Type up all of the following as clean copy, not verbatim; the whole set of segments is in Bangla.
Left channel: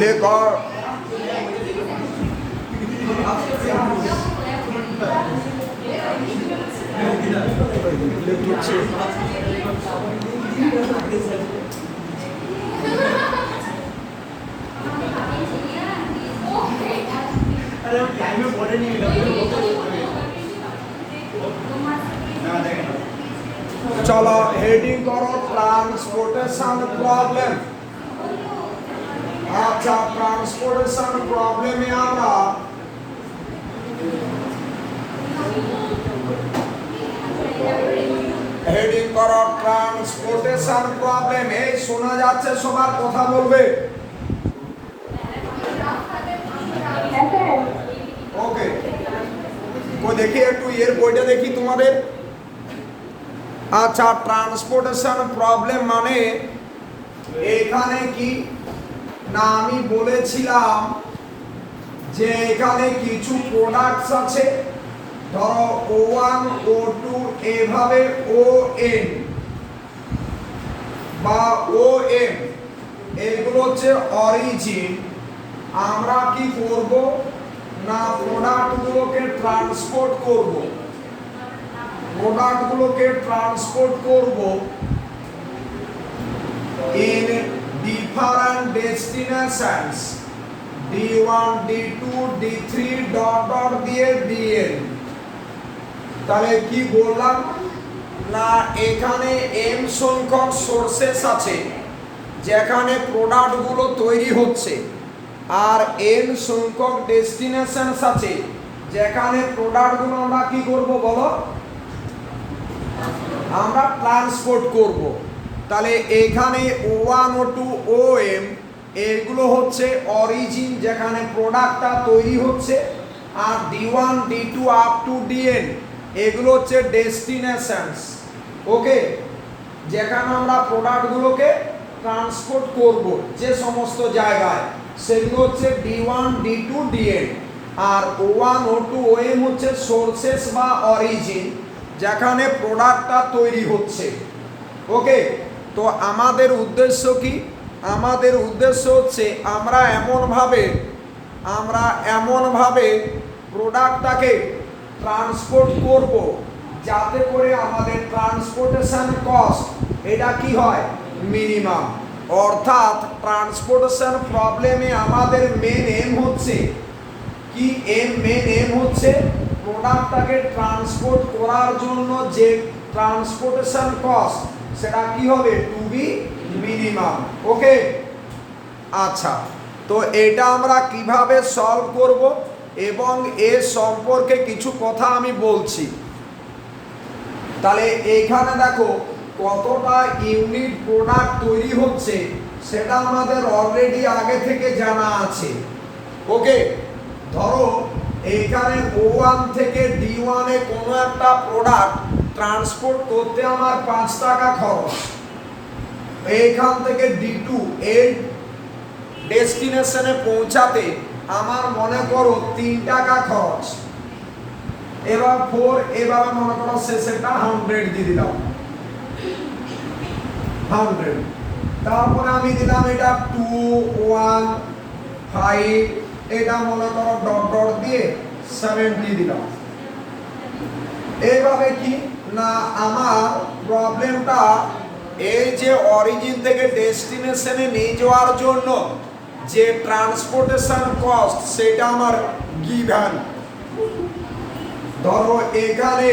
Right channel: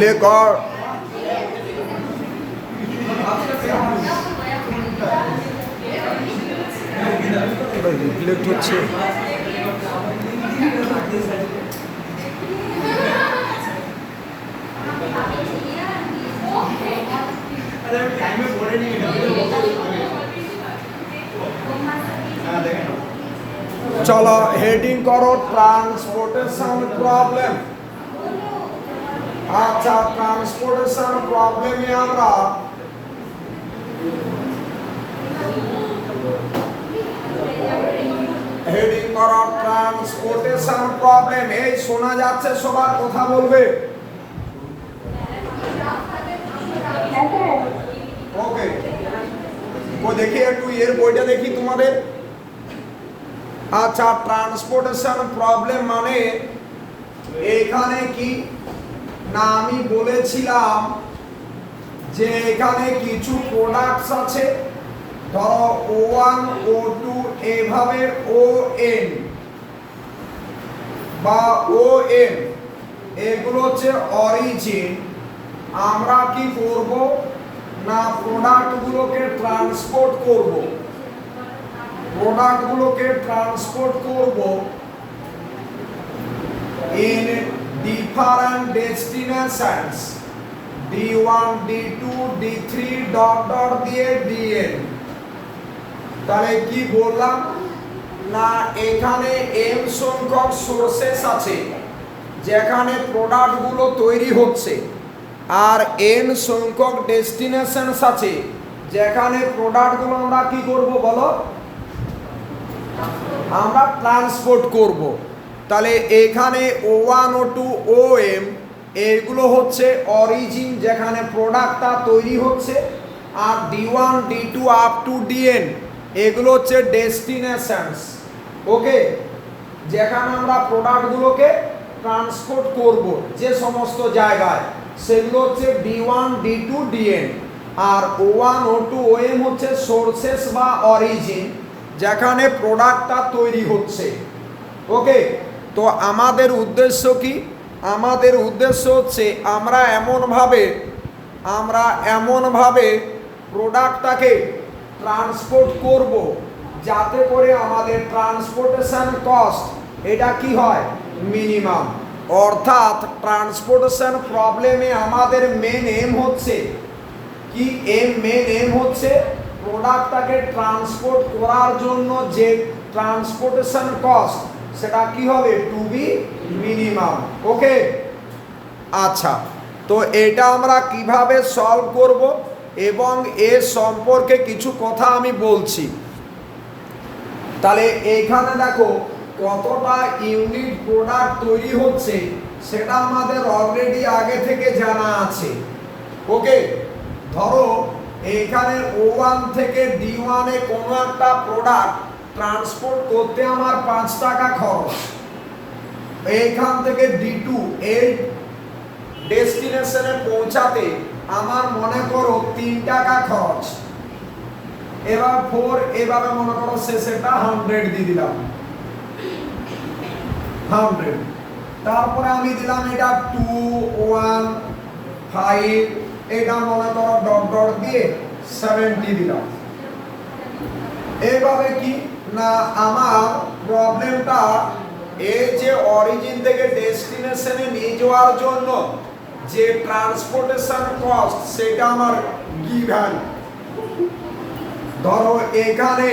লেকর রিফ্লেক্ট হচ্ছে। চলো হেডিং করো ট্রান্সপোর্টেশন প্রবলেম। আচ্ছা, ট্রান্সপোর্টেশন প্রবলেমে আমরা হেডিং করো ট্রান্সপোর্টেশন প্রবলেম। এই শোনা যাচ্ছে সবার? কথা বলবে? ওকে, ও দেখি একটু এর বইটা দেখি তোমাদের। আচ্ছা, ট্রান্সপোর্টেশন প্রবলেম মানে এখানে কি না, আমি বলেছিলাম যে এখানে কিছু প্রোডাক্টস আছে, ধরো O1 O2 এভাবে ON বা OM, এগুলো হচ্ছে অরিজিন। আমরা কি করব না, প্রোডাক্টগুলোকে ট্রান্সপোর্ট করব, in different destinations D1 D2 D3 dot dot দিয়ে DN। তাহলে কি বললাম না, এখানে m সংখ্যক সোর্সেস আছে যেখানে প্রোডাক্টগুলো তৈরি হচ্ছে, আর n সংখ্যক ডেস্টিনেশনস আছে যেখানে প্রোডাক্টগুলো আমরা কি করব বলো, আমরা ট্রান্সপোর্ট করব। তাহলে এখানে O1 O2 OM এগুলো হচ্ছে অরিজিন যেখানে প্রোডাক্টটা তৈরি হচ্ছে, আর D1 D2 up to DN এগুলো হচ্ছে ডেস্টিনেশনস। ওকে, যেখানে আমরা প্রোডাক্টগুলোকে ট্রান্সপোর্ট করব যে সমস্ত জায়গায়, সেগুলো হচ্ছে D1 D2 DN। আর O1 O2 OM হচ্ছে সোর্সেস বা অরিজিন যেখানে প্রোডাক্টটা তৈরি হচ্ছে। ওকে, তো আমাদের উদ্দেশ্য কি? আমাদের উদ্দেশ্য হচ্ছে আমরা এমনভাবে প্রোডাক্টটাকে ট্রান্সপোর্ট করব যাতে করে আমাদের ট্রান্সপোর্টেশন কস্ট এটা কি হয়, মিনিমাম। অর্থাৎ ট্রান্সপোর্টেশন প্রবলেমে আমাদের মেন এম হচ্ছে কি, মেন এম হচ্ছে প্রোডাক্টটাকে ট্রান্সপোর্ট করার জন্য যে ট্রান্সপোর্টেশন কস্ট সেটা কি হবে, টু বি মিনিমাম। ওকে, আচ্ছা, তো এটা আমরা কিভাবে সলভ করব এবং এর সম্পর্কে কিছু কথা আমি বলছি। তাহলে এখানে দেখো কতটা ইউনিট প্রোডাক্ট তৈরি হচ্ছে সেটা আমাদের অলরেডি আগে থেকে জানা আছে। ওকে, ধরো এখানে O1 থেকে D1 এ কোনো একটা প্রোডাক্ট ট্রান্সপোর্ট করতে আমার 5 টাকা খরচ, এইখান থেকে D2 এর ডেস্টিনেশনে পৌঁছাতে আমার মনে করো 3 টাকা খরচ। এবার 4 এভাবে মনে করো শেষেটা 100 দিয়ে দিলাম, 100। তারপরে আমি দিলাম এটা 2 1 5, এটা মনে করো ডট ডট দিয়ে 70 দিলাম। এইভাবে কি না, আমার প্রবলেমটা এই যে অরিজিন থেকে ডেস্টিনেশনে নিয়ে যাওয়ার জন্য যে ট্রান্সপোর্টেশন কস্ট সেটা আমার গিভেন। ধরো এখানে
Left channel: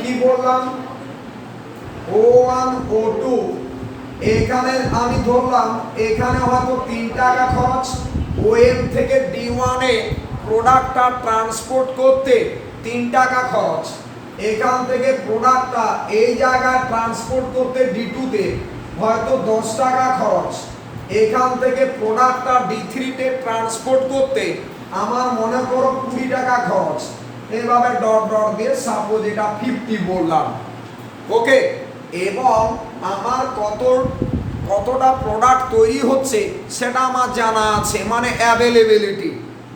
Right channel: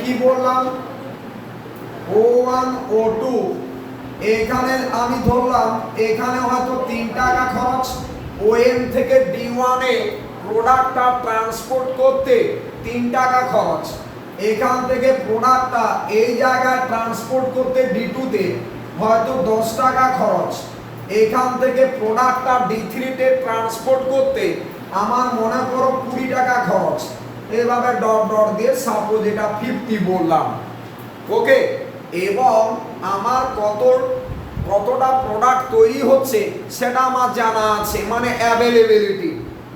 কি বললাম, O1 O2 এখানে আমি ধরলাম এখানে হয়তো 3 টাকা খরচ, OM থেকে D1 এ প্রোডাক্টটা ট্রান্সপোর্ট করতে 3 টাকা খরচ, এখান থেকে প্রোডাক্টটা এই জায়গায় ট্রান্সপোর্ট করতে D2 তে হয়তো 10 টাকা খরচ, এখান থেকে প্রোডাক্টটা D3 তে ট্রান্সপোর্ট করতে আমার মনে করো 20 টাকা খরচ। এভাবে ডট ডট দিয়ে সাপোজ এটা 50 বললাম। ওকে, এবং আমার কতটা প্রোডাক্ট তৈরি হচ্ছে সেটা আমার জানা আছে, মানে অ্যাভেলেবিলিটি,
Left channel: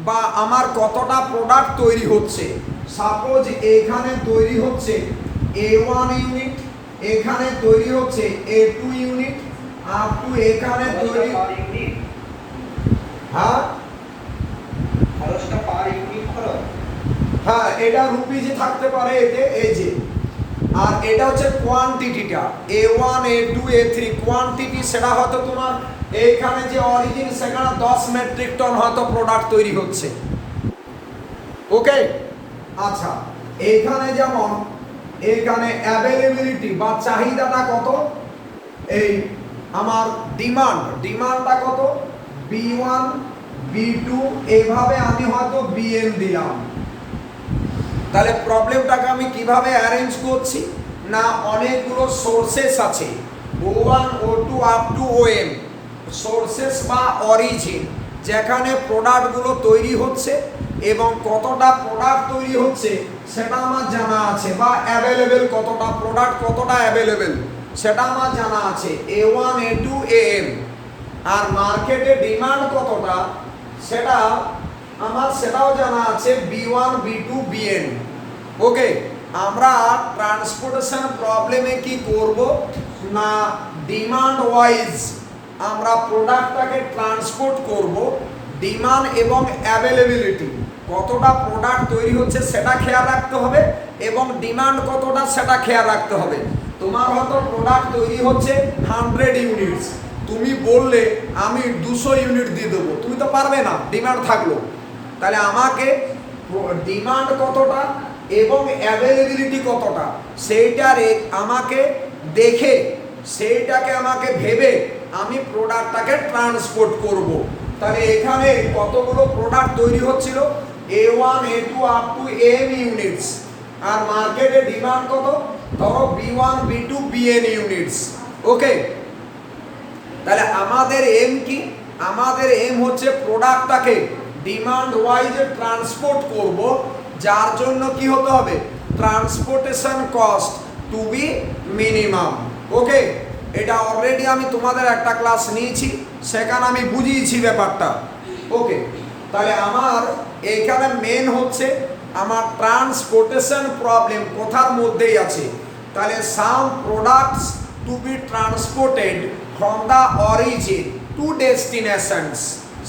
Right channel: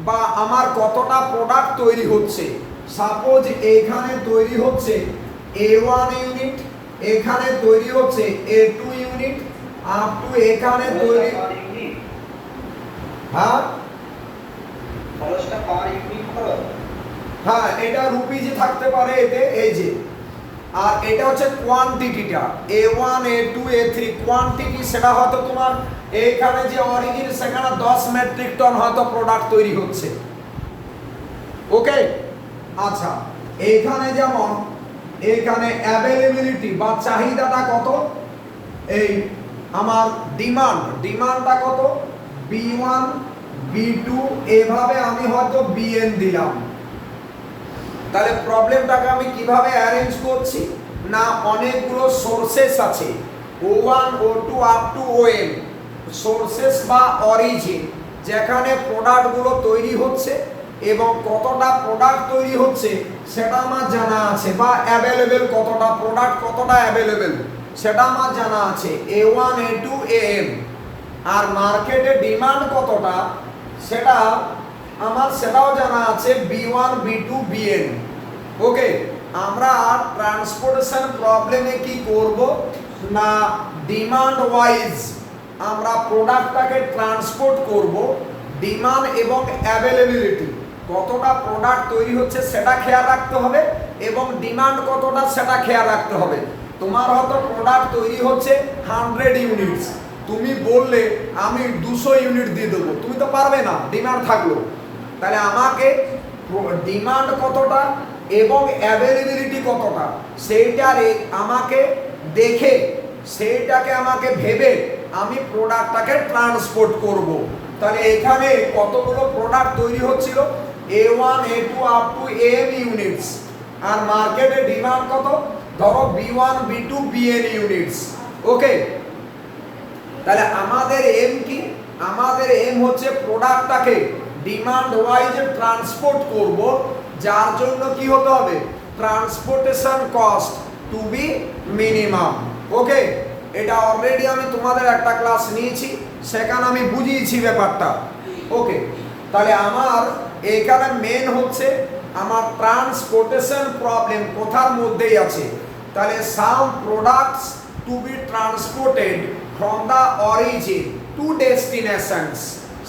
বা আমার কতটা প্রোডাক্ট তৈরি হচ্ছে। সাপোজ এখানে তৈরি হচ্ছে A1 ইউনিট, এখানে তৈরি হচ্ছে A2 ইউনিট, আপ টু এখানে তৈরি, হ্যাঁ হ্যাঁ এটা রুপিজে থাকতে পারে এতে, এই যে। আর এটা হচ্ছে কোয়ান্টিটিটা, A1 A2 A3 কোয়ান্টিটি, সেটা হয়তো তোমার এইখানে যে অরিজিন সেখানে 10 মেট্রিক টন হয়তো প্রোডাক্ট তৈরি হচ্ছে। ওকে, আচ্ছা এইখানে যেমন এখানে অ্যাভেলেবিলিটি বা চাহিদাটা কত, এই আমার ডিমান্ডটা কত, B1 B2, এভাবে আমি হয়তো BN দিলাম। তাহলে প্রবলেমটাকে আমি কিভাবে অ্যারেঞ্জ করছি না, অনেকগুলো সোর্সেস আছে, O1 O2 up to ON, sources বা অরিজিন, যেখানে প্রোডাক্টগুলো তৈরি হচ্ছে এবং কতটা প্রোডাক্ট তৈরি হচ্ছে সেটা আমার জানা আছে, বা অ্যাভেলেবেল কতটা প্রোডাক্ট, কতটা অ্যাভেলেবেল সেটা আমার জানা আছে, A1 A2 AM। আর মার্কেটে ডিমান্ড কতটা সেটা আমার সেটাও জানা আছে, B1 B2 BN। ওকে, আমরা ট্রান্সপোর্টেশন প্রবলেমে কি করব না, ডিমান্ড ওয়াইজ আমরা প্রোডাক্টটাকে ট্রান্সপোর্ট করব, ডিমান্ড এবং অ্যাভেলেবিলিটি কতটা প্রোডাক্ট তৈরি হচ্ছে সেটা খেয়াল রাখতে হবে, এবং ডিমান্ড কতটা সেটা খেয়াল রাখতে হবে। তোমার হয়তো প্রোডাক্ট তৈরি হচ্ছে 100 ইউনিটস, তুমি বললে আমি 200 ইউনিট দিয়ে দেবো, তুমি তো পারবে না, ডিমান্ড থাকলো। তাহলে আমাকে ডিমান্ড কতটা এবং অ্যাভেলেবিলিটি কতটা সেইটা আমাকে দেখে, সেইটাকে আমাকে ভেবে আমি প্রোডাক্টটাকে ট্রান্সপোর্ট করব। তাহলে এখানে কতগুলো প্রোডাক্ট তৈরি হচ্ছিল, A1 A2 up to AM units, আর মার্কেটে ডিমান্ড কত, ধরো B1 B2 BN ইউনিটস। ওকে, তাহলে আমাদের এম কি, আমাদের এম হচ্ছে প্রোডাক্টটাকে ডিমান্ড ওয়াইজে ট্রান্সপোর্ট করব, যার জন্য কি হতে হবে, transportation cost to be minimum. Okay, এটা অলরেডি আমি তোমাদের একটা ক্লাস নিয়েছি, সেখানে আমি বুঝিয়েছি ব্যাপারটা। ওকে, তাহলে আমার এখানে মেন হচ্ছে আমার ট্রান্সপোর্টেশন প্রবলেম কোথার মধ্যেই আছে। তাহলে some products to be transported from the origin to destinations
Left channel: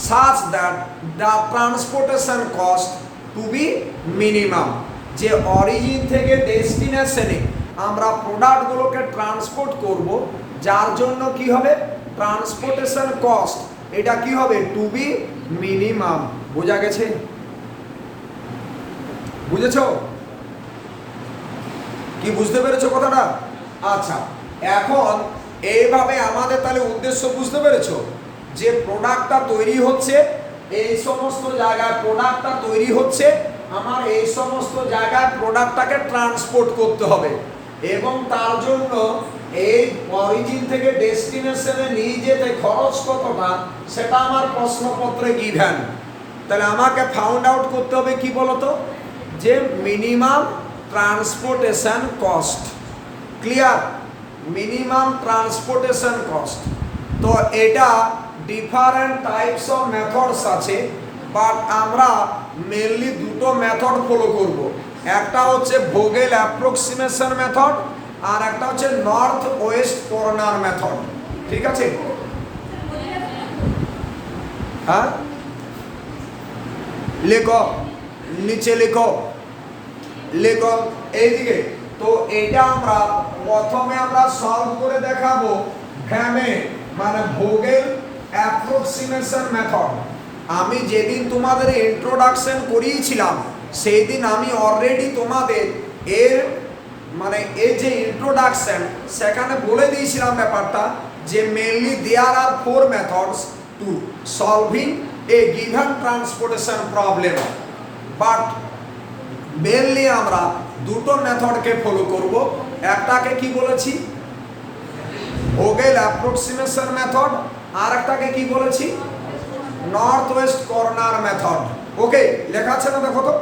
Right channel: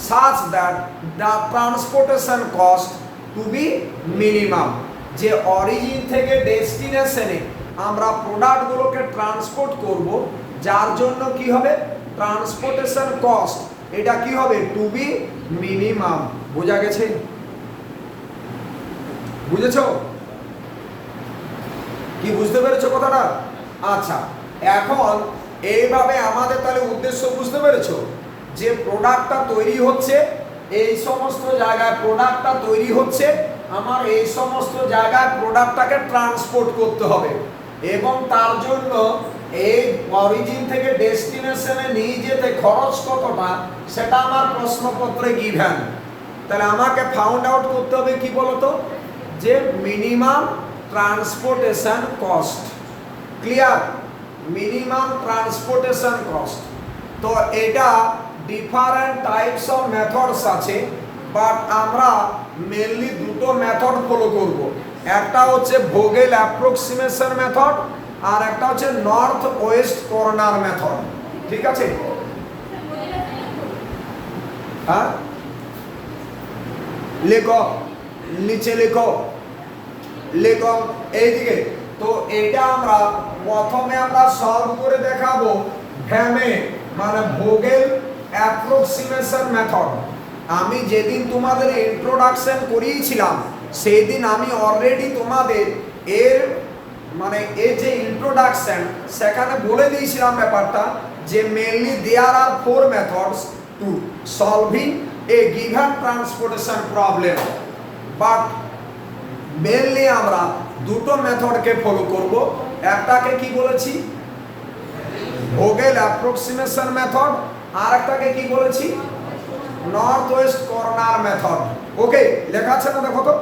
such that the transportation cost to be minimum। যে অরিজিন থেকে ডেস্টিনেশনে আমরা প্রোডাক্টগুলোকে ট্রান্সপোর্ট করব, যার জন্য কি হবে, ট্রান্সপোর্টেশন কস্ট এটা কি হবে, টু বি মিনিমাম। বোঝা গেছে? বুঝেছো কি, বুঝতে পেরেছো কথাটা? আচ্ছা, এখন এইভাবে আমাদের তাহলে উদ্দেশ্য বুঝতে পেরেছো, যে প্রোডাক্টটা তৈরি হচ্ছে এই সমস্ত জায়গায়, প্রোডাক্টটা তৈরি হচ্ছে আমার এই সমস্ত জায়গায়, প্রোডাক্টটাকে ট্রান্সপোর্ট করতে হবে, এবং তার জন্য এই অরিজিন থেকে ডেস্টিনেশনে নিয়ে যেতে খরচ কতটা সেটা আমার প্রশ্নপত্রে গিভেন। তাহলে আমাকে ফাউন্ড আউট করতে হবে কি বলতো, যে minimum transportation cost. Clear? Minimum transportation cost. তো এটা ডিফারেন্ট টাইপস অফ মেথডস আছে, বাট আমরা মেনলি দুটো মেথড ফলো করব। একটা হচ্ছে ভোগেল অ্যাপ্রক্সিমেশন মেথড, আর একটা হচ্ছে নর্থ ওয়েস্ট কর্নার মেথড। ঠিক আছে? হ্যাঁ, লেখো, নিচে লেখো, লেখো এইদিকে। তো এটা আমরা প্রথমে আমরা সলভ করে দেখাবো ভ্যামে, মানে ভোগেল অ্যাপ্রক্সিমেশন মেথড। আমি যেদিন তোমাদের ইন্ট্রোডাকশন করিয়েছিলাম সেই দিন আমি অলরেডি তোমাদের এর মানে এর যে ইন্ট্রোডাকশন সেখানে বলে দিয়েছিলাম ব্যাপারটা, যে mainly there are 4 methods to solving a given transportation problem, but mainly আমরা দুটো মেথডকে ফলো করব। একটাকে কি বলেছি, ভোগেল অ্যাপ্রক্সিমেশন মেথড, আর একটাকে কি বলেছি, নর্থ ওয়েস্ট কর্নার মেথড। ওকে, লেখা আছে না? দেখো তো।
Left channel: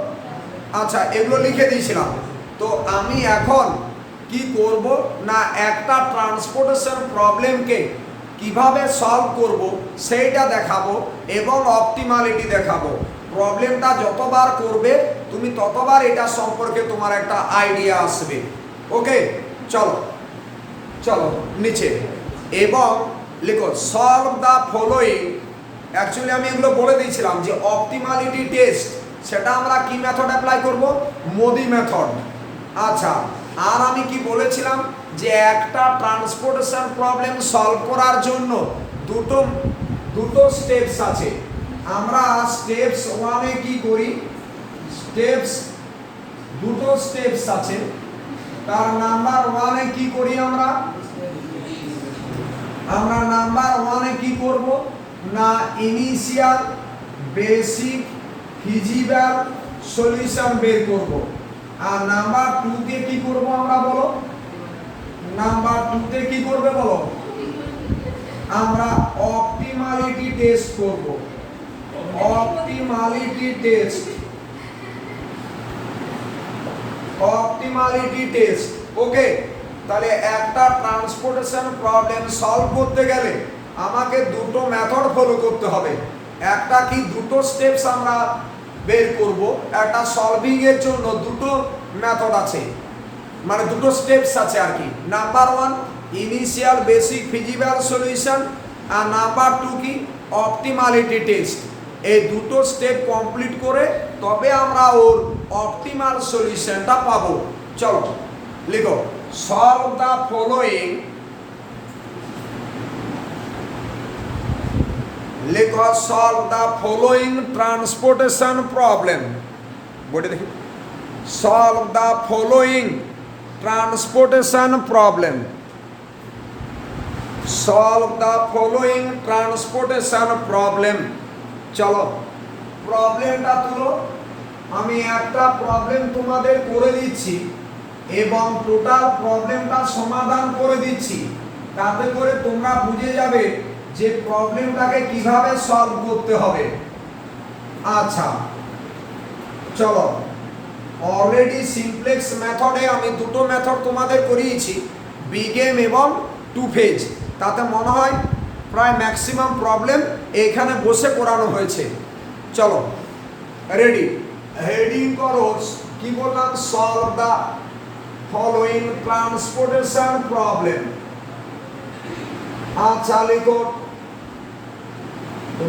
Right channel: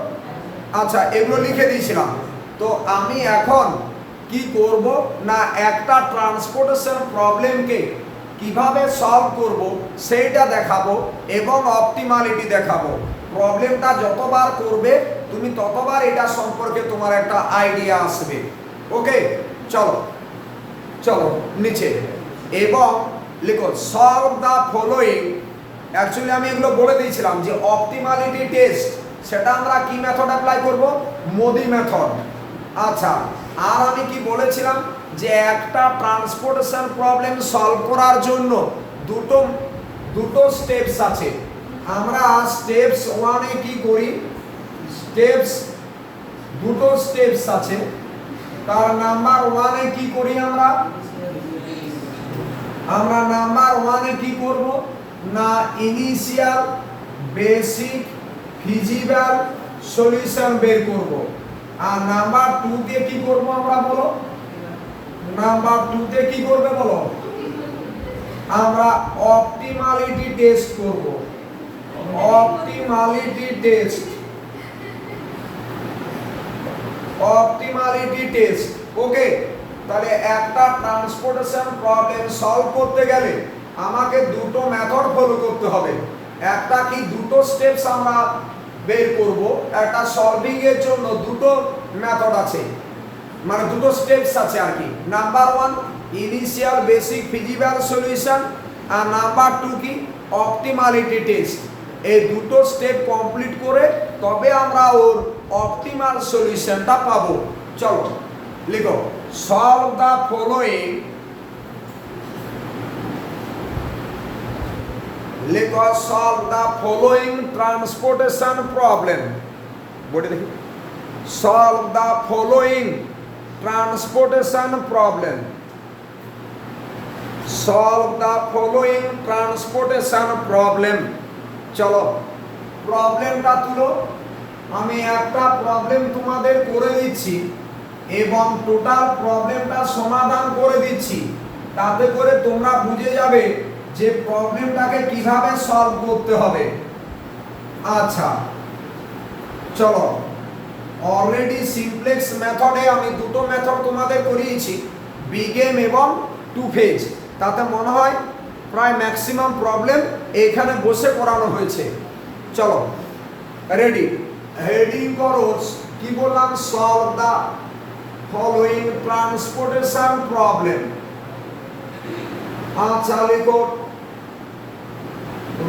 আচ্ছা, এগুলো লিখে দিয়েছিলাম। তো আমি এখন কি করব না, একটা ট্রান্সপোর্টেশন প্রবলেমকে কিভাবে সলভ করব সেইটা দেখাবো এবং অপটিমালিটি দেখাবো। প্রবলেমটা যতবার করবে তুমি ততবার এটা সম্পর্কে তোমার একটা আইডিয়া আসবে। ওকে, চলো চলো নিচে, এবং লিখো সলভ দ্য ফলোইং। অ্যাকচুয়ালি আমি এগুলো বলে দিয়েছিলাম যে অপটিমালিটি টেস্ট, সেটা আমরা কি মেথড অ্যাপ্লাই করব, মোদি মেথড। আচ্ছা, আর আমি কি বলেছিলাম যে একটা ট্রান্সপোর্টেশন প্রবলেম সলভ করার জন্য দুটো স্টেপস আছে। আমরা স্টেপস ওয়ানে কি করি, দুটো স্টেপস আছে। তার নাম্বার ওয়ানে কি করি আমরা নাম্বার ওয়ানে কি করব না, ইনিশিয়াল বেসিক ফিজিবল সলিউশন বের করব। আর নাম্বার 2 তে কি করব আমরা, বলো নাম্বার 2 তে কি করবে বলো, আমরা অপটিমালিটি টেস্ট করব। Optimality test. ওকে, তাহলে একটা ট্রান্সপোর্টেশন প্রবলেম সলভ করতে গেলে আমাকে দুটো মেথড ফলো করতে হবে। একটা কি, দুটো স্টেপস আমরা বের করব। একটা সলভিং এর জন্য দুটো মেথড আছে, মানে দুটো স্টেপস আছে আর কি। Number 1 initial basic feasible solution, আর নাম্বার 2 কি, অপটিমালিটি টেস্ট। এই দুটো স্টেপ কমপ্লিট করে তবে আমরা ওর অপটিমাল সলিউশনটা পাবো। চলো লিখো সলভ দ্য ফলোইং, লিখো solve the following transportation problem. বলে দেখি, solve the following transportation problem. Solve the following transportation problem. চলো প্রবলেমটা তুলো। আমি একটা প্রবলেম তোমাদের করে দিচ্ছি এবং টোটাল প্রবলেমটা সমাধান করে দিচ্ছি, তাতে করে তোমরা বুঝে যাবে যে প্রবলেমটাকে কিভাবে সলভ করতে হবে। আচ্ছা চলো, অলরেডি সিমপ্লেক্স মেথডে আমি দুটো মেথড তোমাদের করিয়েছি, বিগেম এবং 2 ফেজ। তাতে মনে হয় প্রায় ম্যাক্সিমাম প্রবলেম এখানে বসে করানো হয়েছে। চলো রেডি, হেডিং করো, কি বললাম, solve the following transportation problem. আচ্ছা লিখো,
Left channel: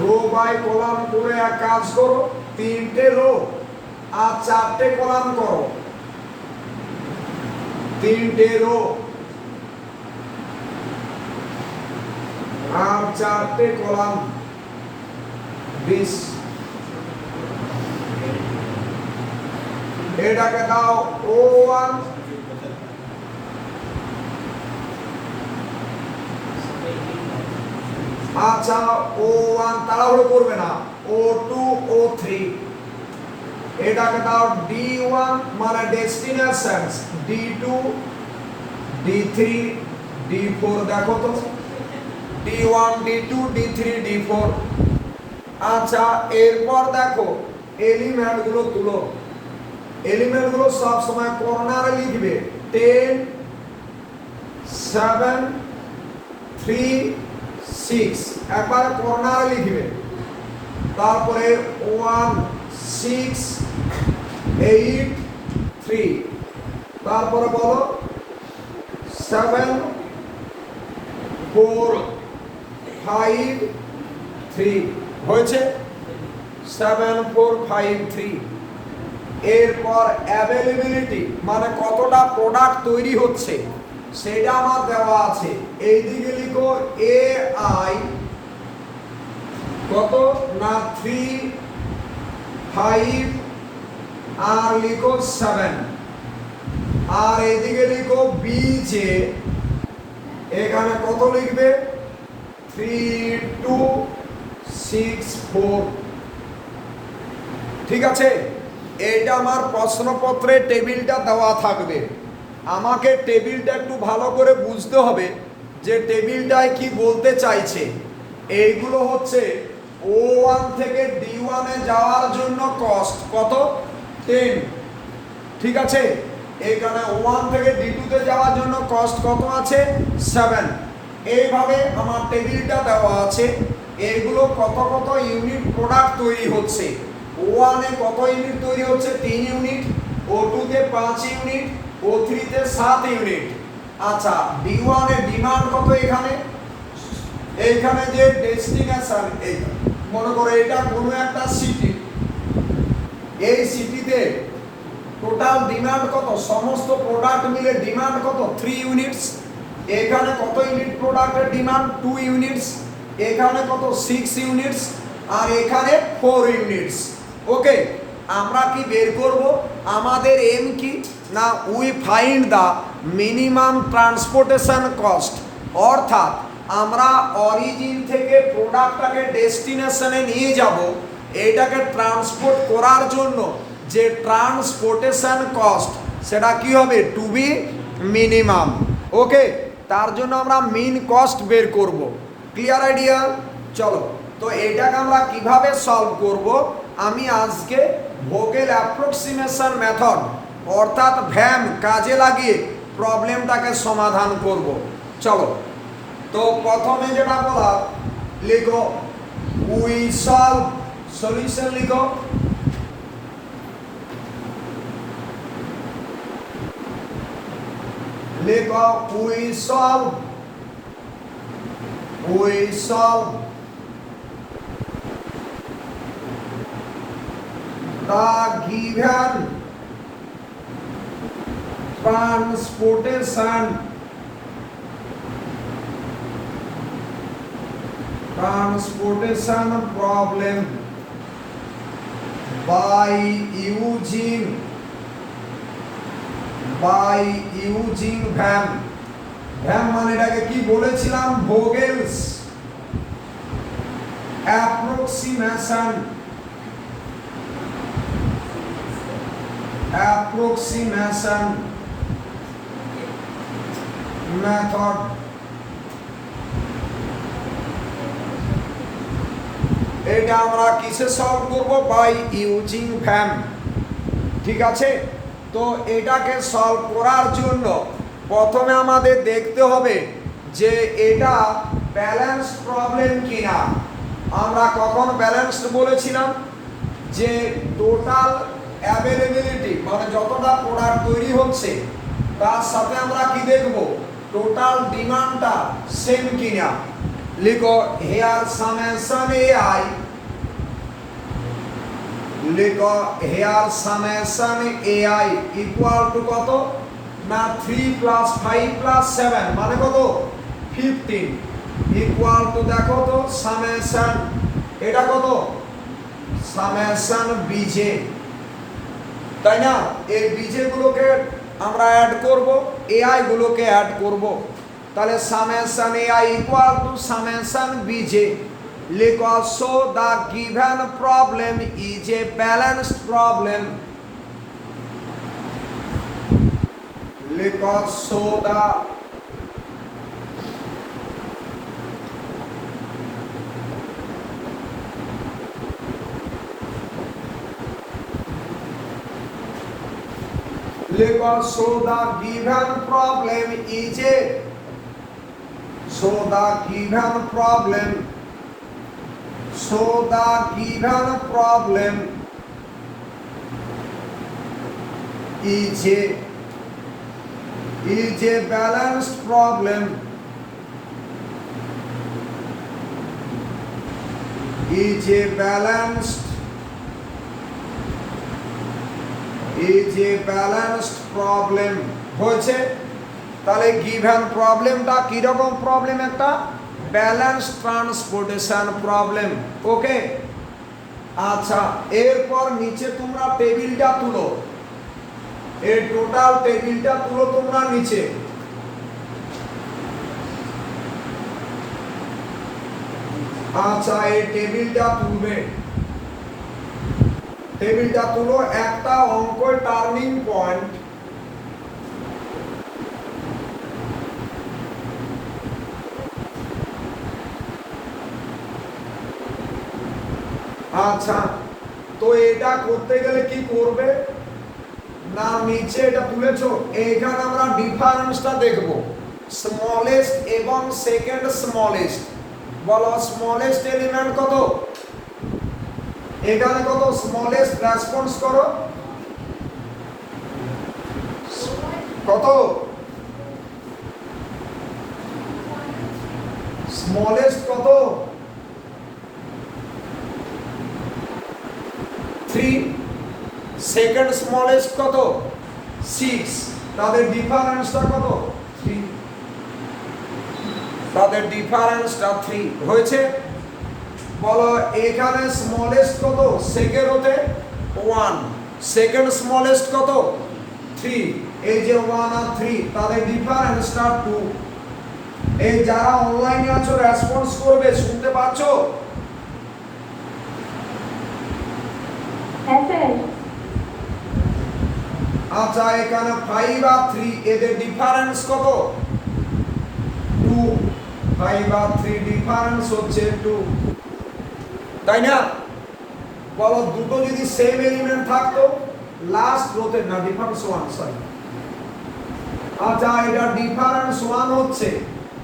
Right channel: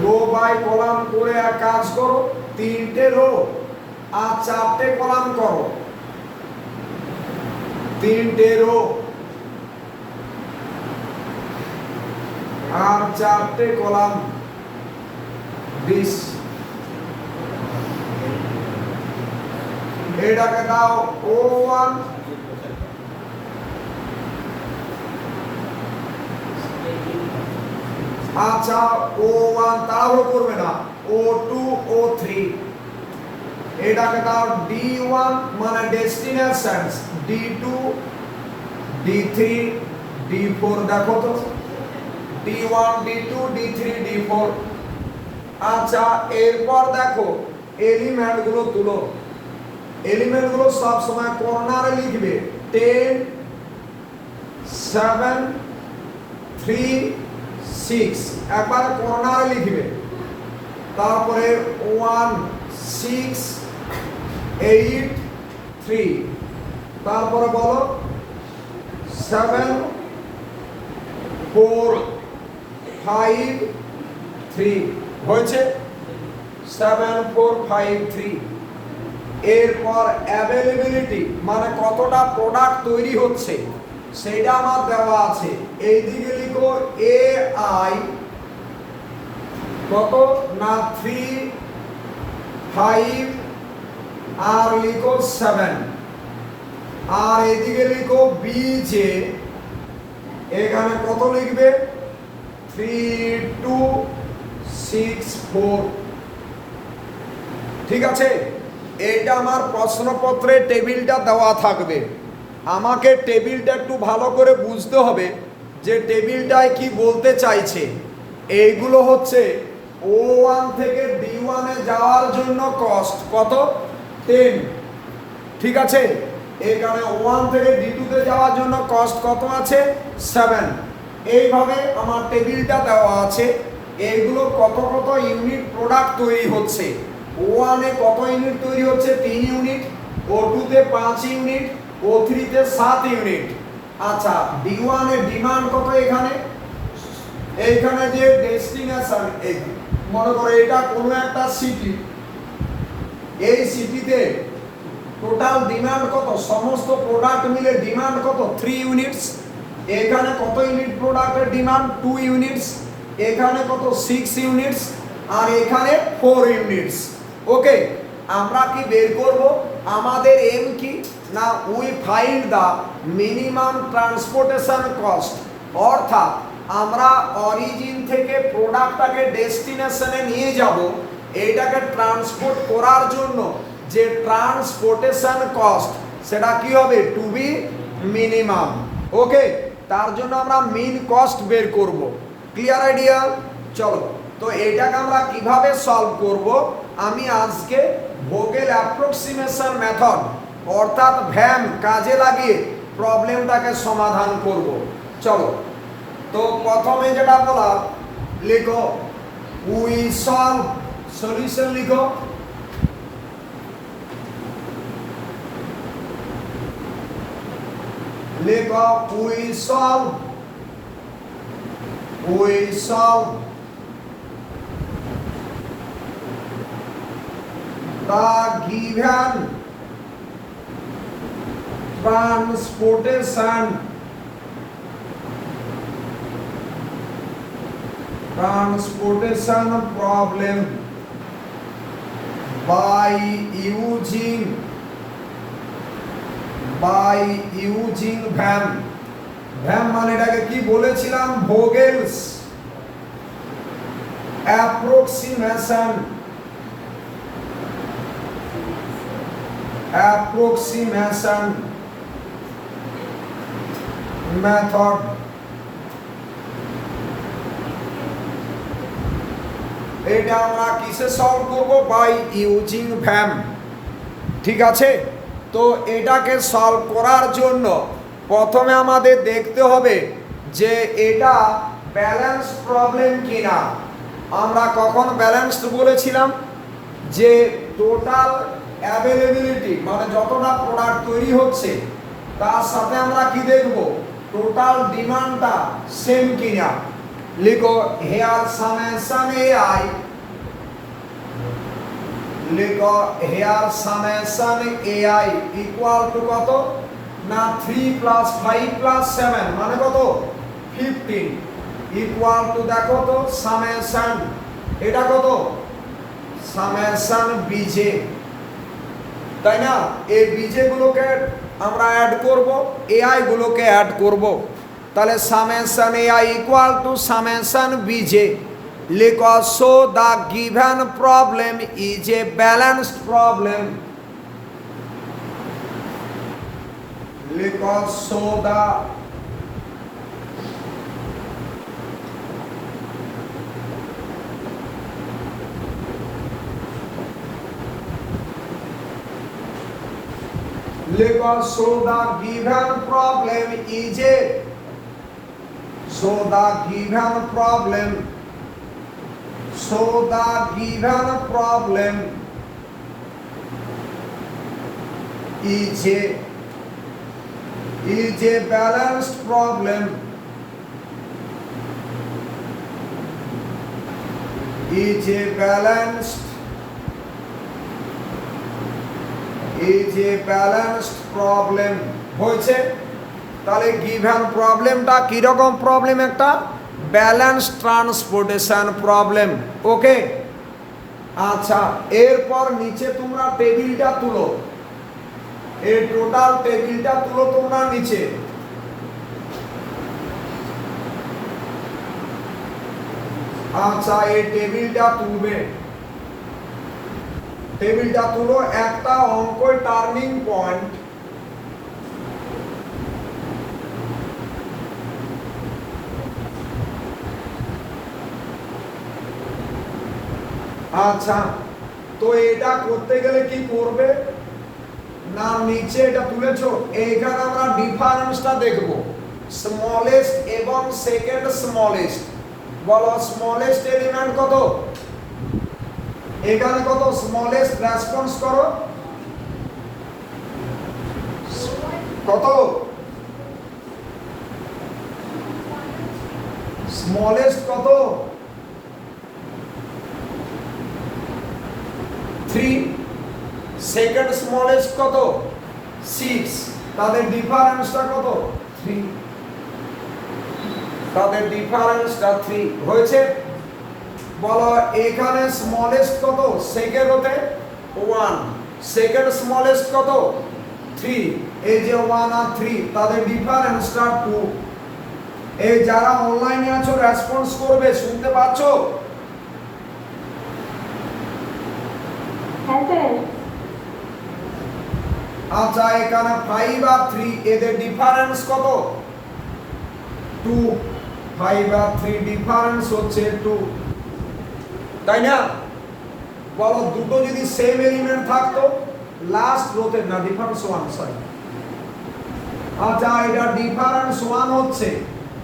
রো বাই কলাম করে এক কাজ করো, 3টে রো আর 4টে কলাম করো। 3টে রো আর 4টে কলাম। 20 এটাকে দাও O1, আচ্ছা O1 তাহলে করবে না, O2 O3 এটাকে দাও D1 মানে ডেস্টিনেশনস, D2 D3 D4। দেখো তো D1 D2 D3 D4। আচ্ছা এরপর দেখো এলিমেন্টগুলো তুলো। এলিমেন্টগুলো সব সময় কর্নারে লিখবে, 10 7 3 6 একবার কর্নারে লিখবে। তারপরে 1 6 8 3, তারপরে বলো 7 4 5 3। হয়েছে 7 4 5 3। এরপর অ্যাভেলেবিলিটি মানে কতটা প্রোডাক্ট তৈরি হচ্ছে সেটা আমার দেওয়া আছে। এই দিকে লিখো AI কত না 3 5 আর লিখো 7, আর এইদিকে লিখো BJ, এখানে কত লিখবে 3 2 6 4। ঠিক আছে, এইটা আমার প্রশ্নপত্রে টেবিলটা দেওয়া থাকবে। আমাকে টেবিলটা একটু ভালো করে বুঝতে হবে যে টেবিলটায় কি বলতে চাইছে। এইগুলো হচ্ছে O1 থেকে D1 এ যাওয়ার জন্য কস্ট কত 10। ঠিক আছে, এখানে O1 থেকে D2 তে যাওয়ার জন্য কস্ট কত আছে 7। এইভাবে আমার টেবিলটা দেওয়া আছে, এইগুলো কত কত ইউনিট প্রোডাক্ট তৈরি হচ্ছে। O1-এ কত ইউনিট তৈরি হচ্ছে? 3 ইউনিট, O2-তে 5 ইউনিট, O3-তে 7 ইউনিট। আচ্ছা, D1-এর ডিমান্ড কত? এইখানে যে ডেস্টিনেশন, এই মনে করো এটা কোনো একটা সিটি, এই সিটিতে টোটাল ডিমান্ড কত? সমস্ত প্রোডাক্ট মিলে ডিমান্ড কত? 3 ইউনিটস। এখানে কত ইউনিট প্রোডাক্টের ডিমান্ড? 2 ইউনিটস। এখানে কত? 6 ইউনিটস। আর এখানে 4 ইউনিটস। ওকে, আমরা কি বের করব? আমাদের এম কি না, we find the minimum transportation cost. অর্থাৎ আমরা অরিজিন থেকে প্রোডাক্টটাকে ডেস্টিনেশনে নিয়ে যাব, এইটাকে ট্রান্সপোর্ট করার জন্য যে ট্রান্সপোর্টেশন কস্ট, সেটা কি হবে? Two be minimum. ওকে, তার জন্য আমরা মিন কস্ট বের করব। Clear idea? চলো, তো এটাকে আমরা কিভাবে সলভ করব, আমি আজকে ভোগেল অ্যাপ্রক্সিমেশন মেথড অর্থাৎ ভ্যাম কাজে লাগিয়ে প্রবলেমটাকে সমাধান করব। চলো, তো প্রথমে যেটা বলা, লিখো উই সলভ, সলিউশন লিখো। লিখো we solve the given transportation problem by using VAM. VAM মানে এটাকে কি বলেছিলাম? Vogel's approximation method. এটা আমরা কিসে সলভ করব? By using VAM. ঠিক আছে, তো এটাকে সলভ করার জন্য প্রথমে আমাদের দেখতে হবে যে এটা ব্যালেন্স প্রবলেম কিনা। আমরা কখন ব্যালেন্সড বলেছিলাম? যে টোটাল অ্যাভেলেবিলিটি মানে যতটা প্রোডাক্ট তৈরি হচ্ছে তার সাথে আমরা কি দেখব? টোটাল ডিমান্ডটা সেম কিনা। লিখো হেয়ার সামেশন AI, লিখো here summation AI equal to কত না 3 + 5 + 7 মানে কত? 15 ইকুয়াল টু দেখো তো সামেশন, এটা কত? সামেশন বিজে, তাই না? এই বিজে গুলোকে আমরা অ্যাড করব, AI গুলোকে অ্যাড করব। তাহলে summation AI equal to summation BJ. লিখো so the given problem is a balanced problem. লিখো so the so the given problem is a balanced problem. Is a balanced problem হয়েছে। তাহলে গিভেন প্রবলেমটা কি রকম প্রবলেম? একটা ব্যালেন্স ট্রান্সপোর্টেশন প্রবলেম। ওকে, আচ্ছা, এরপর নিচে তোমরা টেবিলটা তুলো, এই টোটাল টেবিলটা তুলো তোমরা নিচে। আচ্ছা, এই টেবিলটা তুলবে, টেবিলটা তুলো। একটা অঙ্ক টার্নিং পয়েন্ট, আচ্ছা, তো এটা করতে গেলে কি করবে না, নিচে এটা তুলেছো, এইখানে আমরা ডিফারেন্সটা দেখব। স্মলেস্ট এবং সেকেন্ড স্মলেস্ট, বলো স্মলেস্ট এলিমেন্ট কত? এখানে কত স্মলেস্ট রেসপন্স করো, কত স্মলেস্ট কত? 3। সেকেন্ড স্মলেস্ট কত? 6। তাদের ডিফারেন্সটা কত? 3। তাদের ডিফারেন্সটা 3 হয়েছে। বলো এখানে স্মলেস্ট কত সেকেন্ড হতে? 1। সেকেন্ড স্মলেস্ট কত? 3। এই যে 1 আর 3 তাদের ডিফারেন্সটা 2। এই যারা অনলাইনে আছো রেসপন্স করবে, শুনতে পাচ্ছো? হ্যাঁ স্যার। আচ্ছা এখানে 5 আর 3 এদের ডিফারেন্স কত? 2। 5 আর 3 ডিফারেন্স হচ্ছে 2, তাই না? বলো দুটো যদি সেম এলিমেন্ট থাকতো লাস্ট রোতে না ডিফারেন্স 1, সরি। আচ্ছা এটা ডিফারেন্স 1 হচ্ছে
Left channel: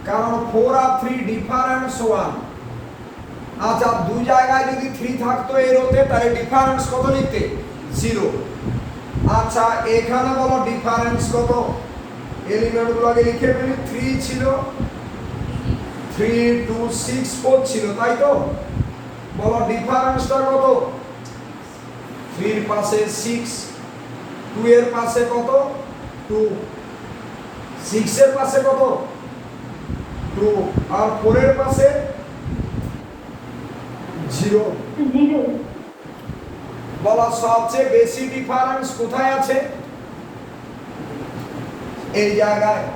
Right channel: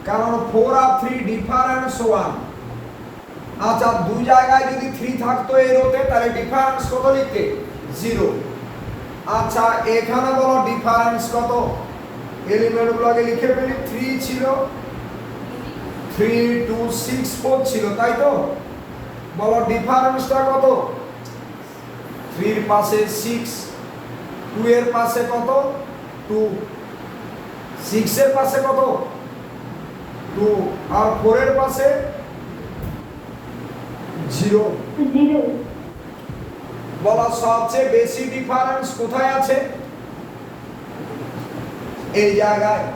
কারণ 4 আর 3 ডিফারেন্স 1। আচ্ছা দুই জায়গায় যদি 3 থাকতো এই রোতে তাহলে ডিফারেন্স কত লিখতে? 0। আচ্ছা এখানে বলো ডিফারেন্স কত? এলিমেন্টগুলোকে লিখে ফেলি। 3 ছিল, 3 2 6 4 ছিল, তাই তো? বলো ডিফারেন্সটা কত? 3 এর পাশে 6, 2 এর পাশে কত? 2, 6 এর পাশে কত? 2 আর 4 এর পাশে 0। বলা সবচেয়ে বেশি ডিফারেন্স কোথায় আছে? এই জায়গায়।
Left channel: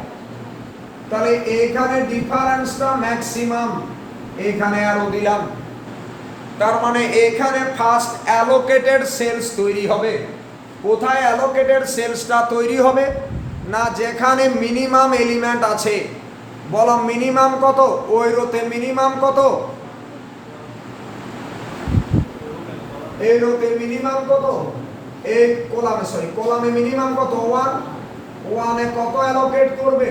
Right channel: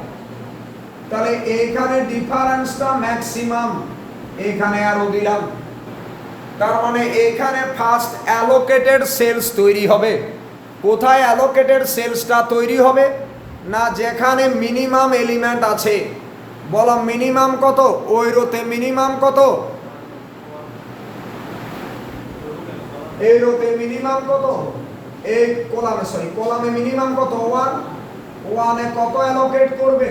তাহলে এখানে ডিফারেন্সটা ম্যাক্সিমাম, এখানে আরো দিলাম। তার মানে এখানে ফার্স্ট অ্যালোকেটেড সেলস তৈরি হবে। কোথায় অ্যালোকেটেড সেলসটা তৈরি হবে? না যেখানে মিনিমাম এলিমেন্ট আছে। বলো মিনিমাম কত? ওই রোতে মিনিমাম কত? এই রোতে মিনিমাম কত? এই কলামে, সরি কলামে মিনিমাম কত? 1। 1 এ কত অ্যালোকেট করবে?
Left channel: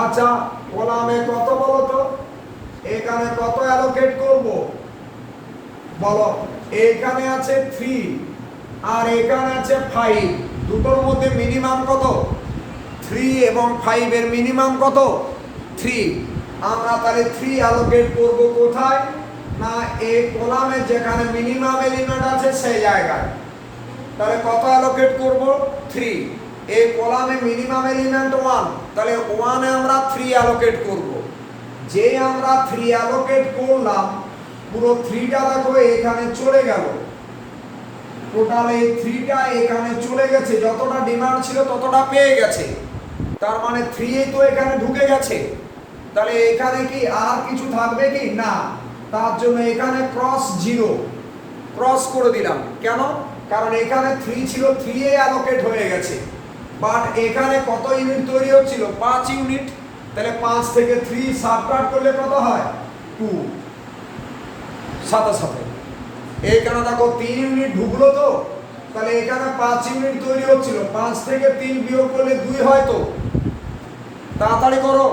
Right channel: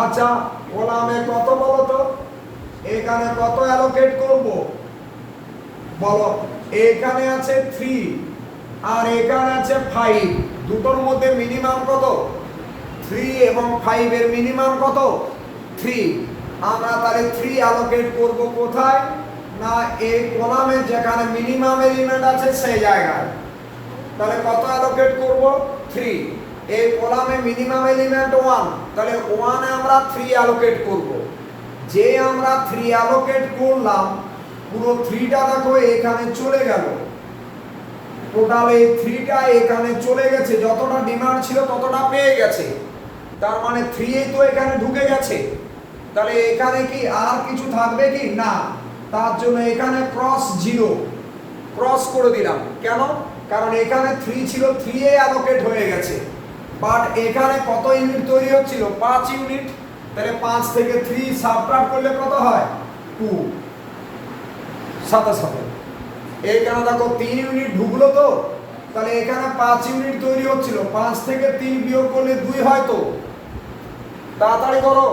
আচ্ছা কলামে কত বলো তো? এখানে কত অ্যালোকেট করব? বলো এখানে আছে 3 আর এখানে আছে 5, দুটোর মধ্যে মিনিমাম কত? 3 এবং 5 এর মিনিমাম কত? 3। আমরা তাহলে 3 অ্যালোকেট করব কোথায়? না এই কলামে যেখানে মিনিমাম এলিমেন্ট আছে সেই জায়গায়। তাহলে কত অ্যালোকেট করব? 3। এই কলামে মিনিমাম এলিমেন্ট 1, তাহলে 1 এ আমরা 3 অ্যালোকেট করব। যে আমরা 3 অ্যালোকেট করলাম পুরো 3টা দেখো এখানে চলে গেল। টোটাল এই 3টা এখানে চলে গেছে, যতটা ডিমান্ড ছিল ততটা পেয়ে গেছে। তার মানে 3 তো এখানে ঢুকে গেছে। তাহলে এখানে কি আর কিছু থাকবে কি? না। তার জন্য এখানে ক্রস 0 ক্রস করে দিলাম। কেন? কারণ এখানে 3 ছিল, 3 এ অ্যালোকেট হয়ে গেছে। বাট এখানে কত ইউনিট তৈরি হচ্ছিল? 5 ইউনিট। তাহলে 5 থেকে 3 সাবট্রাক্ট করলে কত হয়? 2। সাথে সাথে এখানে দেখো 3 ইউনিট ঢুকলো তো, তাহলে এখানে 5 ইউনিট তৈরি হচ্ছিল, 5 থেকে 3 বিয়োগ করলে 2 হয় তো। তাড়াতাড়ি করো।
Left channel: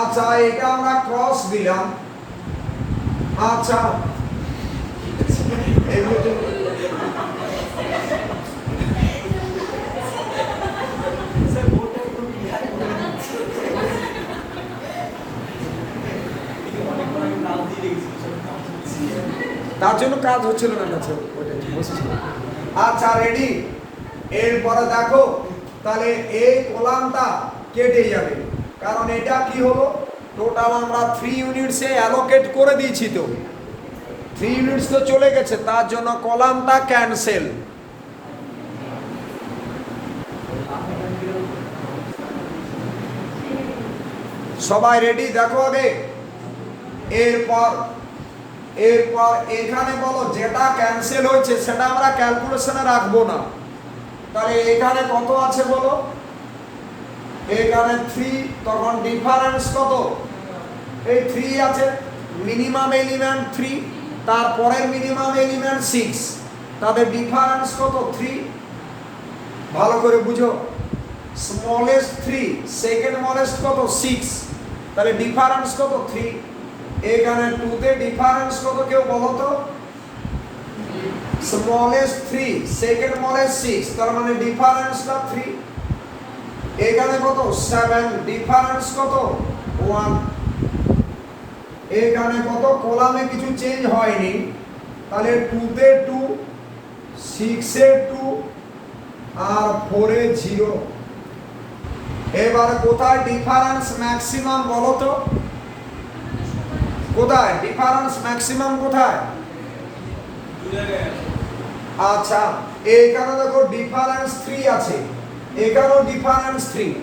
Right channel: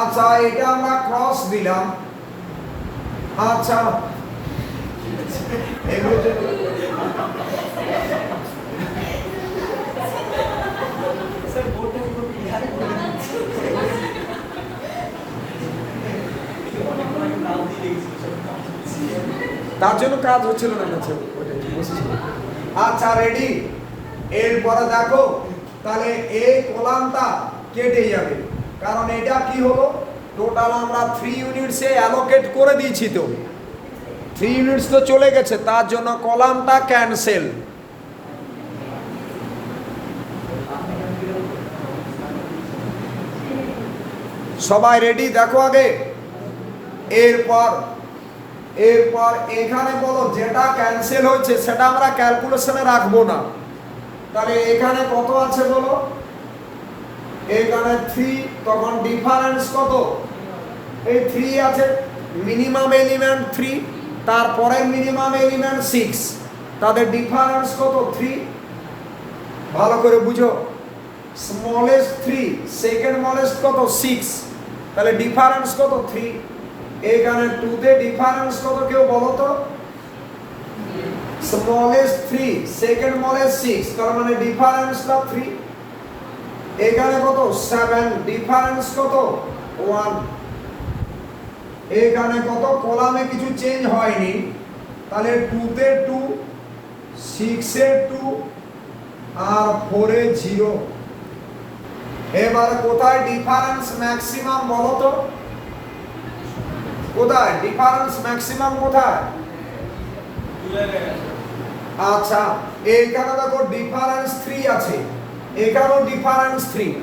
আচ্ছা এটা আমরা ক্রস দিলাম। আচ্ছা তার জন্য কাজ হচ্ছিল না। আচ্ছা রেডি। এরপরে দেখো তাহলে এই কলামটা কেটে যাবে, কারণ এটা কি হলো? টোটাল আমরা 3 ইউনিটসে অ্যালোকেট করে দিয়েছি, তো 3 ইউনিটস তো চলে গেছে, তার জন্য কলামটা ক্যান্সেল। সবাই রেডি? দেখো আগে। এরপর এখানে বলো যেটা ক্যান্সেল হয়েছে সেটা আমরা ক্যালকুলেশনে রাখবো না। তাহলে এখানে কত আছে বলো? এখানে 3, তখন ডিফারেন্স কত? এই 3 আছে, মিনিমাম এলিমেন্ট 3, তারপরে মিনিমাম এলিমেন্ট 6, তাদের ডিফারেন্স কত? 3। ভালো করে বুঝো, স্মলেস্ট 3, সেকেন্ড স্মলেস্ট কত? 6, তাহলে ডিফারেন্স কত? 3। এখানে 2 তে ডিফারেন্স কত কেউ বলো তো? স্মলেস্ট 3, সেকেন্ড স্মলেস্ট 6, তার মানে ডিফারেন্সটা 3। এখানে কত? 7, ডিফারেন্স কত? 1। এখানে কত? কলামে কিছু চেঞ্জ হয়নি, তাহলে 2 তে 2, 6 এ 2 আর 4 এ 0। এবারে কোথায় ডিফারেন্স ম্যাক্সিমাম বলো তো? কোথায় ডিফারেন্স ম্যাক্সিমাম কোথায়? আচ্ছা, এখানে দেখো ডিফারেন্স 3 আছে, এখানেও ডিফারেন্স 3,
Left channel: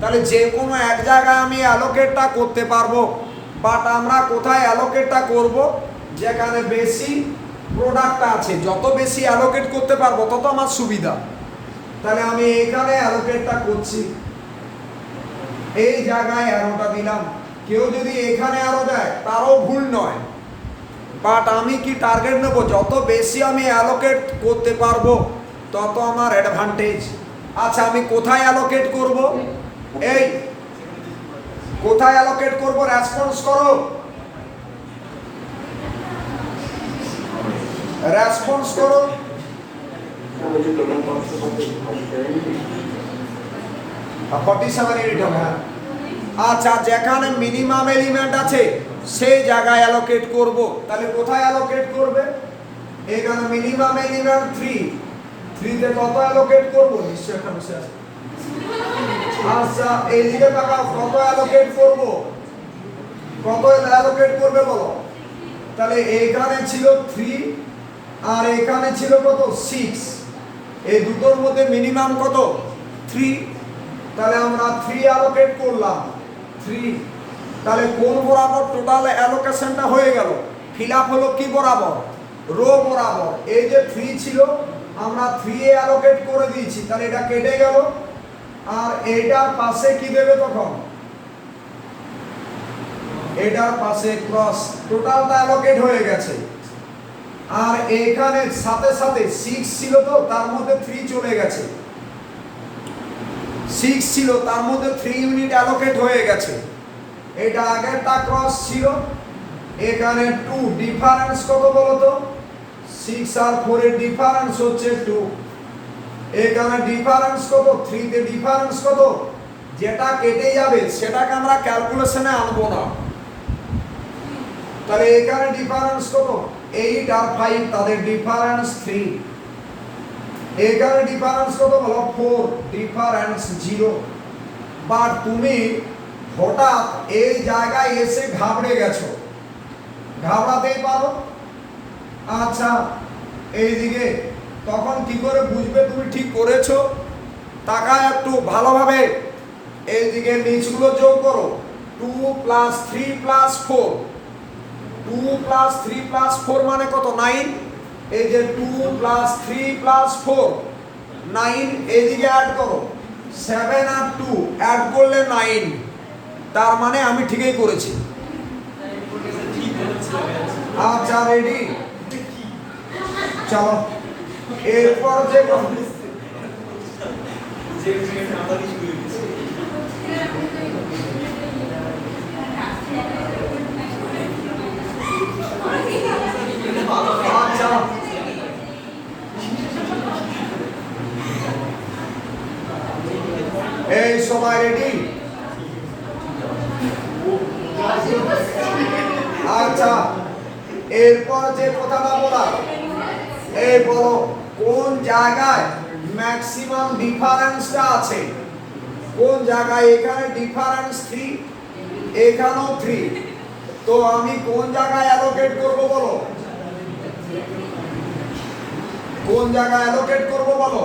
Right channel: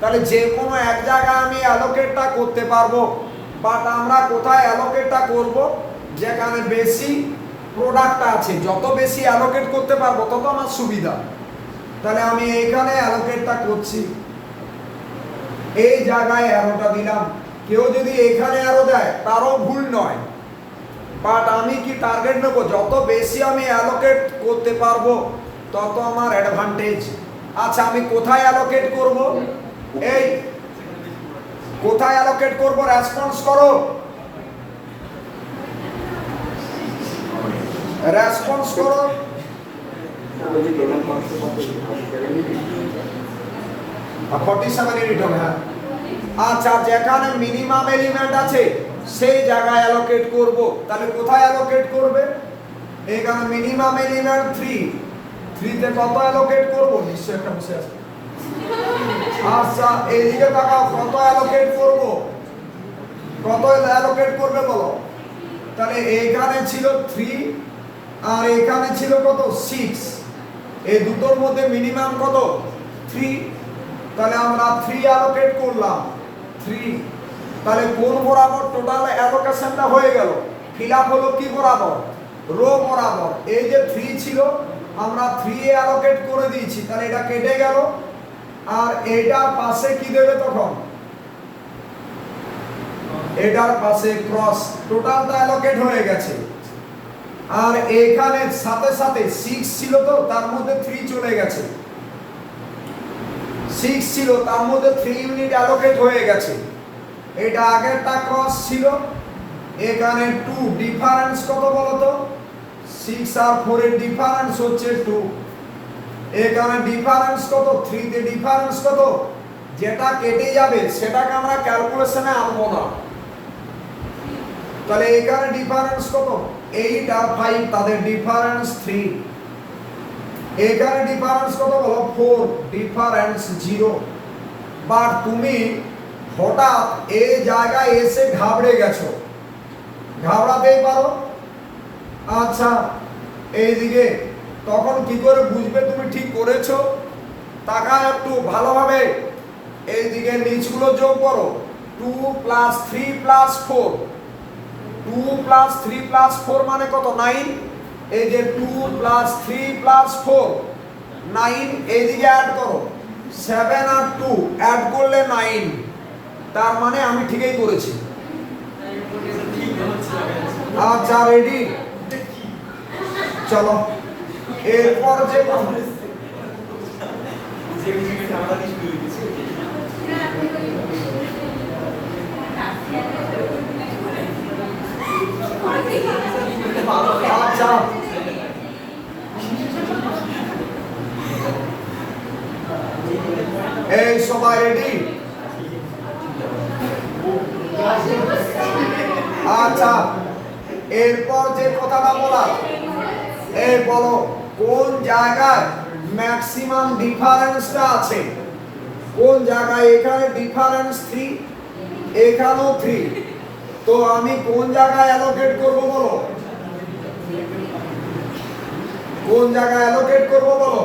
তাহলে যে কোনো এক জায়গায় আমি অ্যালোকেটটা করতে পারবো, বাট আমরা কোথায় অ্যালোকেটটা করব? যেখানে বেশি প্রোডাক্ট আছে, যত বেশি অ্যালোকেট করতে পারবো তত আমার সুবিধা। তাহলে আমি এইখানে অ্যালোকেটটা করছি, এই জায়গায় অ্যারোটা দিলাম। কেউ যদি এখানে অ্যারো দেয় তারও ভুল নয়, বাট আমি কি টার্গেট নেব? যত বেশি আমি অ্যালোকেট করতে পারবো তত আমার অ্যাডভান্টেজ। আচ্ছা, আমি কোথায় অ্যালোকেট করব? এই কোথায় অ্যালোকেট করব? রেসপন্স করো, রেসপন্স করো। 47 ইউনিট হবে। হ্যাঁ, আচ্ছা, যেখানে মিনিমাম এলিমেন্ট আছে সেই জায়গায় অ্যালোকেট করব। তাহলে কোথায় অ্যালোকেট করবে? এখানে মিনিমাম এলিমেন্ট 3, 3 তে কত অ্যালোকেট করব? নিশ্চয় একটা বসে আছে। আচ্ছা, এইদিকে তাকাও, কত অ্যালোকেট করব? কত অ্যালোকেট করবে বলো? তাহলে এইখানে ছিল 3 আর এখানে ছিল কত? 6। এই দুটোর মধ্যে মিনিমাম কত? 3। তাহলে আমরা 3 অ্যালোকেট করলাম, 3। তাহলে কোন বরাবর টোটাল অ্যালোকেশনটা হয়ে গেল? ফিল আপ হলো কি বরাবর? রো বরাবর। এই যে 3 ছিল আমরা 3 এ অ্যালোকেট করে দিয়েছি, তাহলে এটা কেটে গেল। আর এটার পাশে কি দেবে তখন? এটার পাশে ক্রস, টোটালটা অ্যালোকেট হয়ে গেছে। আর এখানে সাথে সাথে 6 ছিল, তো তার মধ্যে 3 চলে গেছে। 6 ছিল, তার মধ্যে 3 ইউনিট অ্যালোকেট হয়ে গেছে। এটা আগেরটা ক্রস ছিল, এখানে 2, ডিফারেন্স কত বলো তো? 6 আর 4 এর ডিফারেন্স হচ্ছে 2। এখানে ডিফারেন্স কত? 3 তে ডিফারেন্স কত? যেটা কেটে যাবে সেটাকে আমরা ক্যালকুলেশনে আনবো না। তাহলে এখানে ডিফারেন্স কত? 8 আর 5, তাদের ডিফারেন্স 3। এখানে ডিফারেন্স কত বলো? 4, ডিফারেন্স 0। বাট তুমি হঠাৎ এই জায়গায় এসে ঘাবড়ে গেছো, ঘাবড়াতেই পারো। আচ্ছা, এইদিকে তখন কি করে বুঝবে তুমি ঠিক করেছো? তাকায় একটু ভালোভাবে, এইদিকে নিচগুলো যোগ করো। 2 + 3 + 4, 2 + 3 + 4 মানে কত? 9। এই যে 2 + 3 + 4, 9। এইদিকে অ্যাড করো, 7 আর 2 অ্যাড করলে 9। তার মানে আমি ঠিকই করেছি। আচ্ছা, রেডি? চলো এরপর যে আচ্ছা, এই সবাই রেডি? আচ্ছা, এরপর যে কথাটা বলা, এই বলো কোন জায়গায় ম্যাক্সিমাম ডিফারেন্সটা আছে? কোন জায়গায়? এখানে ডিফারেন্স 3, এখানেও 3। তো আমি কোন জায়গায় অ্যালোকেট করব বলো? কোন জায়গায় অ্যালোকেট করব বলো?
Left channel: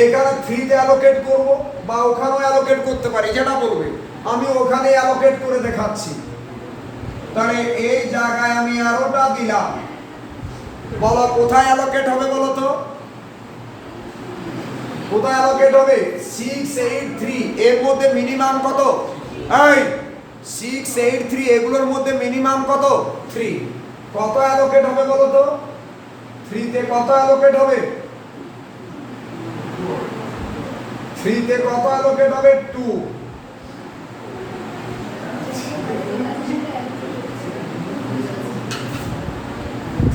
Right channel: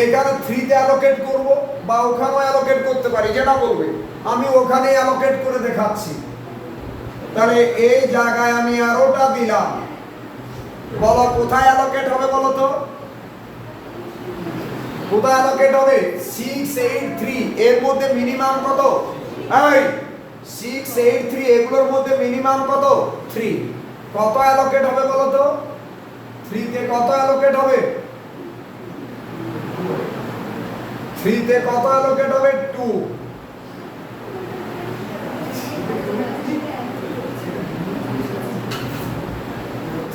এখানে 3 তে অ্যালোকেট করব, বা ওখানেও অ্যালোকেট করতে পারি, যেটা বলবে। আমি ওখানে অ্যালোকেট করে দেখাচ্ছি। তাহলে এই জায়গায় আমি অ্যারোটা দিলাম, বলো কোথায় অ্যালোকেট হবে বলো তো? কোথায় অ্যালোকেট হবে? 6, 8, 3, এর মধ্যে মিনিমাম কত? এই 6, 8, 3 এগুলোর মধ্যে মিনিমাম কত 3। কত অ্যালোকেট হবে বলো তো? 3 তে কত অ্যালোকেট হবে? 3 তে কত অ্যালোকেট হবে? 2।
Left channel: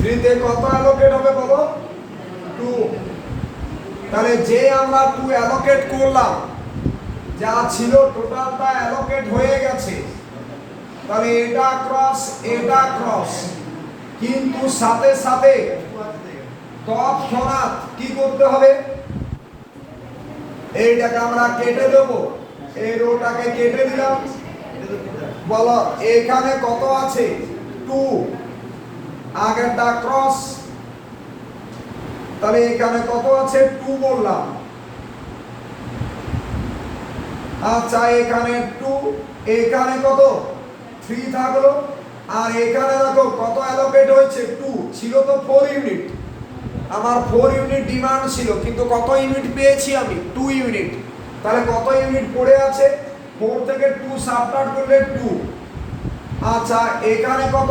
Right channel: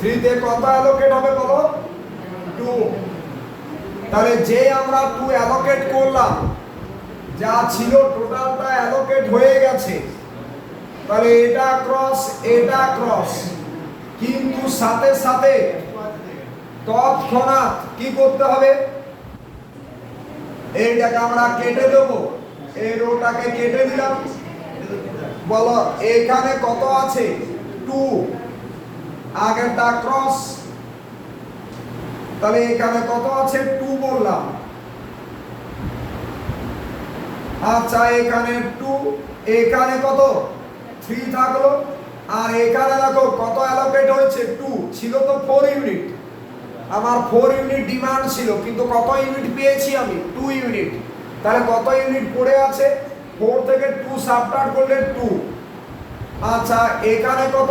3 তে কত অ্যালোকেট হবে বলো? 2। তাহলে যে আমরা 2 অ্যালোকেট করলাম, যা ছিল টোটালটা অ্যালোকেট হয়ে গেছে। তাহলে এটা ক্রস, কিন্তু সাথে সাথে তৎক্ষণাৎ কি করতে হবে? এইটাকে আমরা কেটে দেব, এই রোটাকে কেটে দিলাম। বলো এখানে কত আছে? 2, আগেরটা ক্রস, তাহলে এখানে কত আছে? 2 বললাম। আচ্ছা এখানে 2, এখানে কত? 3 থাকলো। আর এখানে দেখো কত অ্যালোকেট হয়েছে? 2 ছিল তো 4 ইউনিট। আমার 4 ইউনিট ডিমান্ড ছিল, কিন্তু কত ইউনিট পেয়েছি আমি? 2 ইউনিট। তাহলে কত ইউনিট পড়ে আছে? 4 থেকে 2 সাবট্রাক্ট করলে 2। আচ্ছা এখানে কত?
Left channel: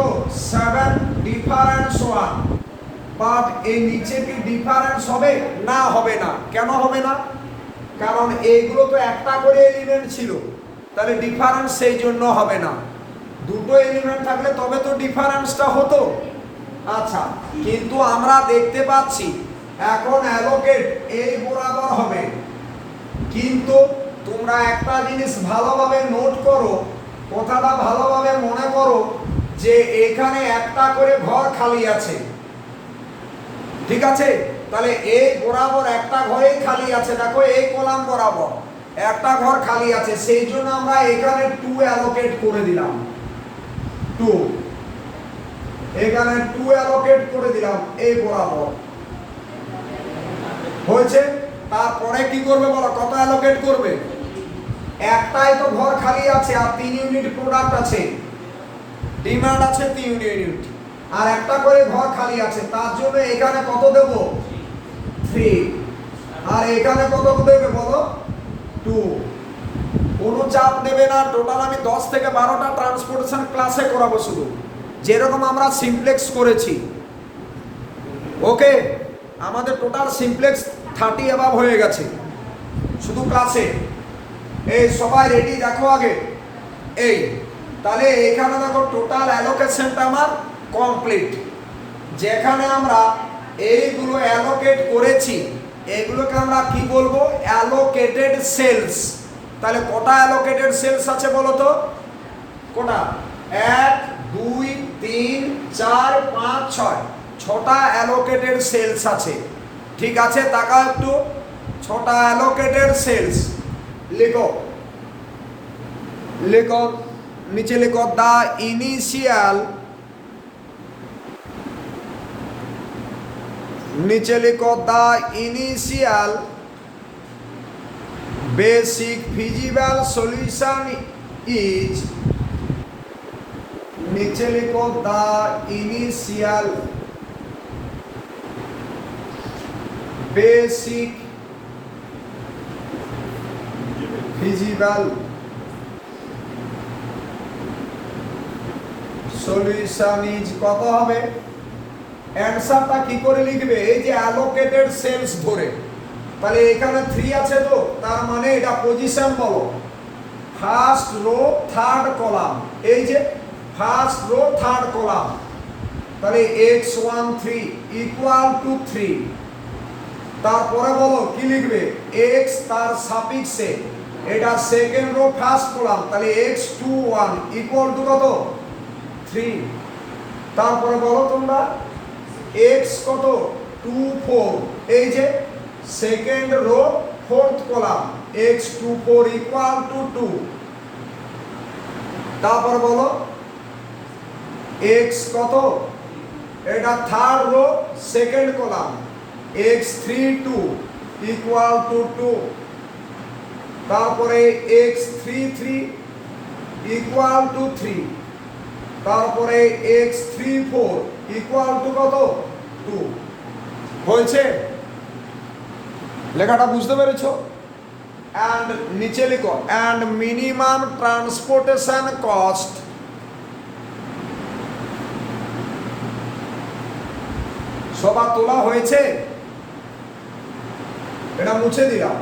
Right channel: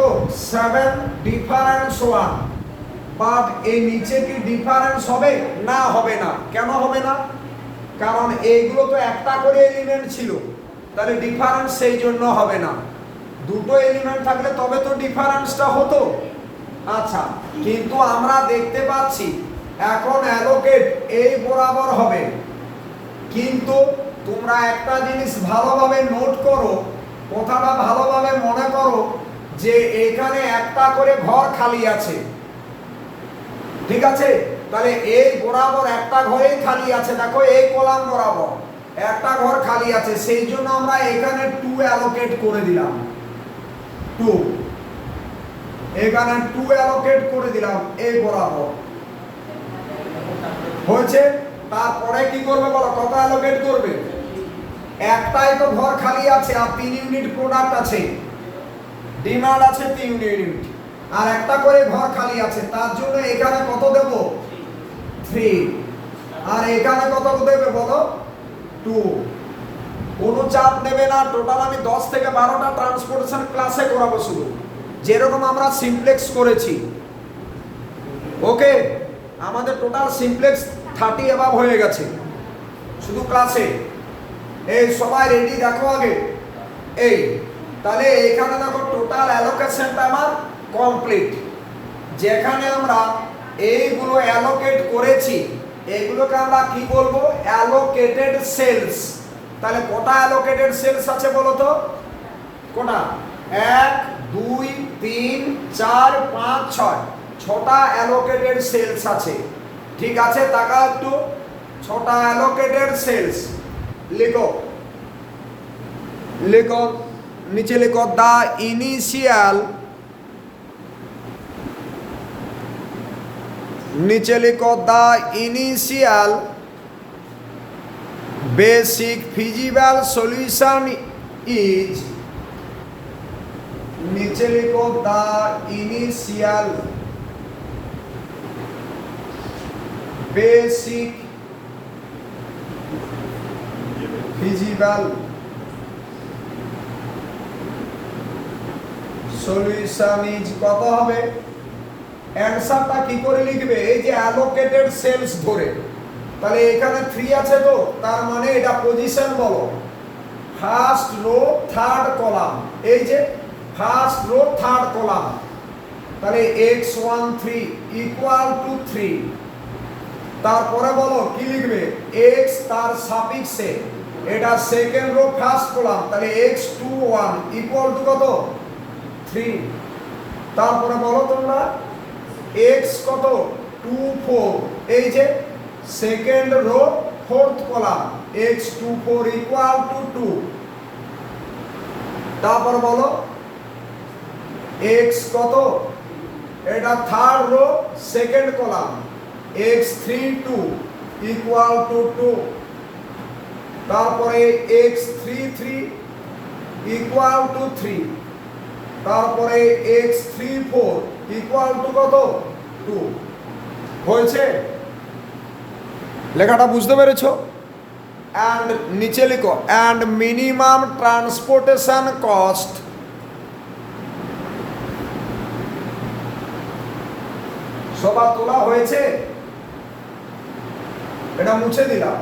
7, ডিফারেন্স 1। বাট এই নিচে কি ডিফারেন্স হবে? না, হবে না। কেন হবে না? কারণ এইগুলো তো একটা করে এলিমেন্ট ছিল, তাহলে ডিফারেন্স সেই জন্য হবে না। দুটো এলিমেন্ট থাকলে তবে তো ডিফারেন্সটা হতো। আচ্ছা, কিন্তু আমরা দেখতে পাচ্ছি এখন অ্যালোকেট এই বরাবর হবে। কিন্তু তোমরা একটা জিনিস ভালোভাবে নোট করো, কথাটা ভালোভাবে মনে করো, যে এখানে একটা করে ঘর খালি আছে, ঠিক আছে? তাহলে এই বরাবর একটা ঘরেই খালি আছে। দেখো এই কলাম বরাবর একটা ঘর খালি আছে, সেই জন্য আমরা এখানে 2 অ্যালোকেট করে দিলাম। 2, এখানে 2 অ্যালোকেট করে দিলাম এই বরাবর। হয়েছে? তারপরে কি করবে বলো? কত অ্যালোকেট করবে? একটাই তো ঘর খালি আছে, আর 3 ইউনিট প্রোডাক্ট আছে, ডিমান্ড আছে 3 ইউনিট, আর একটা করে ঘর খালি আছে। তার জন্য এখানে কত দেব? 3। আর এখানে কত দেবে বলো? 2। কোনো চাপ নেবে না। টোটাল আমি 10 থেকে 12টা ট্রান্সপোর্টেশন ক্লাসে করাবো, শুধু যেরকম আমরা সিমপ্লেক্স করেছি। ওকে, আমাদের টোটাল সিমপ্লেক্স 30 অ্যাবাভ হয়ে গেছে শুধু ক্লাসে। এই সবাই রেডি? দেখো আগে এই, তাহলে এখানে দেখো টোটাল অ্যালোকেশনটা আমার কমপ্লিট। যেখানে আমরা এইগুলো অ্যালোকেট করেছি, এগুলোকে আমরা কি বলবো? Allocated cells. তাহলে কটা অ্যালোকেটেড সেলস আছে বলো তো? কটা? 1, 2, 3, 4, 5, 6, 6টা অ্যালোকেটেড সেলস আছে। ঠিক আছে, তাকাও একটু। 6টা অ্যালোকেটেড সেলস। লিখো, লিখো, নিচে লিখো দা ইনিশিয়াল, নিচে লিখো the initial basic feasible solution is, নিচে লিখো the initial basic feasible solution is কত হবে? অ্যানসারটা কি করে লিখবে? এই যে অ্যালোকেটেড সেলস ধরে, তাহলে এখানে 3 আছে তো, তার মানে এটা পজিশন বলো। ফার্স্ট রো থার্ড কলাম, এই যে ফার্স্ট রো থার্ড কলাম। তাহলে x1 3 ইকুয়াল টু 3। তারপরে বলো কি লিখবে? x তার সাফিক্সে, এটা সেকেন্ড রো ফার্স্ট কলাম, তাহলে x21 ইকুয়াল টু কত? 3। তারপরে বলো তোমরা x কত? 2 4, এই যে second rho fourth column, x24 equal to 2। তারপর বলো x কত? এটা third rho second column, x32 equal to 2। তারপরে x33 ইকুয়াল টু 3। তারপরে x34 ইকুয়াল টু কত? 2। হয়েছে? লেখাটা বুঝতে পেরেছো? অ্যান্ড নিচে লিখো অ্যান্ড মিনিমাম ট্রান্সপোর্টেশন কস্ট সবার তোলা হয়েছে? এটা মুছে দিলাম।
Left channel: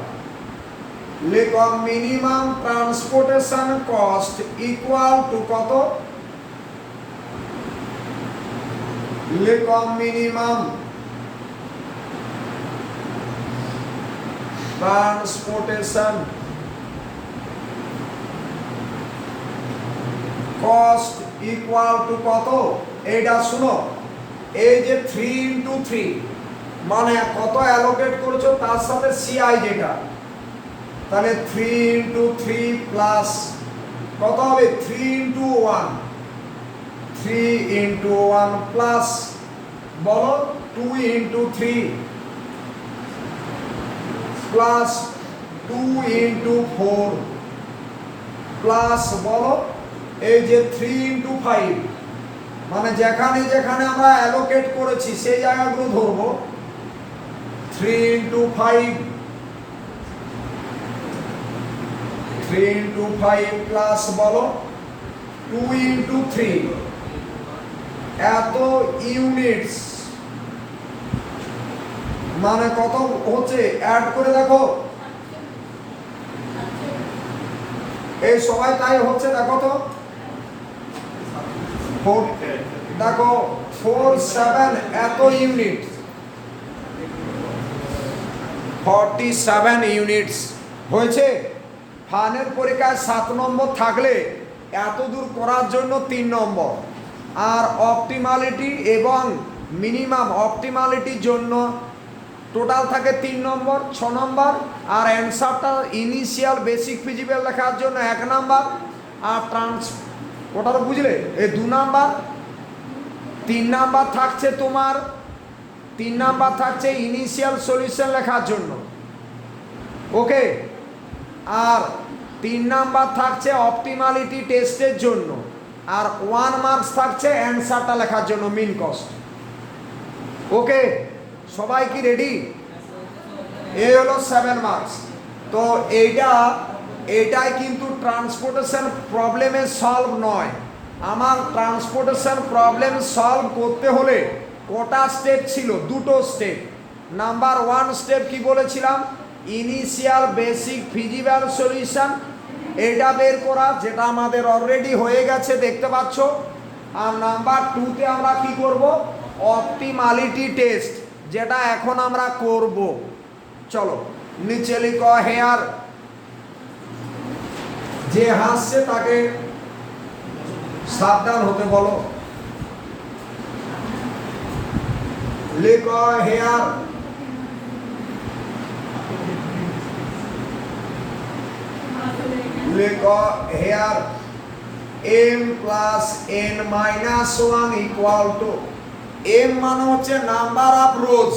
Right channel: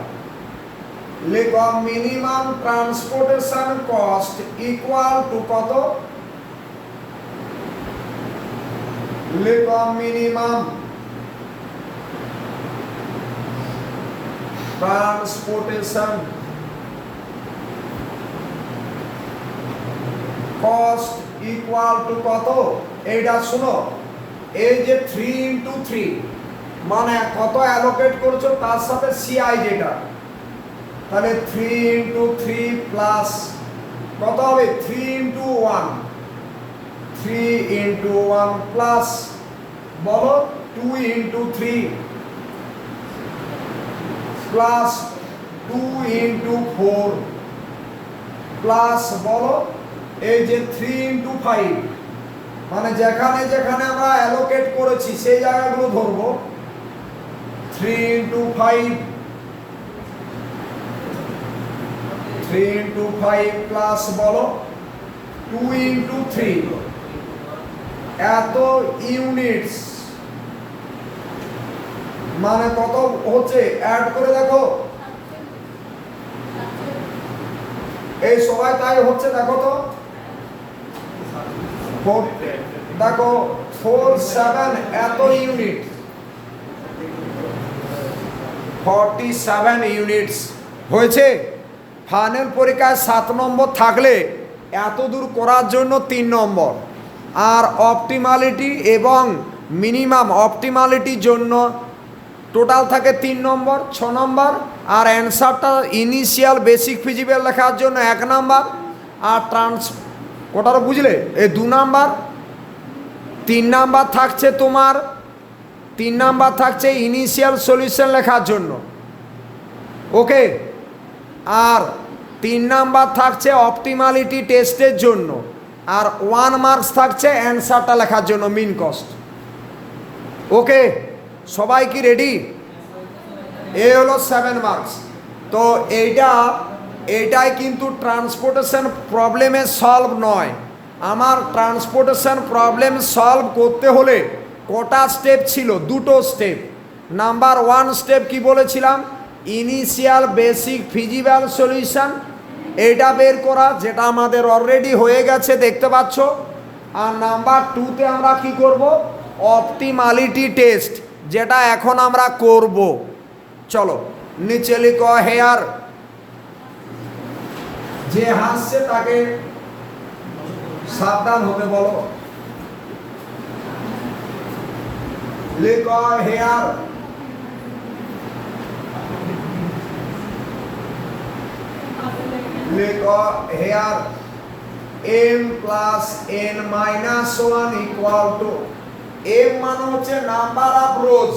লিখো minimum transportation cost equal to কত? লিখো minimum transportation cost equal to কত? এইটা শুনো, এই যে 3 ইন্টু 3 মানে কত অ্যালোকেট করছো তার সাথে সিআই যেটা, তাহলে 3 ইন্টু 3 প্লাস কত হবে? 3 ইন্টু 1, 3 ইন্টু 1 প্লাস বলো 2 ইন্টু 3 প্লাস 2 ইন্টু 4 প্লাস বলো এই যে 3 ইন্টু 5 মানে যেখানে যেখানে আমরা অ্যালোকেট করেছি সেই জায়গাগুলো ধরবো। 3 ইন্টু 5 3 ইন্টু 5 প্লাস বলো 2 ইন্টু 3 এত ইউনিটস মানে কত হচ্ছে? অ্যাড করে দেখো, এই সবাই তাই হচ্ছে দেখো তো, দেখো 4 7 এত ইউনিট, 47 ইউনিটস হয়েছে। ফাইনাল পরীক্ষায় 7 নম্বর থাকলে এত দূর করার জন্য 3 নম্বর, আর অপটিমালিটি এবং মিনিমাম অপটিমালিটির জন্য টোটাল থাকে 3 নম্বর, 6 নম্বর, আর অ্যান্সারটা ইনিশিয়াল বেসিক ফিজিবল লেখার জন্য 1 নম্বর, আর ওটারও বুঝলে এই 2 নম্বর। 3 নম্বর থাকছে তোমার 3 নম্বর থাকছে ইনিশিয়াল সলিউশন লেখার জন্য, ওকে। আর 3 নম্বর থাকছে অপটিমালিটি টেস্টের জন্য, আর 1 মার্কস থাকছে অ্যান্সারটা লেখার জন্য মিন কস্ট, ওকে। সবাই কি রেডি? এই হলো 7 মার্কস। তো এইটাই কিন্তু ট্রান্সপোর্টেশন প্রবলেমের সলভ নয়। আমার ট্রান্সপোর্টেশন প্রবলেম সলভ করতে হলে কটা স্টেপ ছিল? 2টো স্টেপ। নাম্বার 1 স্টেপ কি বলেছিলাম? ইনিশিয়াল বেসিক ফিজিবল সলিউশন, এটা বের করা, যেটা আমাদের অলরেডি হয়ে গেছে দেখতে পাচ্ছ। আর নাম্বার 2তে আমরা কি করব? অপটিমালিটি টেস্ট, যেটা এখন আমরা করব। চলো নিচে লিখো হেয়ার, যে হাসছে তাকে সাবধান হতে বলো। লিখো হেয়ার লিখো here m plus n minus 1 equal to, m মানে হচ্ছে number of rows,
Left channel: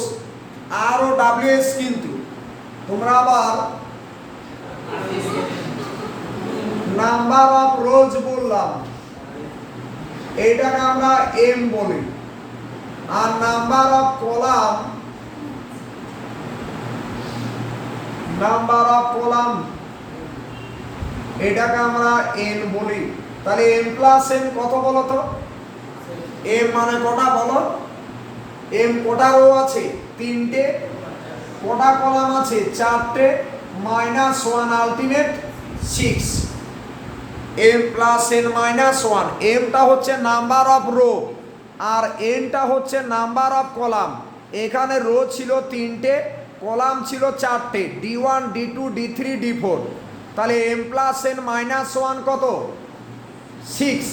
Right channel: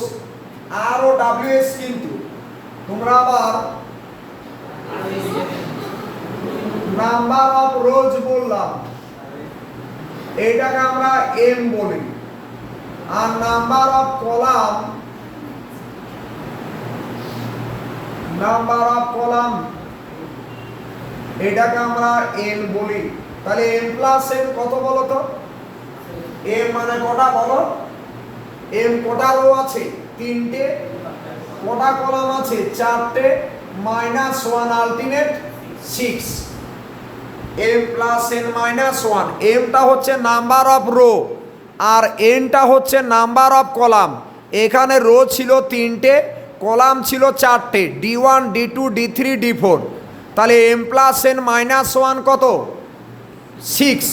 R O WS, কিন্তু তোমরা আবার নাম্বার অফ রোজ বললাম, এইটাকে আমরা m বলি। আর নাম্বার অফ কলাম, এটাকে আমরা n বলি। তাহলে m প্লাস n কত বলো তো? m মানে কটা বলো? m কটা রো আছে? 3টে। কটা কলাম আছে? 4টে। Minus 1 ultimate 6। m plus n minus 1, mটা হচ্ছে নাম্বার অফ রো আর nটা হচ্ছে নাম্বার অফ কলাম। এখানে রো ছিল 3টে, কলাম ছিল 4টে, d1 d2 d3 d4। তাহলে m প্লাস n মাইনাস 1 কত? 6।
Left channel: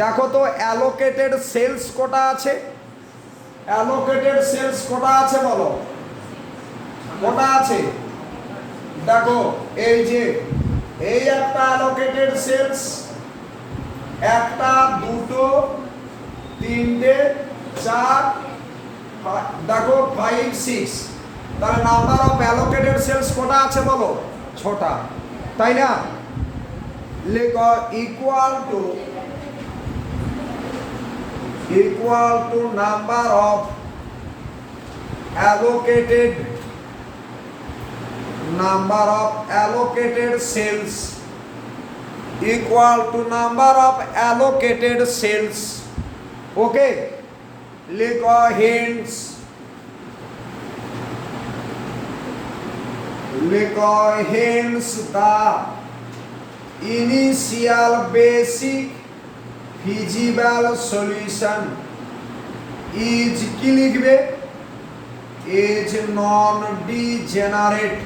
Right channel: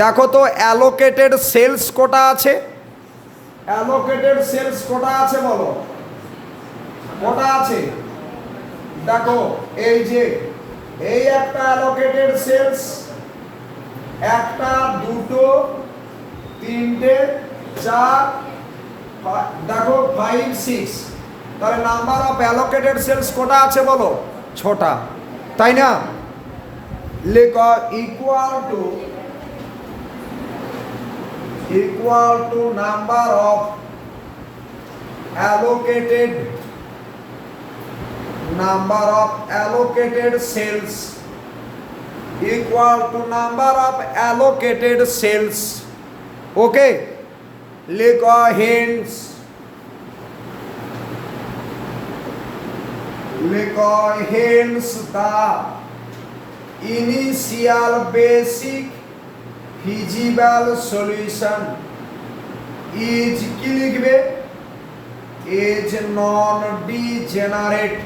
দেখো তো অ্যালোকেটেড সেলস কটা আছে? অ্যালোকেটেড সেলস কটা আছে বলো? কটা আছে? দেখো এই যে এই একটা অ্যালোকেটেড সেলস, একটা, দুটো, তিনটে, 4, দেখো 5 6। তাহলে নাম্বার অফ অ্যালোকেটেড সেলস কটা আছে বলো? 6টা, তাই না? লেখো equal to number of allocated number of allocated cells equal to number of allocated cells. Okay, লিখো hence the initial basic feasible solution is কি লিখবে is non-degenerate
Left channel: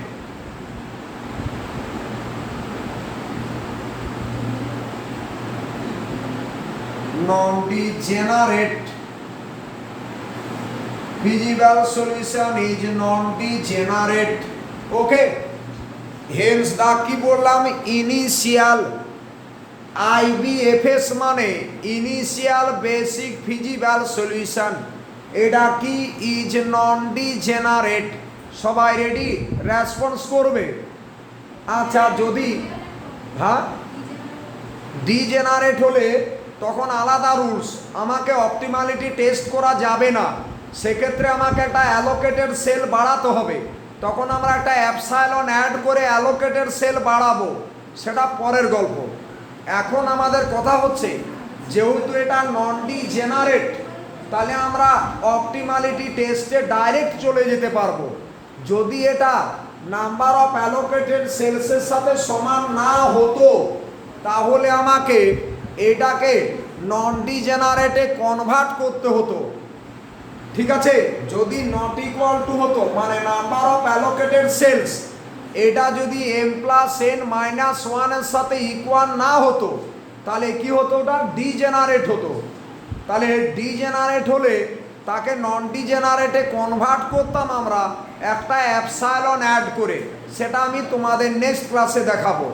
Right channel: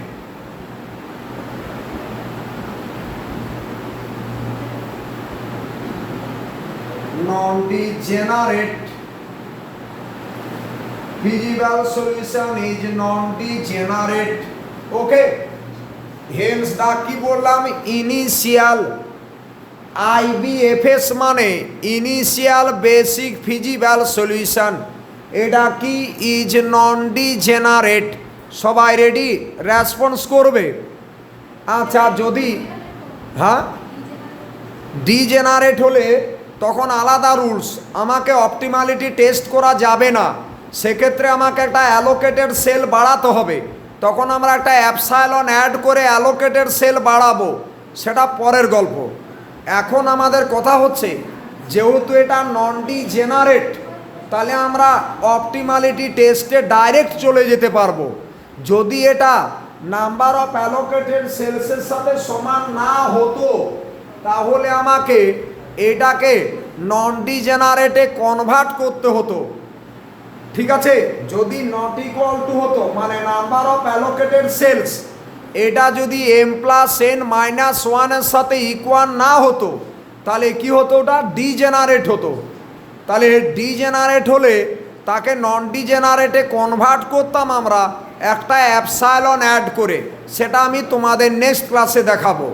feasible solution is non-degenerate. Okay, hence the কি বললাম initial IBFS মানে initial basic feasible solution, এটা কি is non-degenerate. সবাই রেডি? রেসপন্স করবে। আচ্ছা, যদি ডিজেনারেট হলে তখন আলাদা রুলস, আমাকে অপটিমালিটি টেস্ট করা যাবে না, সেক্ষেত্রে আমাকে একটা অ্যালোকেটেড সেল বাড়াতে হবে, তখন আমরা একটা অ্যাপসাইলন অ্যাড করে অ্যালোকেটেড সেল বাড়াবো, সেটা পরের গল্প। এখন আমাদের কথা হচ্ছে যেহেতু এটা নন ডিজেনারেট, তাহলে আমরা অপটিমালিটি টেস্টে ডাইরেক্ট চলে যেতে পারবো। যদি এটা নাম্বার অফ অ্যালোকেটেড সেলসের সাথে সমান না হতো, তাহলে আমাকে এটাকে নন ডিজেনারেটে কনভার্ট করতে হতো। ঠিক আছে, যদি নট ইকুয়াল টু হতো মানে নাম্বার অফ অ্যালোকেটেড সেলস এটা যদি m+n-1 এর সাথে ইকুয়াল না হতো, তাহলে কি হতো? ওটা ডিজেনারেট হতো। তাহলে ডিজেনারেট হলে তাকে নন ডিজেনারেটে কনভার্ট করতাম আমরা একটা অ্যাপসাইলন অ্যাড করে, সেটা আমি তোমাদের নেক্সট ক্লাসে দেখাবো।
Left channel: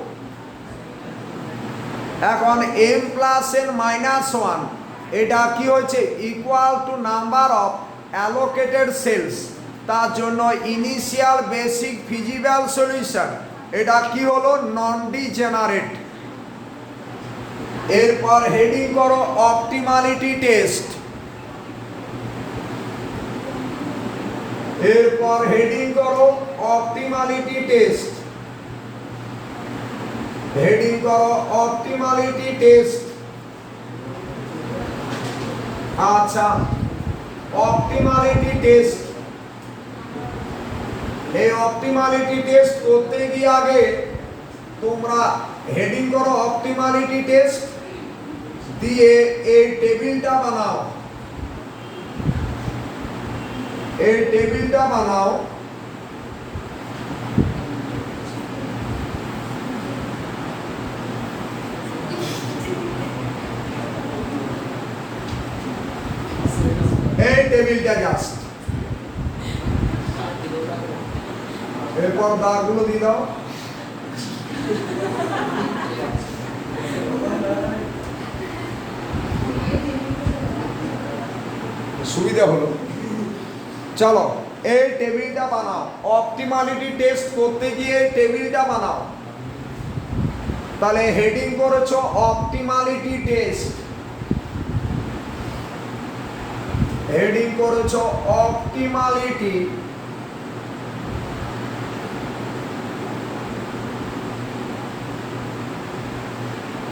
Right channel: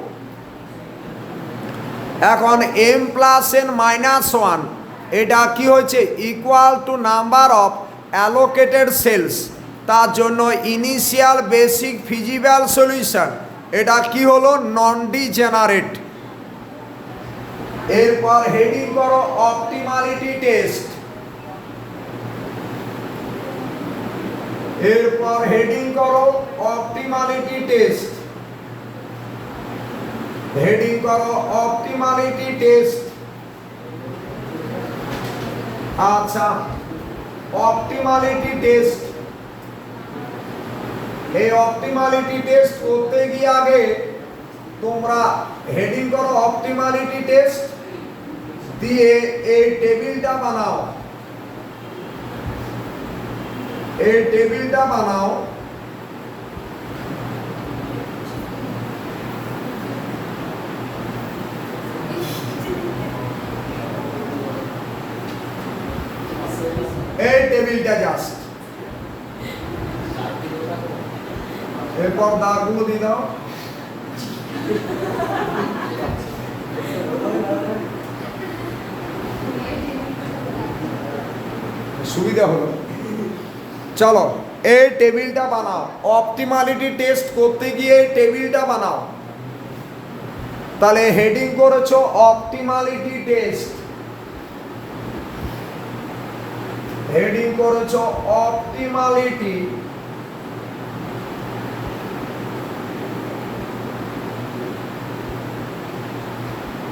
এখন m+n-1 এটা কি হয়েছে? Equal to number of allocated cells, তার জন্য ইনিশিয়াল বেসিক ফিজিবল সলিউশন এটা কি হলো? Non degenerate. এরপর হেডিং করো অপটিমালিটি টেস্ট। এরপর হেডিং করো অপটিমালিটি টেস্ট। হেডিং করো অপটিমালিটি টেস্ট। আচ্ছা, অপটিমালিটি টেস্ট, এই অপটিমালিটি টেস্ট করতে গিয়ে আগে তোমরা হেডিং করো অপটিমালিটি টেস্ট দিয়ে এই টেবিলটা বানাও। এই টেবিলটা বানাও। এই টেবিলটা জাস্ট, এরপর দাগগুলো দিয়ে দাও। সুবিধা হলো। চলো এই টেবিলটা বানাও। অপটিমালিটি টেস্ট করতে গিয়ে টেবিলটা বানাও। তাহলে হেডিং করেছো অপটিমালিটি টেস্ট। হেডিং করেছো অপটিমালিটি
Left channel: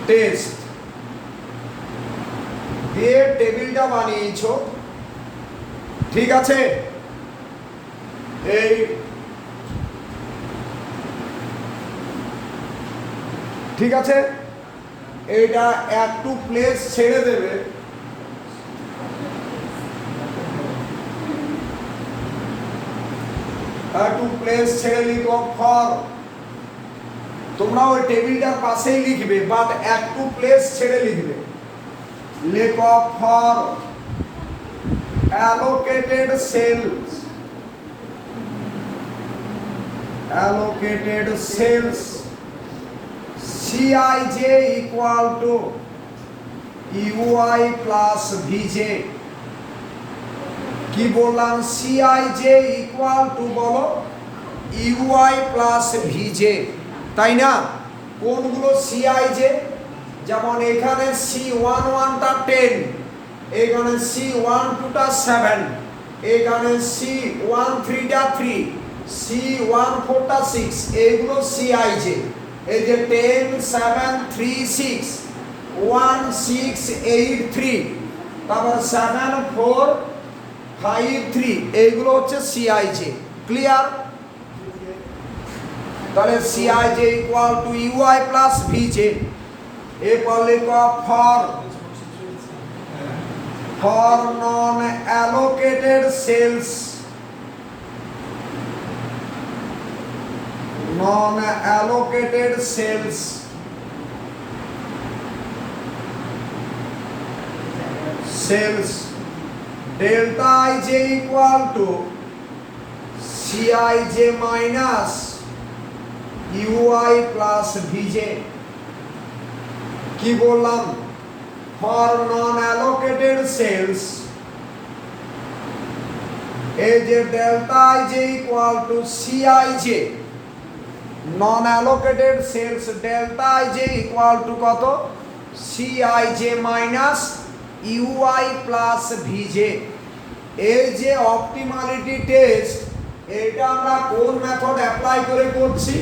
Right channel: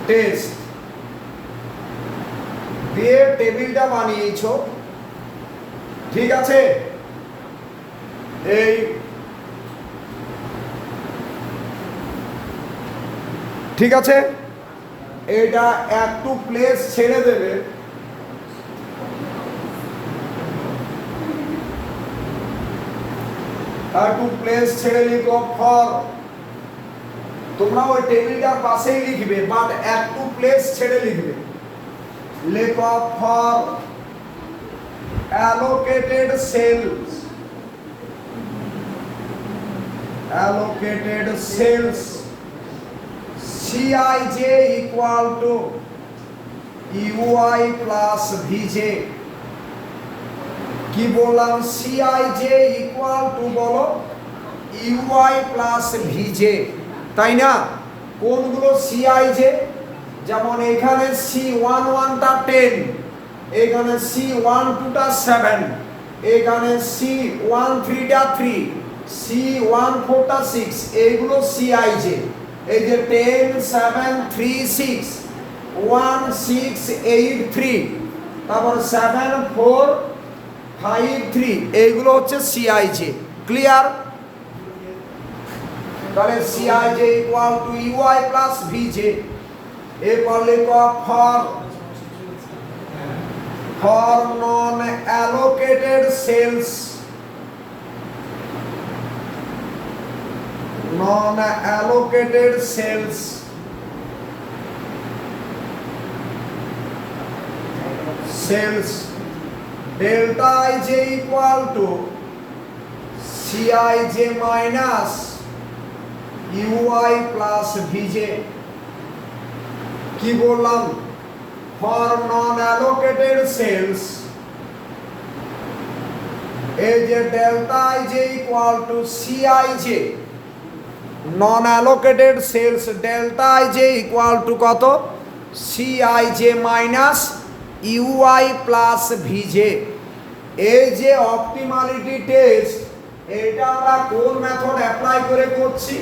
টেস্ট দিয়ে টেবিলটা বানিয়েছো। ঠিক আছে, এই ঠিক আছে, এটা একটু প্লেস ছেড়ে দেবে। একটু প্লেস ছেড়ে লিখো ফর, তোমরা ওই টেবিলটার পাশেই লিখবে, বাট একটু প্লেস ছেড়ে লিখবে। লেখো for allocated cells, allocated cells Cij equal to ui plus vj। কি বললাম? Cij equal to বলো ui plus vj, তাই না? কোনগুলো Cij? যেমন এখানে C11টা 10, এখানে C12টা 7, এখানে C13টা 3, C14 এইগুলো CIJ। এই যে 10 7 3 6 1 6 8 3, তারপর 7 4 5 3, এইগুলো হচ্ছে CIJ। ক্লিয়ার? তাহলে CIJ equal to UI plus VJ। এরপর লিখো for non allocated cells, non allocated cells, delta ij equal to Cij minus ui plus vj। কি বললাম? for non allocated cells এই যে delta ij equal to Cij, non allocated cells delta ij equal to কত? Cij minus ui plus vj। এই যে অপটিমালিটি টেস্ট, এটা আমরা কোন মেথড অ্যাপ্লাই করে করছি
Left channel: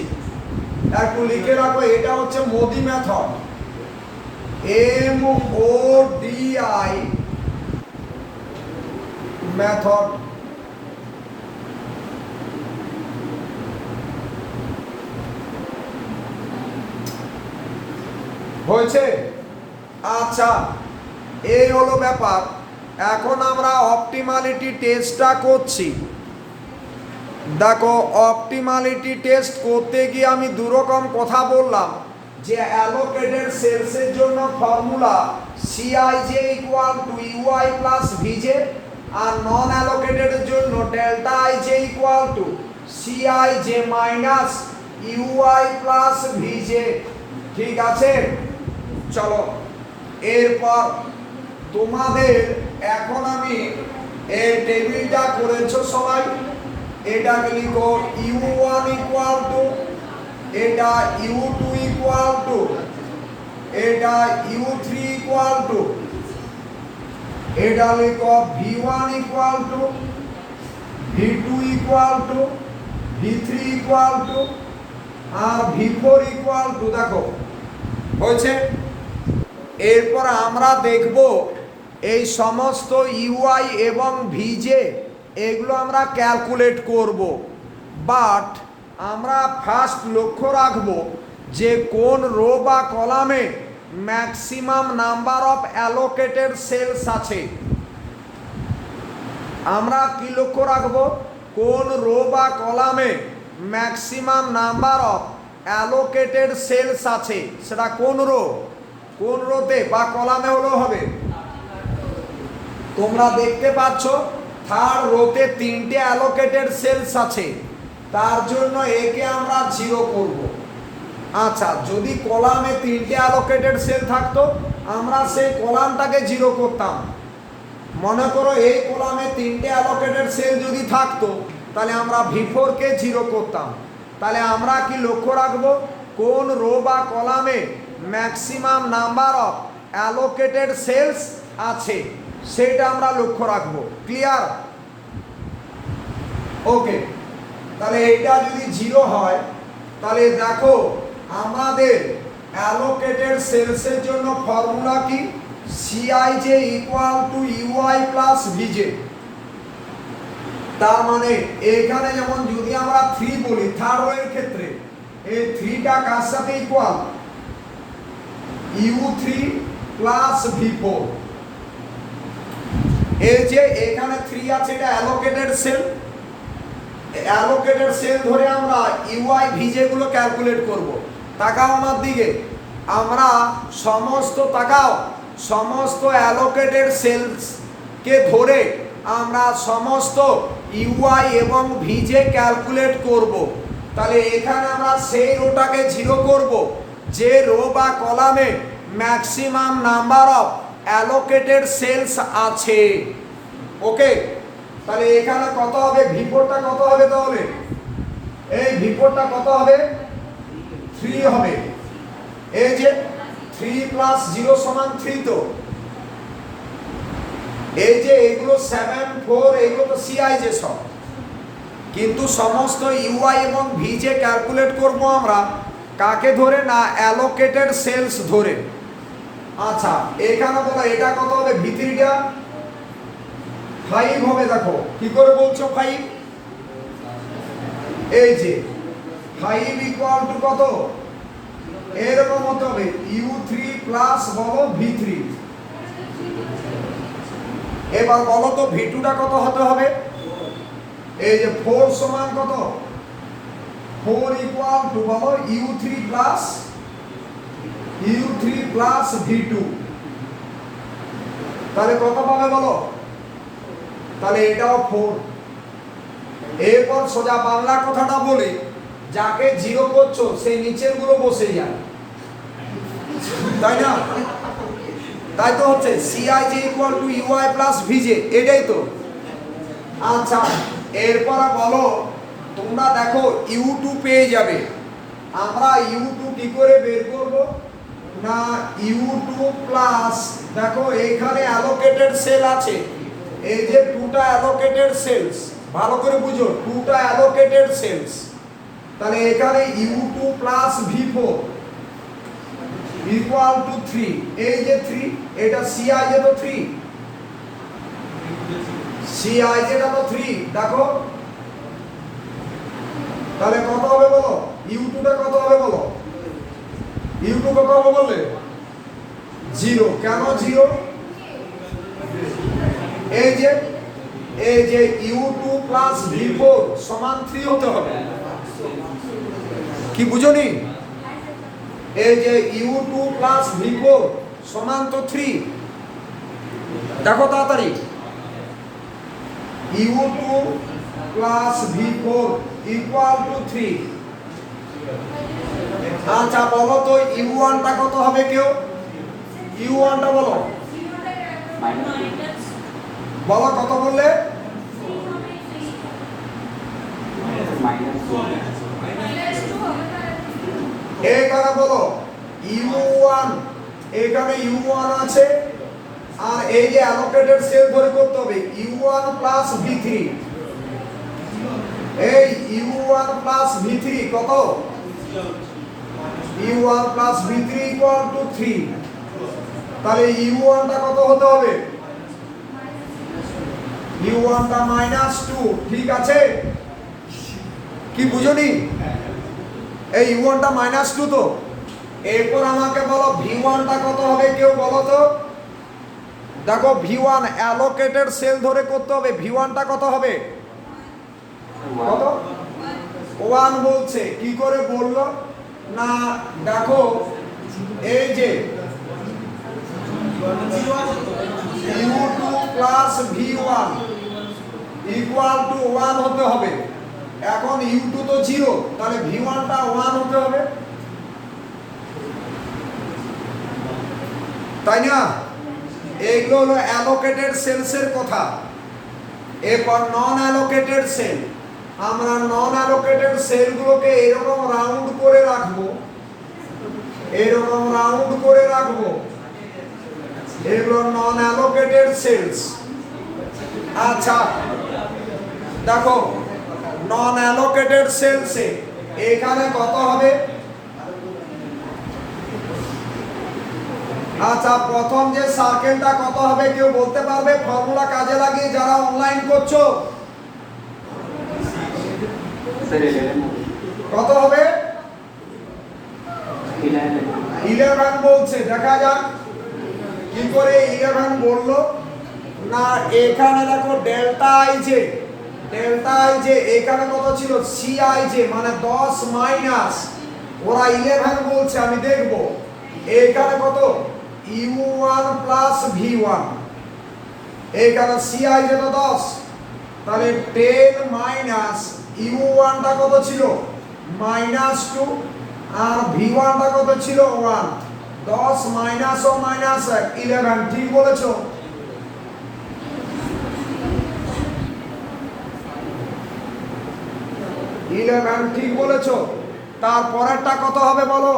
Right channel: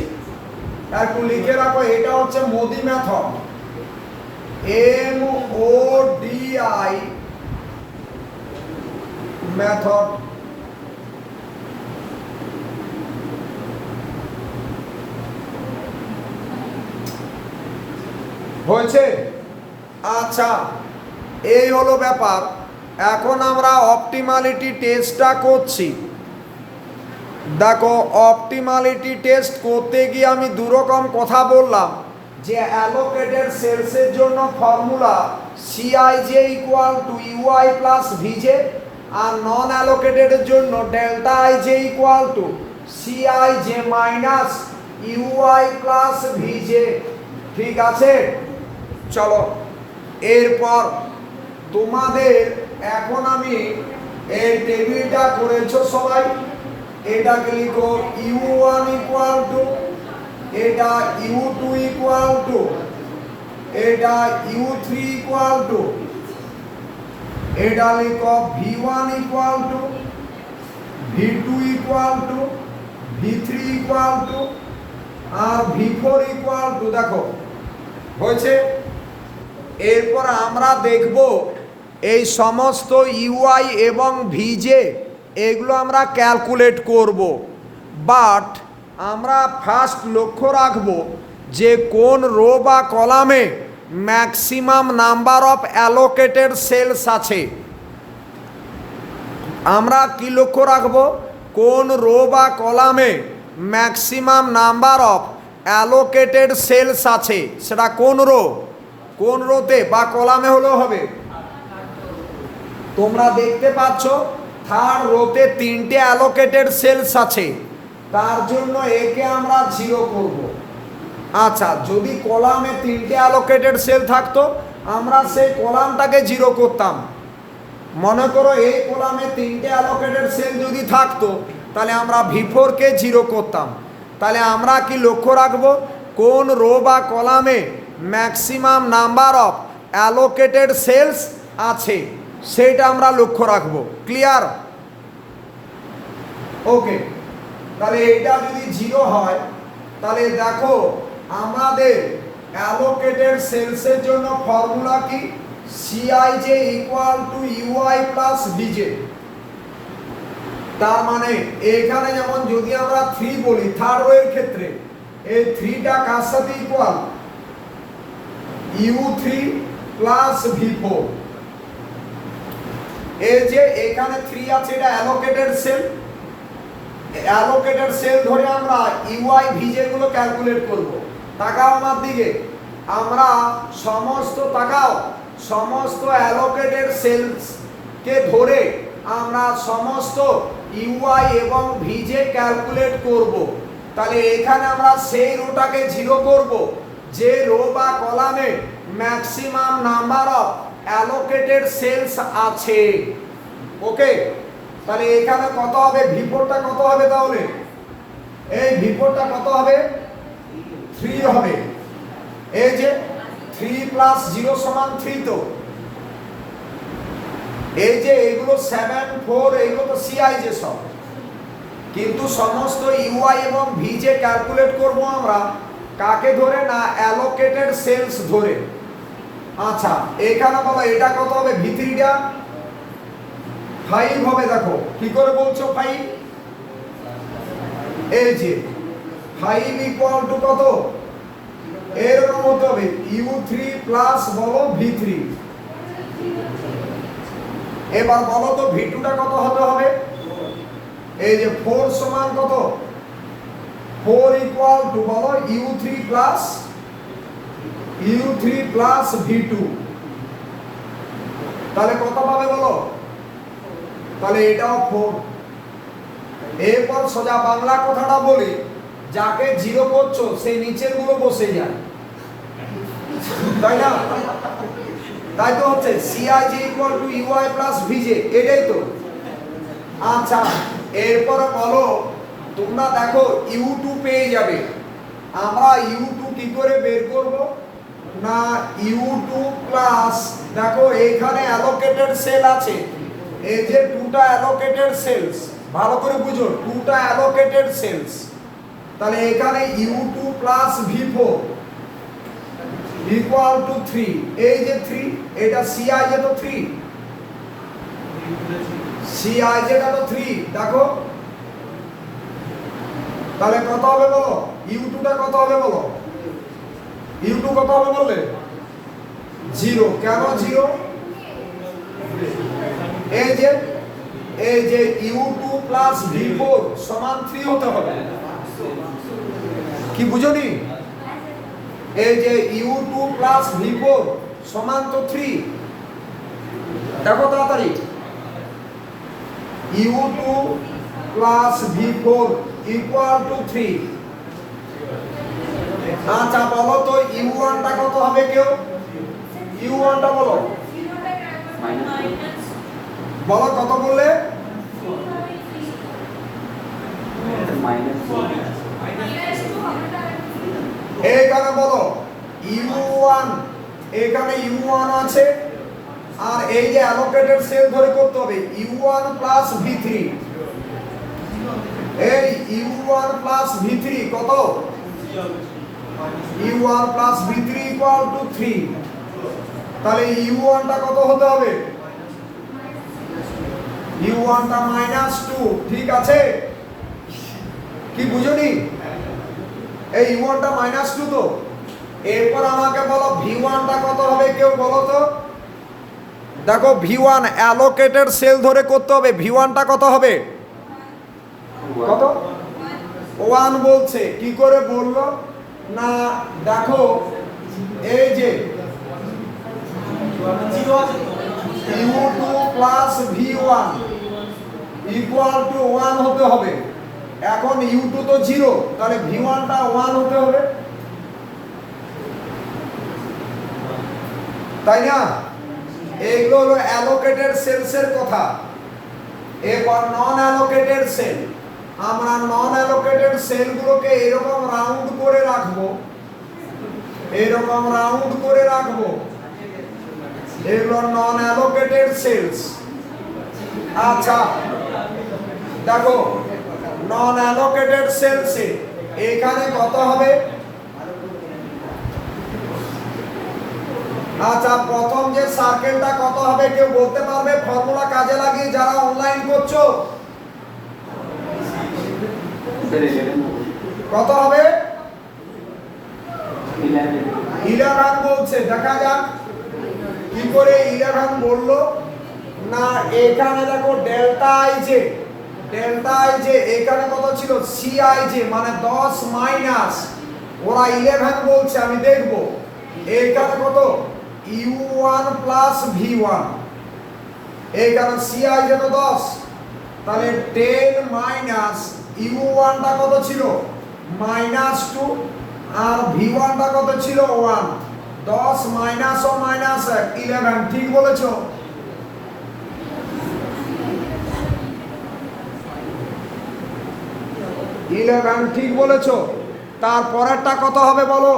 একটু লিখে রাখো। এটা হচ্ছে মোদি মেথড, MODI মেথড। হয়েছে? আচ্ছা, এই হলো ব্যাপার। এখন আমরা অপটিমালিটি টেস্টটা করছি। দেখো, অপটিমালিটি টেস্ট করতে গিয়ে আমি দুরকম কথা বললাম, যে অ্যালোকেটেড সেলসের জন্য formula Cij equal to UI plus VJ, আর নন অ্যালোকেটেডের জন্য delta ij equal to Cij minus UI plus VJ। ঠিক আছে? চলো, এরপর তোমাদের এখন আমি এই টেবিলটা করেছো সবাই, এটাকে লিখো U1 ইকুয়াল টু, এটা U2 ইকুয়াল টু, এটা U3 ইকুয়াল টু, এটা লিখো V1 equal to, V2 equal to, V3 equal to, আর V4 ইকুয়াল টু। দেখো হয়েছে? এরপর আমরা দেখব এই সমস্ত UI এবং VJ এগুলো আমরা ক্যালকুলেট করব, বাট আমরা ফার্স্ট লক্ষ্য রাখব যে কোন রো বা কলামে maximum number of allocated cells আছে। আমরা কি লক্ষ্য রাখব? কোন রো বা কলামে maximum number of allocated cells আছে, সেটা কোন রো, কোন রোতে বা কলামে হলেও হবে। তোমরা দেখতে পাচ্ছ থার্ড রোতে 3টে অ্যালোকেটেড সেলস আছে, তার জন্য একে আমরা 0 করব। আচ্ছা, যদি কলামে 3টে অ্যালোকেটেড সেল থাকতো, আমরা সেই কলামটাকে 0 করতাম। মনে করো এই কলামে 3টে অ্যালোকেটেড সেল যদি থাকতো, তাহলে আমরা V4 কে 0 করতাম। তাহলে আমরা কি লক্ষ্য রাখবো? কোন রো বা কলামে maximum number of allocated cells আছে, সেটা আমরা লক্ষ্য রাখবো। ক্লিয়ার? ওকে, তাহলে এটা যদি 0 হয়, তাহলে দেখো আমাদের অ্যালোকেটেড সেলসের জন্য ফর্মুলা কি? Cij equal to UI plus VJ। তার মানে এখানে যেমন যদি আমরা 3 বলি থার্ড রো এর ক্ষেত্রে, এই 3টা কার সাথে ইকুয়াল? U3 plus V4। এই যে এখানে 3 আছে, এটা অ্যালোকেটেড সেল। অ্যালোকেটেড সেল ধরে আমরা UI VJ গুলো ক্যালকুলেট করব। তাকাও আমার দিকে, আমরা সমস্ত অ্যালোকেটেড সেলস কে ধরে আমরা সমস্ত UI এবং VJ ক্যালকুলেট করব। তাহলে এখানে আমরা সেই রোটাকে 0 করব যে রো বা কলামে maximum number of allocated cells আছে। ওকে, তাহলে এখানে কত হবে? V4টা কত হবে? তাহলে এই V4টা কত হবে? 3 হবে। এই যে 3 প্লাস 0 সমান 3, তো এই যে এইগুলো 7 4 এইগুলো তো Cij সব। কিন্তু সমস্ত ইউআই এবং ভিজে ক্যালকুলেট করব আমরা কাকে ধরে না অ্যালোকেটেড সেলস ধরে। আচ্ছা এখানে বলো এটা কত হবে ভিতরিটা 5 হবে। দেখো কি করে বলছো 5, এই যে 5 ইকুয়াল টু কত এরকম হতে হবে u3 প্লাস বলো v3। এবার বলো তো v2টা কত হতে হবে, এই যে 4 সমান কত 4 ইকুয়াল টু বলো u3 প্লাস v2, তাহলে কত পাবে বলো, তাহলে এটাও 4। এরপর সোজা বাংলা কথাটা বলি, যাকে জিরো করছো সেই নিচের গুলো বসে যায়, তাই না? তাই তো হচ্ছে CIJ equal to UI plus VJ, এটাই তো। আচ্ছা এরপর বলো তোমরা দেখো U2 পেয়ে যাবে। আমরা U2 কি করে বের করব না U2 প্লাস, দেখো এখানে অ্যালোকেটেড সেল আছে, এই যে 2টা অ্যালোকেটেড সেলস, ভালো করে বুঝো 2টা অ্যালোকেটেড সেলস, তাহলে এখানে U2 plus V4 equal two 3, এই যে 3 এটা CIJ তো 3, CIJ টা তো 3, দেখো তাহলে কত হবে বলো, U2 টা কত হবে বলো, U2 কত হবে বললে 0। কেন 0, এই যে U2 প্লাস V4 সমান 3 হতে হবে, কি বুঝোনি? এই যে U2 প্লাস V4 সমান তো 3, দেখো তাড়াতাড়ি U2 plus V4 equal two 3। আচ্ছা বলো তো U1 টা কত হবে কেউ, U1 টা বলো, বলো কত বললে, এখানে বলো U1, এখানে U1 আছে, আর এই যে অ্যালোকেটেড সেল ধরে করতে হবে U1 প্লাস V3, এই U1 প্লাস V3 কত, U1 plus V3 equal two 3, তাহলে U1 টা কত হতে হবে, U1 টা -2, ঠিক আছে? কি বুঝোনি? এই U1 টা -2 তো। এরপর আমাকে বলো V1 টা কত হবে কেউ বলো তো, দেখো V1 অ্যালোকেটেড সেল ধরে করতে হবে, V1 টা কত হবে, কত 1 বলছে, কি করে বললো না দেখো এই যে U2 plus V1 equal two 1 হতে হবে। এখন U2 তো 0, তাহলে V1 টা 1 হতে হবে, তাই না? এইগুলো হলো অ্যালোকেটেড সেলসের কথা। এরপর নন অ্যালোকেটেড সেল, আমরা নন অ্যালোকেটেড সেলগুলোকে এরকম রাউন্ড করে রাখবো, এরকম রাউন্ড করে রাখবো, এগুলো নন অ্যালোকেটেড সেলস। আচ্ছা দেখো নন অ্যালোকেটেড সেলসে এখানে কত হবে, আচ্ছা প্রথম যে সার্কেলটা কত হবে কেউ বলতে পারবে ফর্মুলা কাজে লাগিয়ে, যারা অনলাইন করছো কত হবে, 11 বলছে, দেখা যাক কি করে 11 বললো না। এখানে দেখো ডেল্টা আই জে এখানে কত ছিল CIJ মানে 10 মাইনাস, ওরা 11 বলছে, আমি দেখবো এখানে কত U1 প্লাস V1, এখানে CIJ তো 10, তাহলে 10 মাইনাস U1 টা কত ছিল -2, আর V1 টা কত ছিল 1, 10 মাইনাস ও মাইনাস 11, ঠিক বলেছো? ঠিক বলেছো। তারপরেরটা কত হবে বলো,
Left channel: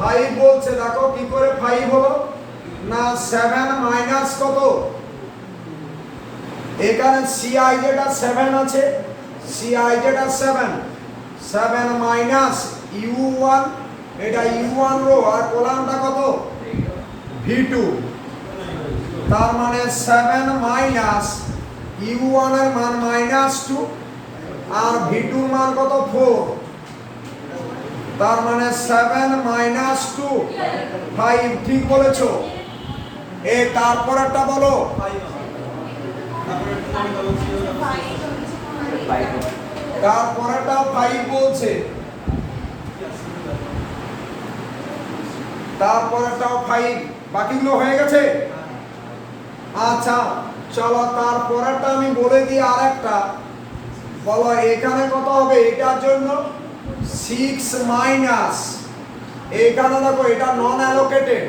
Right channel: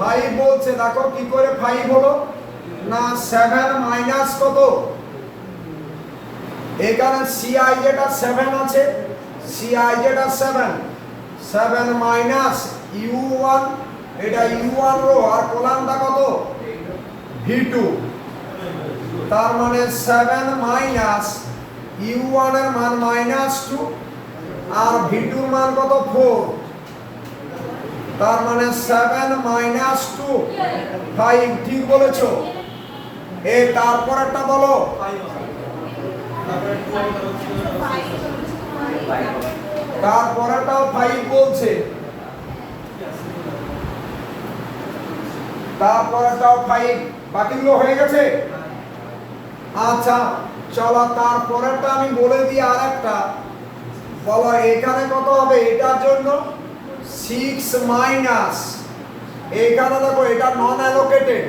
5 বলছে, দেখো কি করে 5 হলো না 7 মাইনাস কত এখানে সিআই যেটা 7 আছে, সিআই যেটা 7 মাইনাস ইউ1, এটা ইউ1 রো আর কলামটা কত ভি2, তার মানে 7 মাইনাস ইউ1 এর মান -2 আর ভি2 এর মান কত 4, তার মানে 7 -2 5। ঠিক বলেছো। তারপরেরটা বলো। তারপরেরটাও 5 বলছে, তারপরেরটাও 5, বাকিগুলো হয়ে গেছে। আচ্ছা চলো তারপরেরটা আমি বলে দিই। আরেকটা বলো, এখানে কত হবে এটার জন্য 6 মাইনাস, এখানে দেখো এটা non allocated,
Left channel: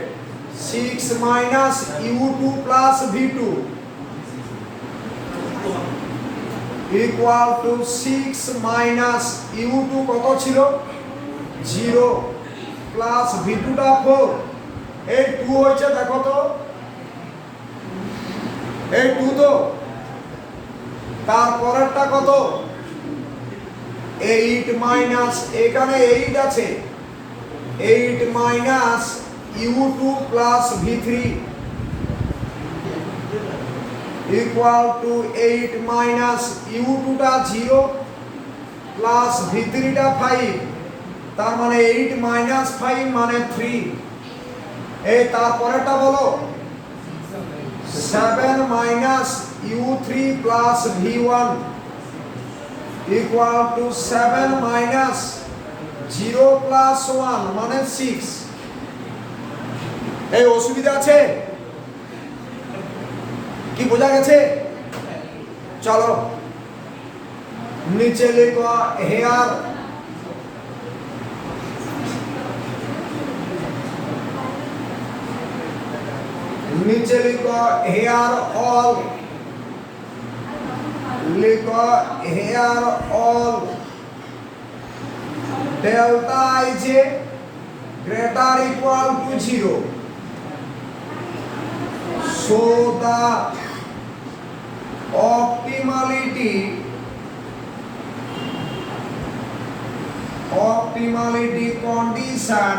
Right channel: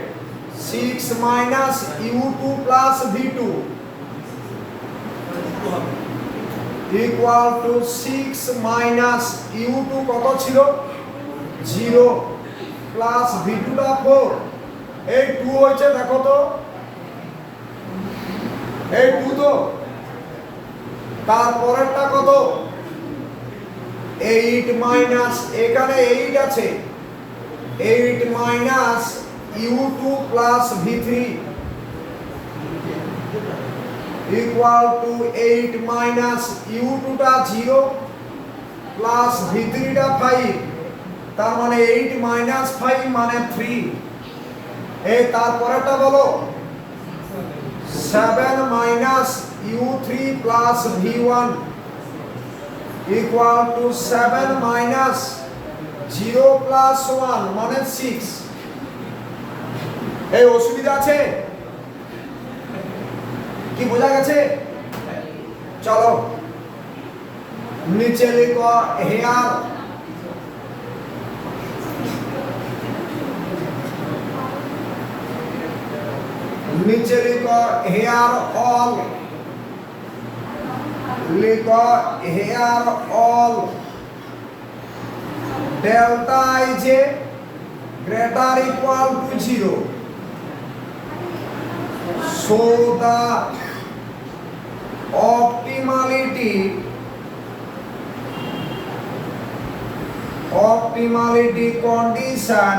6 minus u two plus v two equal to 6 minus u two কত ছিল 0 প্লাস ভি2টা 4। এই 2 হয়েছে, দেখো তো এই 2 তো। তারপরেরটা কত 8 মাইনাস, এখানে 8 আছে, 8 মাইনাস ইউ2 প্লাস ভি3 ইকুয়াল টু 8 মাইনাস ইউ2টা 0 প্লাস ভি3টা 5, তার মানে 8 মাইনাস 5 মানে 3। তারপরেটা বলো 7 minus u3 plus v1 equal two 7 minus 0 plus 1 মানে 6। অসুবিধা আছে কি, বোঝা গেছে? চলো নিচে লিখো হেয়ার नीचे लिखो हेयर ऑल, लिखो here all delta is greater equal to 0, so the optimality condition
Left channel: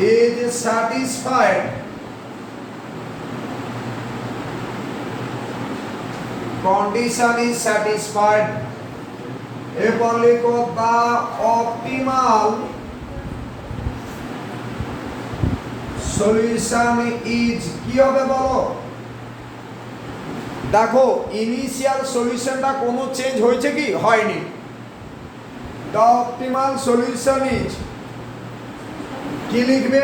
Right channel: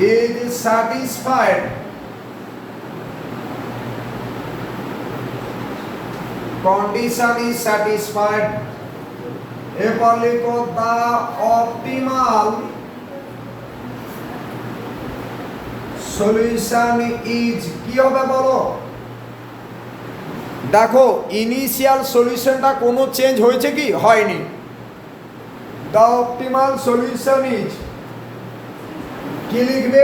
is satisfied, condition is satisfied। এরপর লিখো the optimal solution is, কি হবে বলো? দেখো ইনিশিয়াল সলিউশনটা কোনো চেঞ্জ হয়েছে কি? হয়নি। the optimal solution is, কি লিখবে?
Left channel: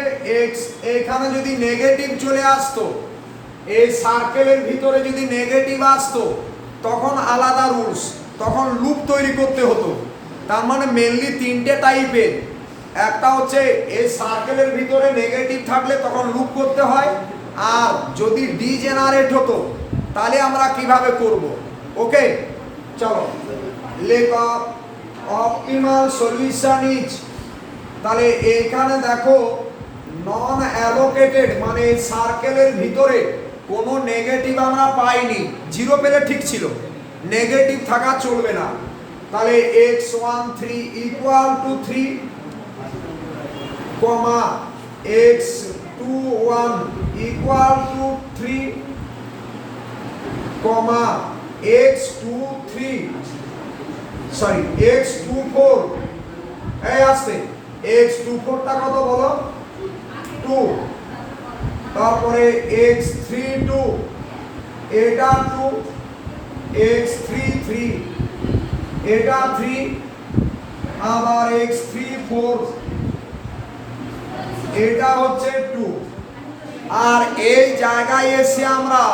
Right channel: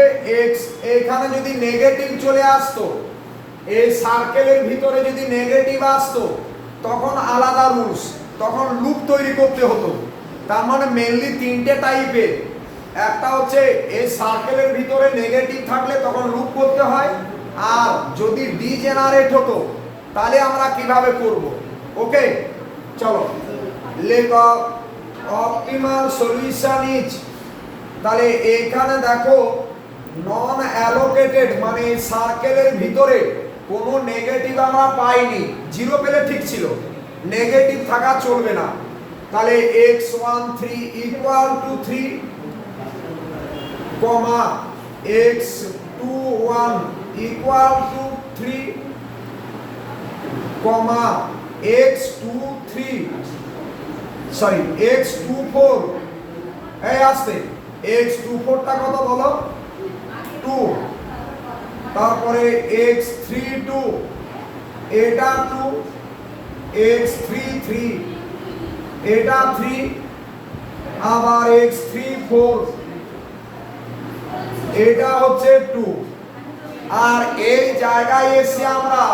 x। এখানে যদি নেগেটিভ চলে আসতো, এই সার্কেলের ভিতরে যদি নেগেটিভ আসতো তখন আলাদা রুলস, তখন লুপ তৈরি করতে হতো। তার মানে মেনলি তিনটে টাইপের, একটা হচ্ছে এই সার্কেলের ভিতরে নেগেটিভ থাকলে তখন লুপ করতে হয়, আর যদি ডিজেনারেট হতো তাহলে আমরা কিভাবে করব। ওকে চলো লেখো অপটিমাল সলিউশন ইজ, তাহলে এইখানে দেখো নন অ্যালোকেটেড মানে এই সার্কেলের ভিতরে কোনো নেগেটিভ আমরা পাইনি, 0 পেলে ঠিক ছিল, নেগেটিভ থাকা চলবে না। তাহলে x13 equal to 3 comma x21 equal to 3 comma x24 এই আসছে x24টা কত বলো 2, তারপরে x32 এটা 2, x33 এটা 3, আবার x34 এটা হচ্ছে 2। আর এই জায়গায় এসে আমরা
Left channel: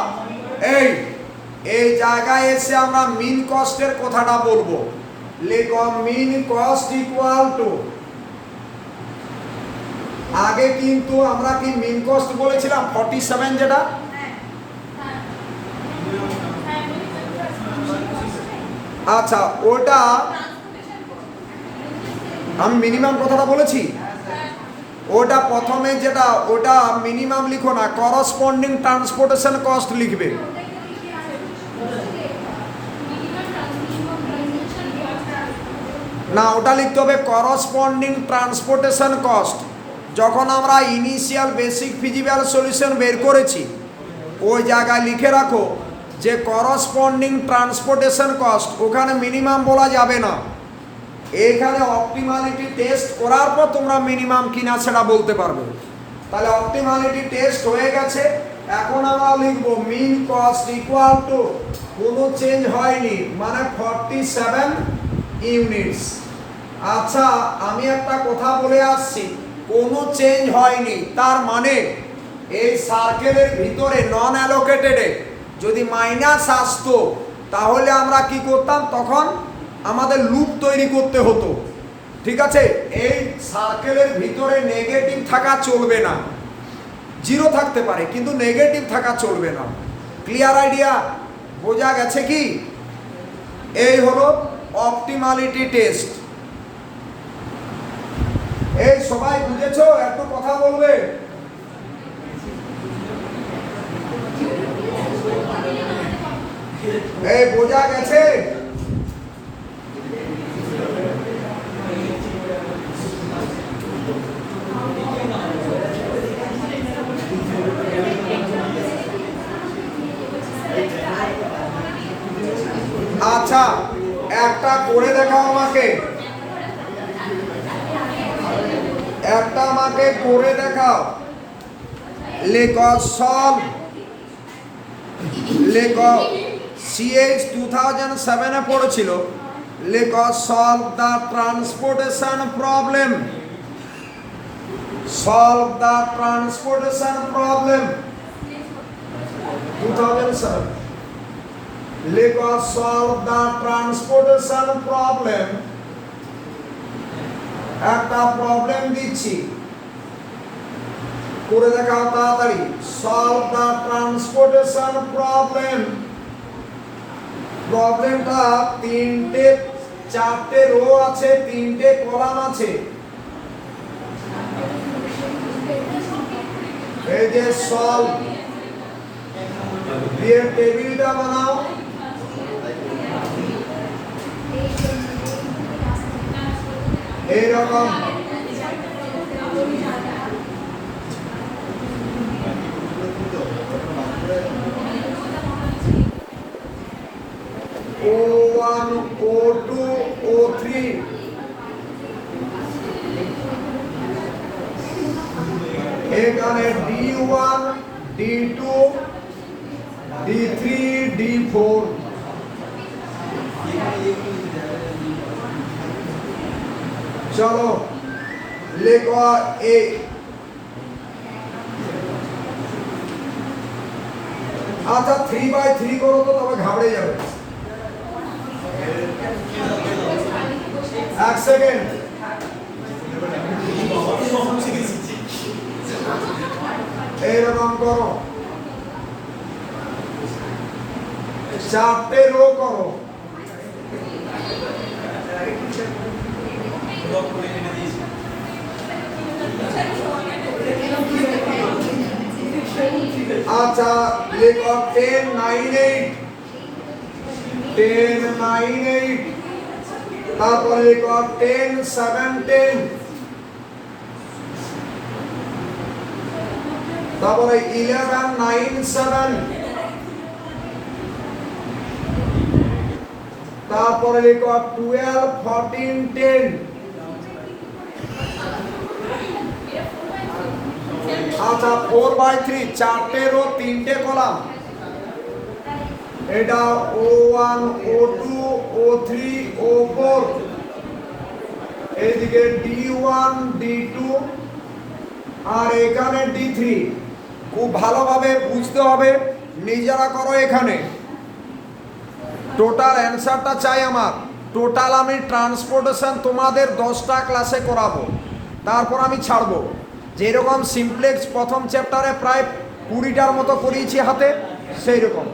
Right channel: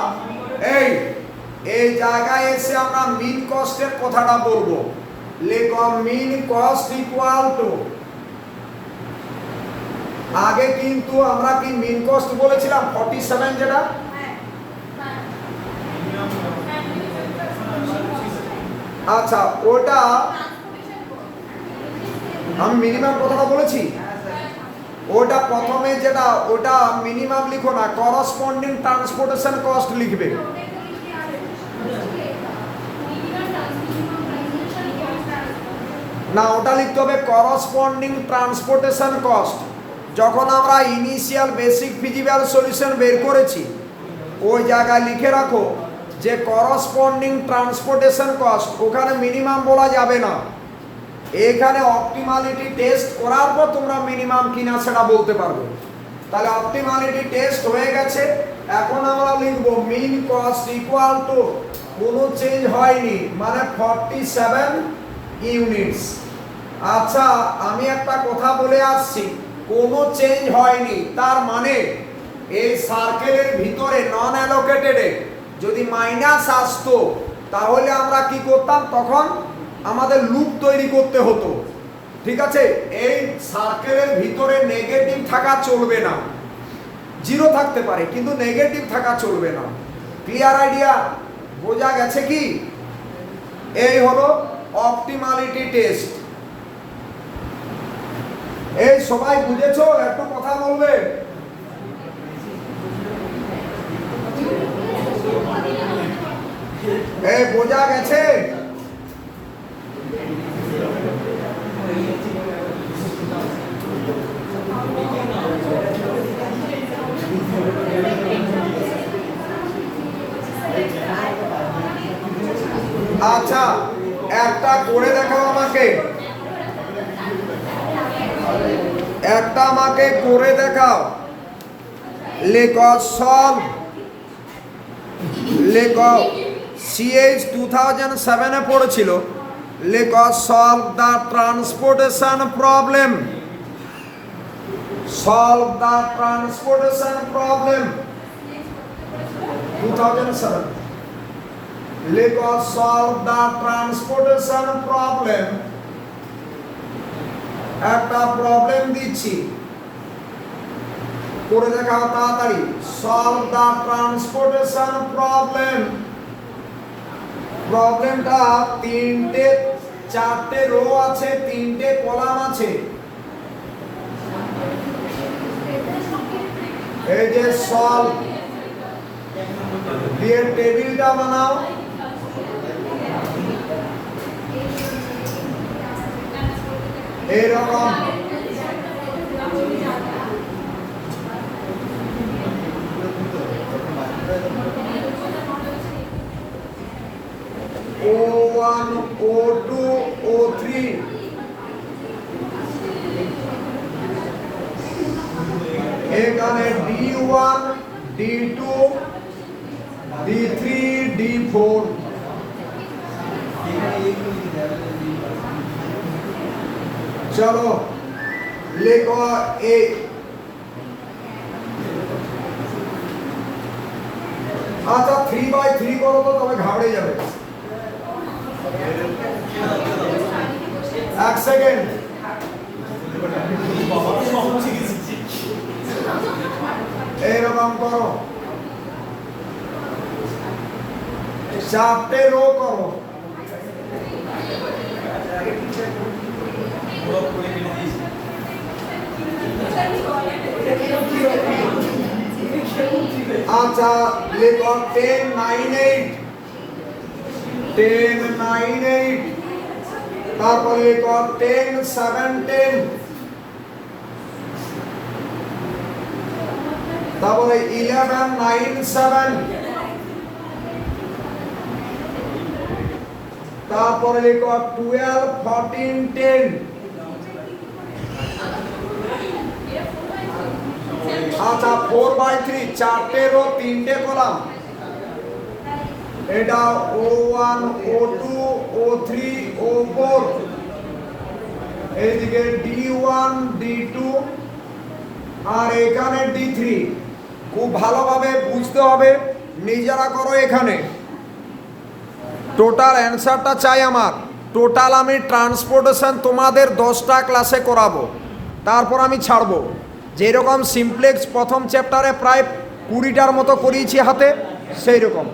এই জায়গায় এসে আমরা মিন কস্টের কথাটা বলবো। লেখো মিন কস্ট ইকুয়াল টু, আগে কিন্তু আমরা কি মিন কস্ট বলেছিলাম 47, যেটা আচ্ছা ওটা আমি মিনিমাম কথাটা বলেছি। ওটা প্রথমে যেটা ওটা মিনিমাম লিখো না, করসপন্ডিং ট্রান্সপোর্টেশন কস্ট লিখবে। না, ওটা লিখতে হবে করসপন্ডিং ট্রান্সপোর্টেশন কস্ট। যখন আমরা ইনিশিয়াল বেসিক ফিজিক্যাল সলিউশন বের করেছি ওই জায়গায় লিখে রাখো যে করসপন্ডিং ট্রান্সপোর্টেশন কস্ট, ওখানে মিনিমাম বলা যাবে না। এখানে অপটিমালিটি টেস্ট করার পর তোমরা মিনিমাম কিনা সেটা বলতে পারবে। তাহলে অপটিমালিটি টেস্ট হয়ে গেছে, এখন আমরা লিখব মিন কস্ট ইকুয়াল টু, কোনো চেঞ্জ হয়নি মানে 47 ইউনিটস। আচ্ছা, আমি একটা কথা বলে আসছি, কোনো চেঞ্জ হয়নি তার মানে এই সার্কেলের ভিতরে নন অ্যালোকেটেডে যদি মাইনাস আসতো তাহলে আমরা কি করতাম, তখন আমাদের লুপ তৈরি করতে হতো। ঠিক আছে, এই সার্কেলের ভিতরে নেগেটিভ থাকা চলবে না, জিরো থাকতে পারে কিন্তু নেগেটিভ থাকা চলবে না। Clear idea? বোঝা গেছে কি? এই হলো অপটিমালিটি টেস্ট। এই সবাই বুঝেছো? একটু কথা বলবে। এই বোঝা গেছে? আচ্ছা, একটা করে দেখাও আমাকে, একটা আমাকে করে দেখাও। লেখো সলভ, লেখো সিএইচ 2007 এ পড়েছিল, লেখো solve the transportation problem, solve the transportation problem 2007। লেখো সলভ দ্য ট্রান্সপোর্টেশন প্রবলেম। একটা প্রবলেম দিচ্ছি, করে দেখাও তাড়াতাড়ি। Solve the transportation problem. প্রবলেমটা চারটে রো আছে, তিনটে কলাম আছে। এই যে সলভ দিয়ে টেবিলটা বানাও। এইরকম O1, O2, O3, এখানে D1, D2, D3, D4। চলো লেখো এ। আচ্ছা 3/3 করো তো, তবে ঘাবড়ে যাবে। এক সেকেন্ড, এইরকম করো, চারটে রো করো। আচ্ছা লেখো 10, 9, 8, 10, 9, 8, তারপরে লেখো 10, 7, 10, তারপরে 11, 9, 7, তারপরে লেখো 12, 14, 10। আচ্ছা 4/3, চারটে রো তিনটে কলাম। এটা O1, O2, O3, O4, এইদিকে D1, D2 আর এখানে D3। খুব ভালোভাবে বুঝতে হবে, নিজেরা করো। এখানে টোটাল অ্যান্সারটা চাই আমার। টোটাল আমি ট্রান্সপোর্টেশন তোমাদের 10টা ক্লাসে করাবো, তারপর আমি ছাড়বো। যেরকম সিমপ্লেক্স প্রথম চ্যাপ্টারে প্রায় 20টার মতো করিয়েছি হাতে, সেই রকম।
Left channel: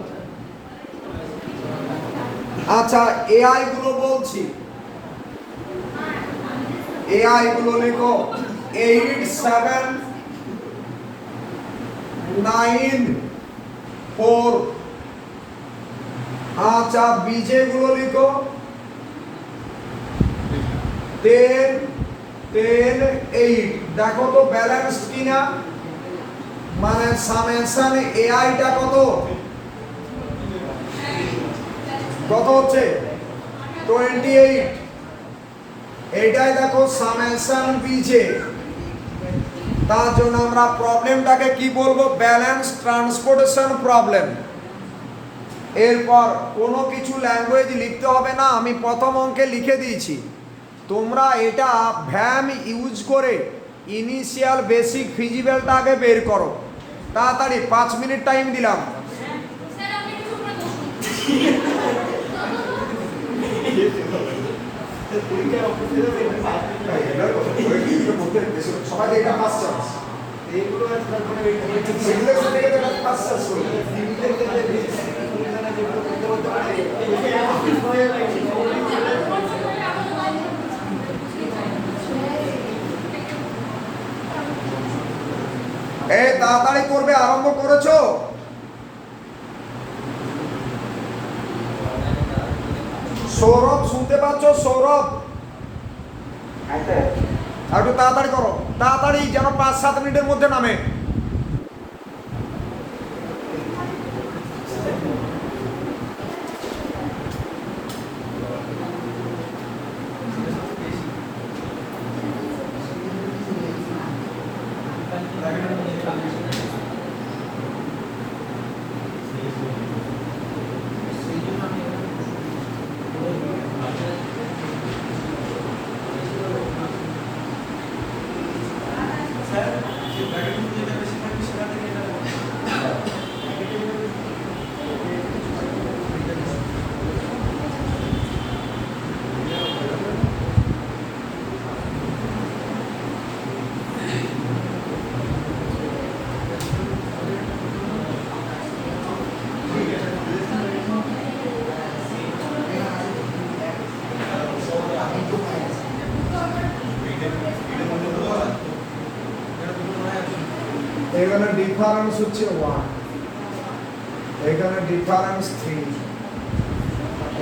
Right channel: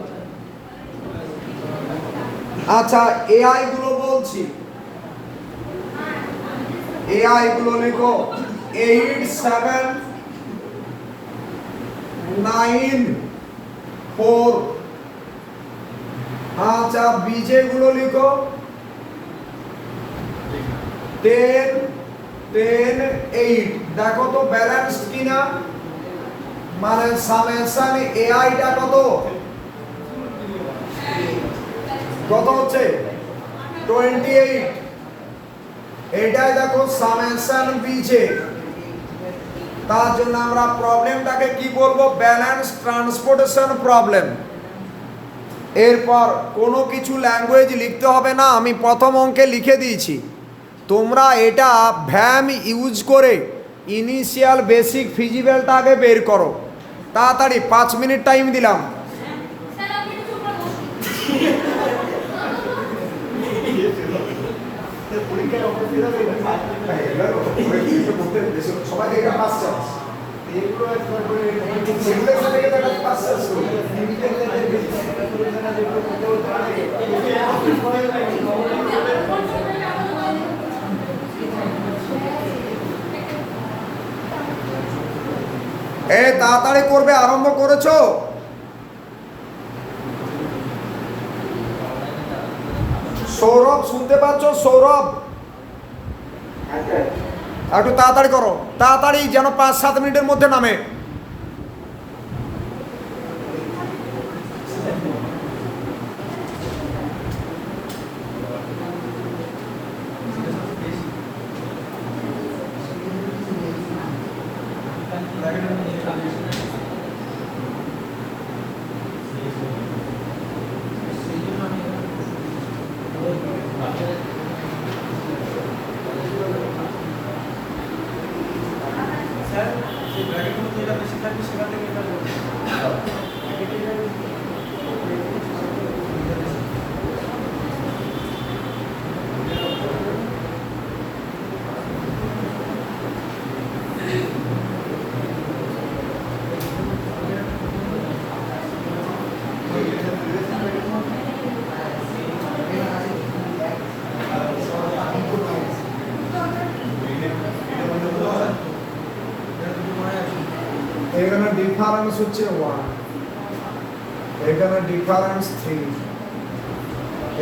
আচ্ছা এআই গুলো বলছি, এআই গুলো লেখো। 8 7 9 4। আচ্ছা বিজে গুলো লিখো 10 10 8। দেখো তো ব্যালেন্সড কিনা, মানে সামেশন এআই টা কত হচ্ছে 28। এটাই দেখো সামেশন বিজে। তার জন্য আমরা প্রবলেমটাকে কি বলবো, ব্যালেন্স ট্রান্সপোর্টেশন প্রবলেম। এরপর কোনো কিছু ল্যাঙ্গুয়েজ লিখতে হবে না, আমি প্রথম অঙ্কে লিখে দিয়েছি। তোমরা এটা ভ্যাম ইউজ করে ইনিশিয়াল বেসিক ফিজিক্যালটা আগে বের করো তাড়াতাড়ি। 5 মিনিট টাইম দিলাম। সবাই এটা ফার্স্ট চান্স, এইগুলো তারপরে সিলেক্ট থেকে এটা ফার্স্ট চান্স করবে। এই তাড়াতাড়ি করবে, আরম্ভ করেছো? সৌরভ শুনতে পাচ্ছ? সৌরভ একটু তাড়াতাড়ি করো, তাড়াতাড়ি যেন 5-7 মিনিটের মধ্যে নামে। এখানে ডিফারেন্স হচ্ছে 1, এখানে ডিফারেন্স 3,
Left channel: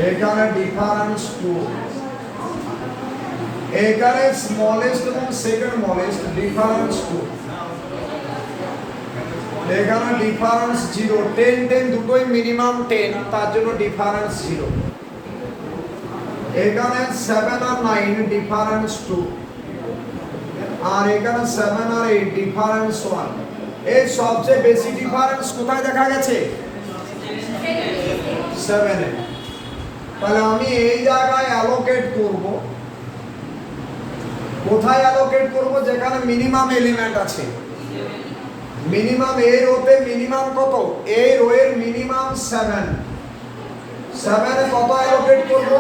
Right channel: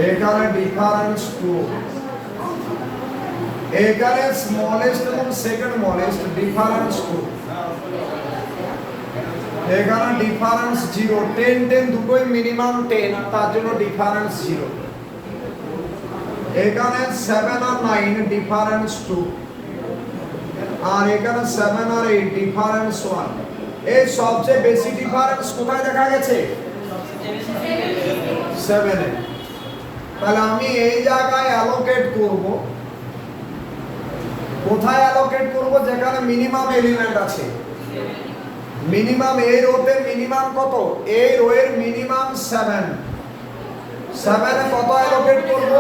এখানে ডিফারেন্স 2, এখানে স্মলেস্ট এবং সেকেন্ড স্মলেস্ট ডিফারেন্স 2, এখানে ডিফারেন্স 0। 10 10 দুটোই মিনিমাম 10, তার জন্য ডিফারেন্স 0। এখানে 7 আর 9 ডিফারেন্স 2, আর এখানে 7 আর 8 ডিফারেন্স 1। এই সবচেয়ে বেশি ডিফারেন্স কোথায় দেখা গেছে? 7 এ। তাহলে আমি এই জায়গায় অ্যালোকেট করব। কোথায় অ্যালোকেট করব? যেখানে মিনিমাম এলিমেন্ট আছে। মিনিমাম এই রোতে মিনিমাম কত? এই রোয়ের মিনিমাম 7। 7 এ কত অ্যালোকেট করব?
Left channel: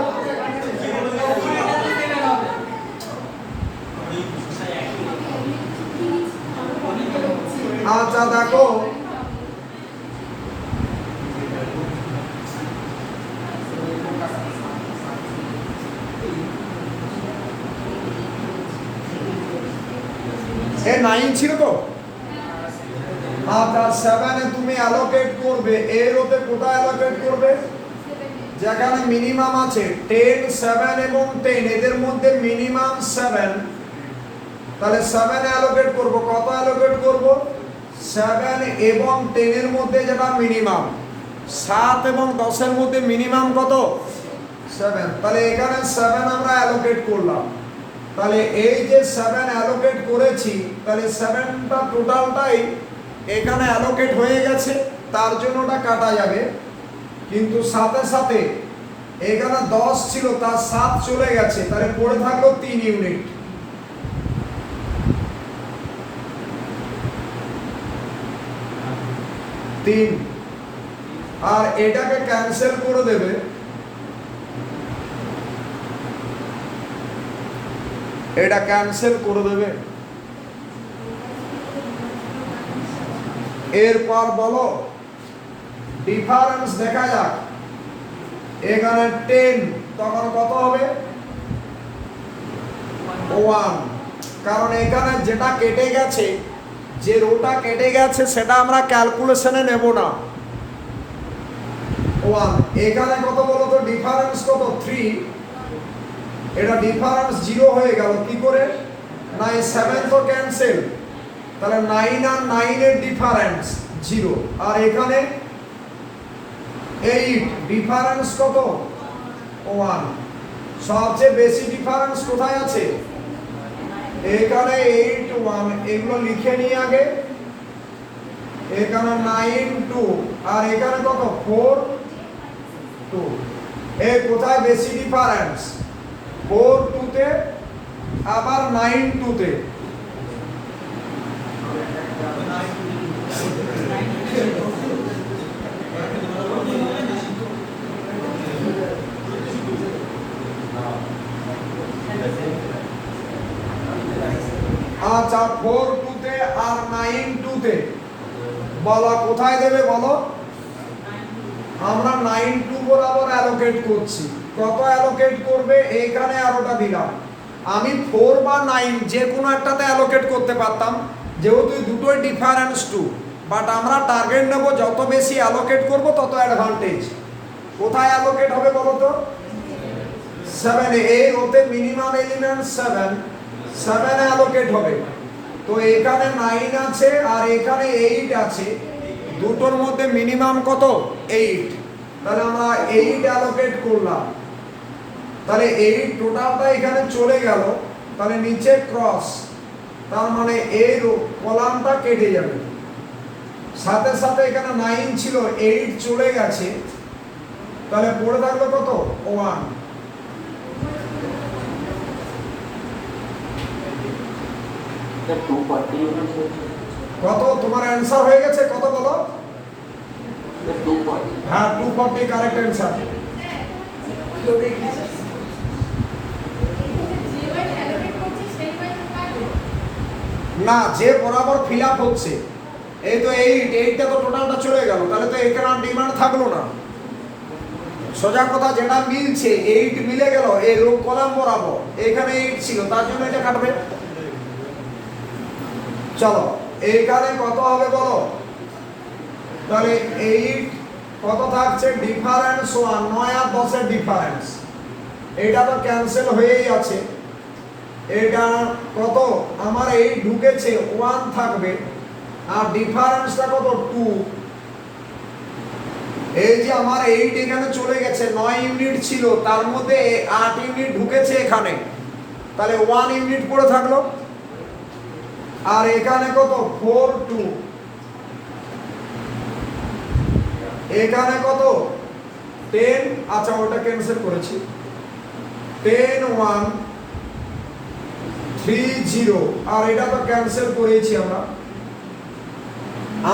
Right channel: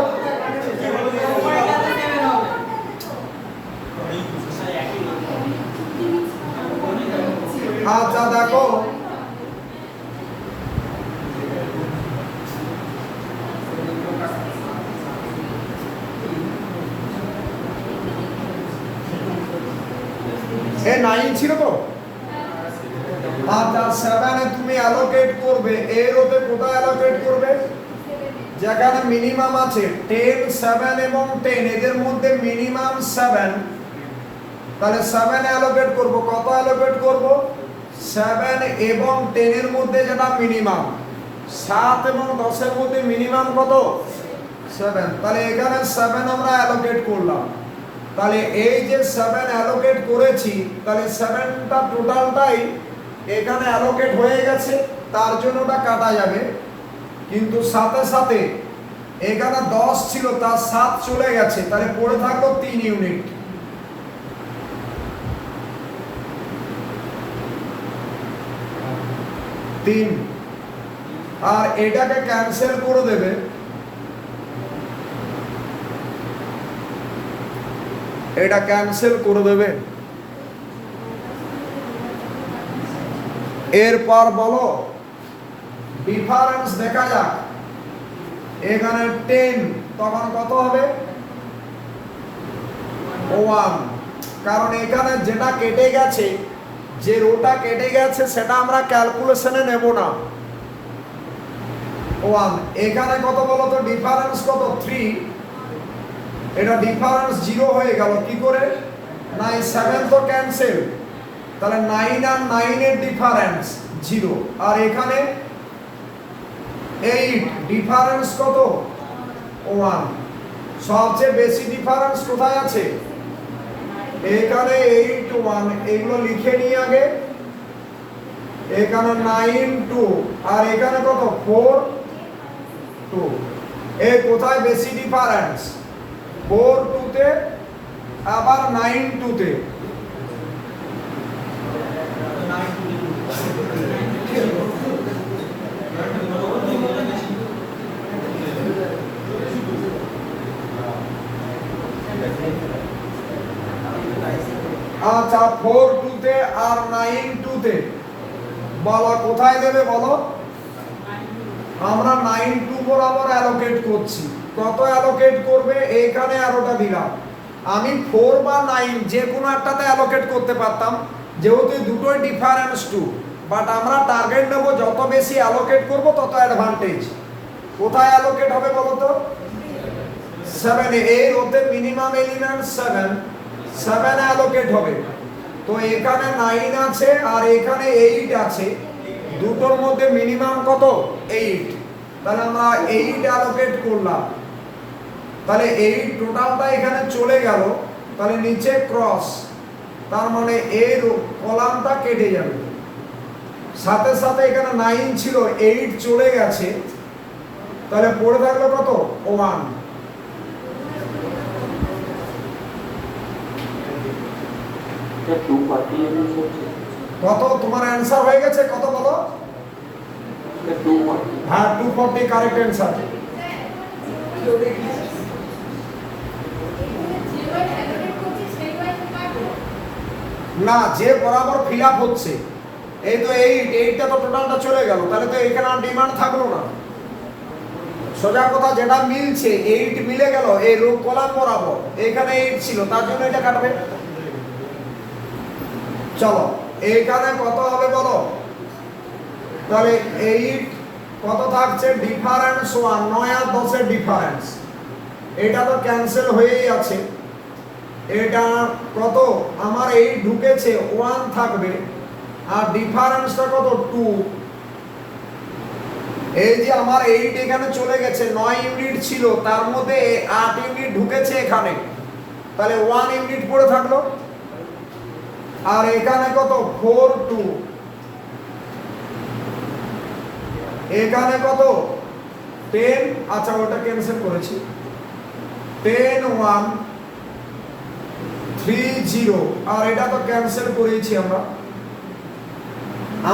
আচ্ছা দেখো এ 9 ছিল তো। আচ্ছা 7 এ তুমি অ্যালোকেট করবে, এর ওতে কোথায় অ্যালোকেট করবে? যেখানে মিনিমাম আছে 10 7 এবং 10, এদের মধ্যে মিনিমাম 7। তাহলে 7 এ অ্যালোকেট করব। কত অ্যালোকেট করব? 7 এবং 10 এর মধ্যে যেটা মিনিমাম। 7 এবং 10 এর মধ্যে মিনিমাম কত? 7। তাহলে এখানে 7 আমরা অ্যালোকেট করলাম। তাহলে এই যে 7 অ্যালোকেট করেছি, তাহলে 7টা টোটালটাই এখানে অ্যালোকেট হয়ে গেছে, তার জন্য ওটা কাটা যাবে। কিন্তু সাথে সাথে এখানে 10 ছিল, তার 7 চলে গেছে, তাহলে পড়ে থাকলো 3 ইউনিট। আর এটাকে ক্যান্সেল করে দেবে। এটা ক্যান্সেল করে দেবে। এরপর বলো ডিফারেন্স দেখা যাক। এখানে 10 তখন কত হবে? 1। কারণ এখানে যেটা কেটে গেছে, যে রোটা কেটে গেছে সেটা আমরা ক্যালকুলেশনে নেব না। 1 এখানে কত বলো তো, ডিফারেন্স কত 3, এটা ডিফারেন্স 0 হয়ে গেল কি করে না, এই 7 তো ক্যান্সেল, তাহলে 9 আর 9 এর ডিফারেন্স 0, আর এখানে 8 ডিফারেন্স কত 1। সবচেয়ে বেশি ডিফারেন্স কোথায় আছে, এখানে 8 1, এগুলো লিখে নিই আগে, এখানে 9 2, আর এখানে কত 4 2, এই কোথায় বেশি ডিফারেন্স, 4 2 তে আবার 9 2 তে। আচ্ছা 4 2 তে আর 9 2 তে বলো কোথায় দেবে বলো, আমরা 9 2 বরাবর অ্যালোকেট করছি, কত অ্যালোকেট করবে, এইখানে আরোটা দিলাম, আমি 4 বা 9 যে কোনো একটাতে অ্যালোকেট করতে পারতাম, যেহেতু দুটোই ডিফারেন্স 2, বাট আমরা টার্গেট নেব যত বেশি অ্যালোকেট করব তত অ্যাডভান্টেজ। কোথায় অ্যালোকেট হবে বলো তো, 7 এই রোতে মিনিমাম এলিমেন্ট 7 অ্যালোকেট হবে। তো এখানে 9 আছে আর এখানে 8 আছে, দুটোর মধ্যে মিনিমাম কত 8, তাহলে আমরা 8 অ্যালোকেট করলাম, তাহলে 8 টোটালটা এখানে চলে গেল, তাহলে নিচে ক্রস, তার মানে এই কলামটা কেটে যাবে, সাথে সাথে এখানে 9 ছিল 8 চলে গেছে, তাহলে পড়ে থাকলো কত 1। কত তোমার অ্যান্সার হয়ে গেছে, কত বলো, হ্যাঁ 240 কারেক্ট অ্যান্সার। না, যে বরাবর ফিল আপ হচ্ছে, এই তো 8টা তো টোটালটা চলে গেল, তাহলে তো এখানে আর ডিমান্ড থাকলো না, সোজা কথা যেটা মিলছে 8 মিলে গেল এই রো কলাম বরাবর, এখানে 8 ছিল তার জন্য এটা কাটবে। চলো এইখানে কত হবে বলো, তাহলে 8 কত থাকছে ডিফারেন্স 1, 9 আর 10 এর ডিফারেন্স, এটা তো ক্যান্সেল হয়েই আছে, এটা কত আমার 8 ঢুকেছে 1 থাকবে, আর ডিফারেন্সটা কত 2, এই যে আমার 8 এখানে চলে গেছে, 9 ইউনিট ছিল তার মধ্যে 8 ইউনিট ঢুকেছে এখানে, তাহলে 1 ইউনিট পড়ে থাকলো, আর এখানে কত 4 2, এখানে কত 10, আচ্ছা ওটা ক্যান্সেল করেছি, 10 1 3 0, আর এটা তো ক্যান্সেল করেছি আমরা।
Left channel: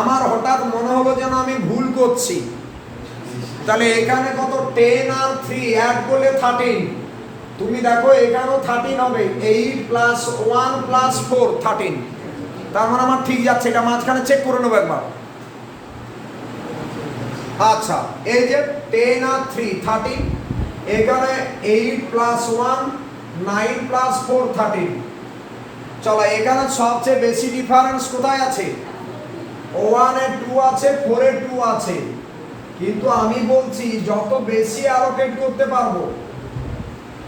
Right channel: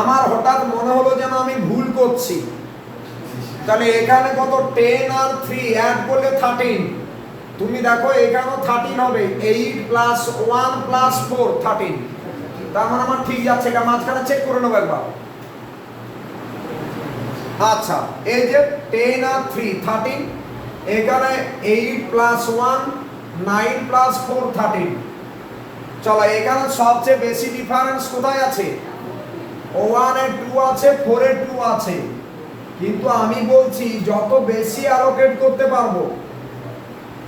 আমার হঠাৎ মনে হলো যেন আমি ভুল করছি, তাহলে এখানে কত 10 আর 3 অ্যাড করলে 13, তুমি দেখো এখানেও 13 হবে, 8 প্লাস 1 প্লাস 4 13, তার মানে আমার ঠিক যাচ্ছে, এটা মাঝখানে চেক করে নেবো একবার। আচ্ছা এই যে 10 আর 3 13, এখানে 8 প্লাস 1 9 প্লাস 4 13, চলো এখানে সবচেয়ে বেশি ডিফারেন্স কোথায় আছে, 1 এর 2 আছে, 4 এর 2 আছে, কিন্তু আমি বলছি যত বেশি অ্যালোকেট করতে পারবো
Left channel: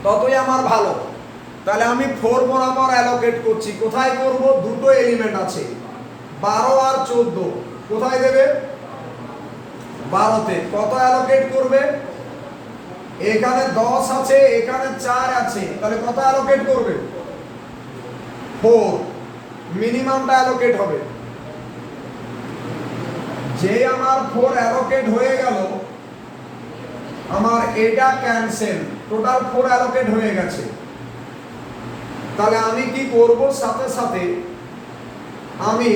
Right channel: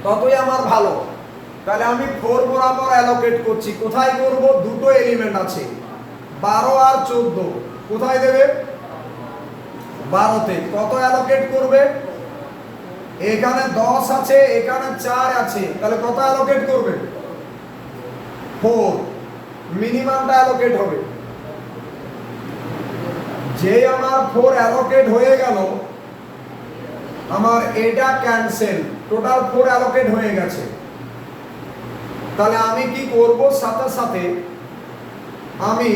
ততই আমার ভালো, তাহলে আমি 4 বরাবর অ্যালোকেট করছি, কোথায় করব, দুটো এলিমেন্ট আছে 12 আর 14, কোথায় দেবে 12 তে, কত অ্যালোকেট করবে, এখানে 10 আছে এখানে 4 আছে, তাহলে কত অ্যালোকেট করবে 4, মিনিমামটা অ্যালোকেট হবে, যে আমার 4 অ্যালোকেট হয়ে গেল, আমার এটা ক্যান্সেল, টোটাল 4 অ্যালোকেট হয়ে গেছে, তাহলে আমি কি করব, সাথে সাথে আমি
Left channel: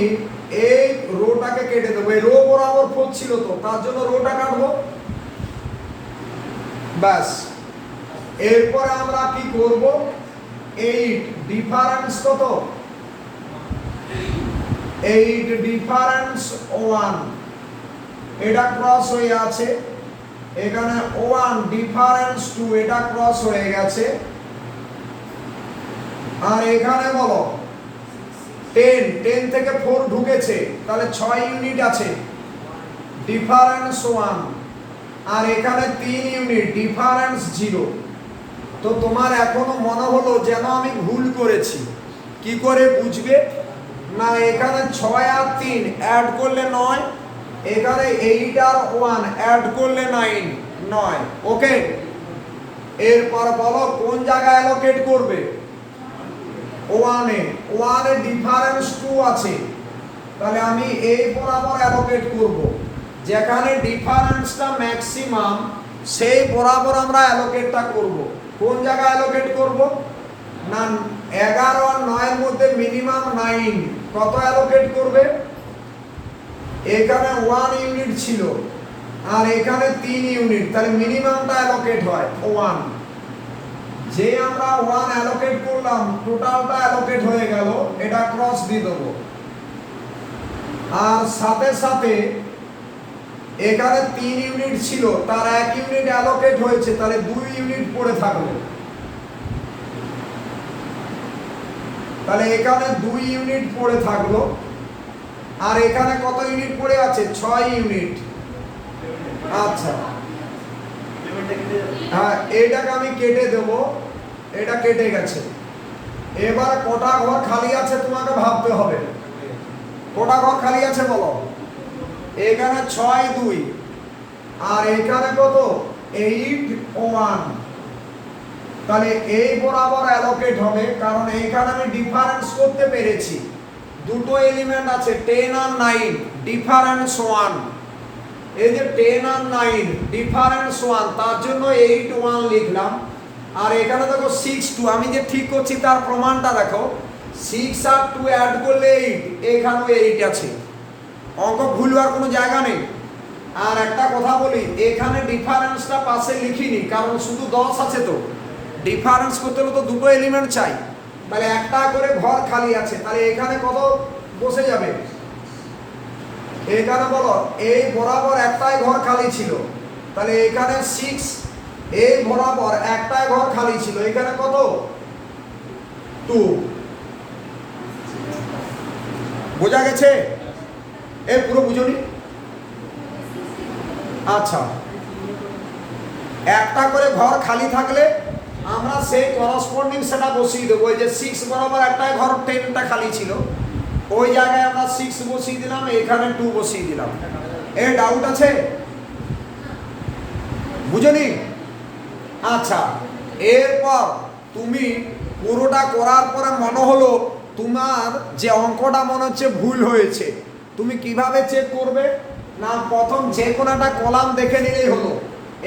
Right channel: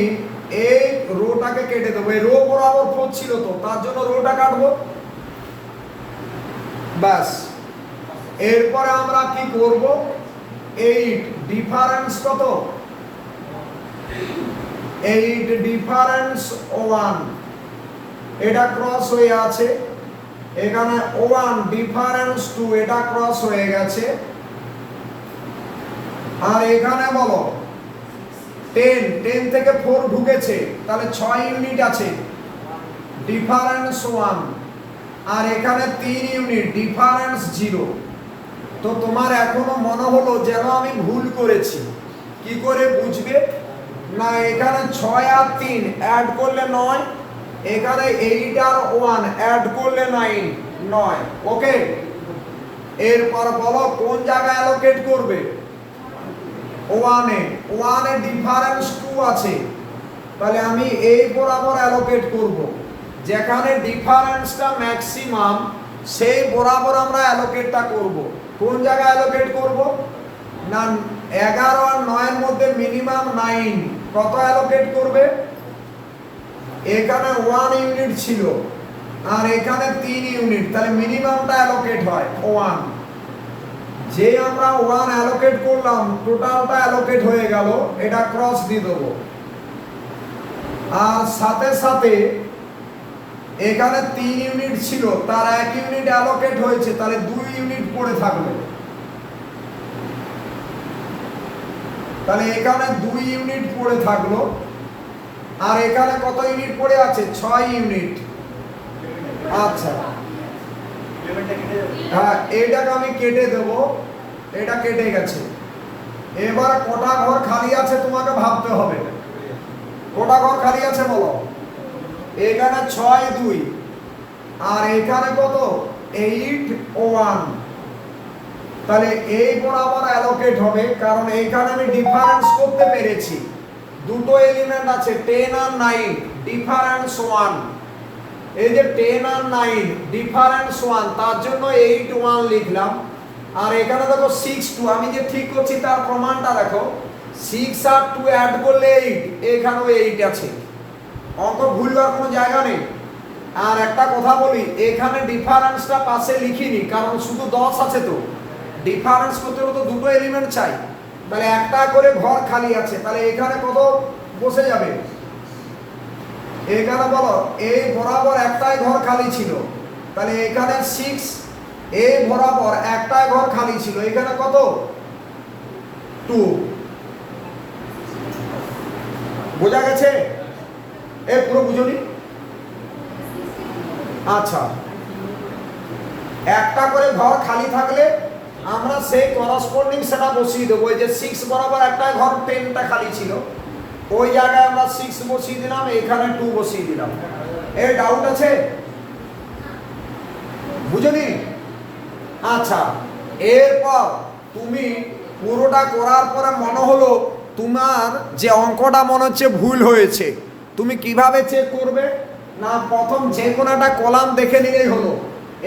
এই রোটাকে কেটে দেবো, এই রো বরাবর 4 ছিল তো তার জন্য রোটা কাটবো, ব্যাস। এরপরে আমরা কি করব, 8 ডিফারেন্স কত, 8 ডিফারেন্স 1, এটা ক্রস হয়ে আছে, এখানে 1 ডিফারেন্স 2, এটা ক্রস হয়ে গেছে, আর এখানে বলো 10 থেকে 4 ঢুকেছে, তাহলে 6 ইউনিট আছে, ডিফারেন্স 1। আর এখানে 3 ইউনিট, ডিফারেন্স 0। তো তোমার এখনো মনে হলো যেন আমি ভুল করেছি, কি করে বুঝবে? না, এখানে 6 আর 3 অ্যাড করলে 9, এখানে 8 আর 1 অ্যাড করলে 9। ওকে, এরপর বলো কোন জায়গায় অ্যালোকেট করবে? 1 এ ডিফারেন্স 2 আছে, তাহলে আমি এই বরাবর অ্যালোকেট করব। যেখানে ডিফারেন্সটা ম্যাক্সিমাম সেই বরাবর আমরা অ্যালোকেটটা করব। কোন জায়গায় অ্যালোকেট করব? না, 11 আর 9 এর মধ্যে মিনিমাম 9, কত অ্যালোকেট করবে? এখানে 1 ইউনিট ছিল আর এখানে 3 ইউনিট, তাহলে মিনিমামটা অ্যালোকেট হয় 1। যে আমরা 1 অ্যালোকেট করলাম, টোটালটা অ্যালোকেট হয়ে গেল, এটা ক্রস দিয়ে দেবো। আর সাথে সাথে এখানে 3 ইউনিট ছিল, তার 1 ইউনিট অ্যালোকেট হয়েছে, তাহলে 2 ইউনিট পড়ে থাকবে। তাহলে এখানে 2 ইউনিট পড়ে থাকলো। আর এখানে কত ইউনিট পড়ে আছে? 6 ইউনিট। আচ্ছা, হ্যাঁ, এইটাকে আমি কেটে দেব, এটা কেটে গেছে। এবার কটা ঘর খালি আছে তোমাকে ভাবতে হবে। কটা ঘর খালি আছে বলো? এখানে 6 2, আর এখানে কত? 8 1। তাহলে এই বরাবর অ্যালোকেট হবে, কারণ এইখানে আমি ডিফারেন্স করতে পেরেছি। দুটো এলিমেন্ট আছে, 10 আর 9, ডিফারেন্স 1। এই যে 10 আর 9 ডিফারেন্স 1, তার জন্য 8 1 লিখলাম। আর এখানে দেখো 6 2, আমি যে ঠিক করছি তার প্রমাণটা দেখো। 6 আর 2 অ্যাড করলে 8, এখানেও 8 আছে। অঙ্ক ভুল হওয়ার কোনো জায়গা নেই। আর একটা কথা বলি, এখানে ডিফারেন্সটা পাশে লিখিনি, কারণ শুধু 10 আছে। তো ডিফারেন্স করতে হলে তো দুটো এলিমেন্ট চাই, তাহলে একটা করে ঘর খালি আছে, তাহলে এখানে কত বসে যাবে? এখানে বলো, এই বরাবর একটাই ঘর খালি ছিল, তাহলে এখানে 6। এই বরাবর একটাই ঘর খালি ছিল, এখানে কত? 2। বোঝা গেছে? এর পুরো বুঝুনি? আচ্ছা, একটা করে ঘর খালি থাকলে আমরা সেই করসপন্ডিং সেটা বসিয়ে দেবো। যে 6 বরাবর একটা ঘর 10টা খালি ছিল, ওই জায়গায় আমরা 6 বসিয়ে দিলাম, এখানে 2 বসিয়ে দিলাম। এই ডাউট আছে? বুঝেনি? আচ্ছা, এরপর তুমি পুরোটা করার পরে মনে হলো তোমার যে অঙ্কটা মনে হচ্ছে ভুল হয়েছে, তুমি কিভাবে চেক করবে? না, প্রথম যে কোনো একটা কলাম দেখে নিলেই হলো।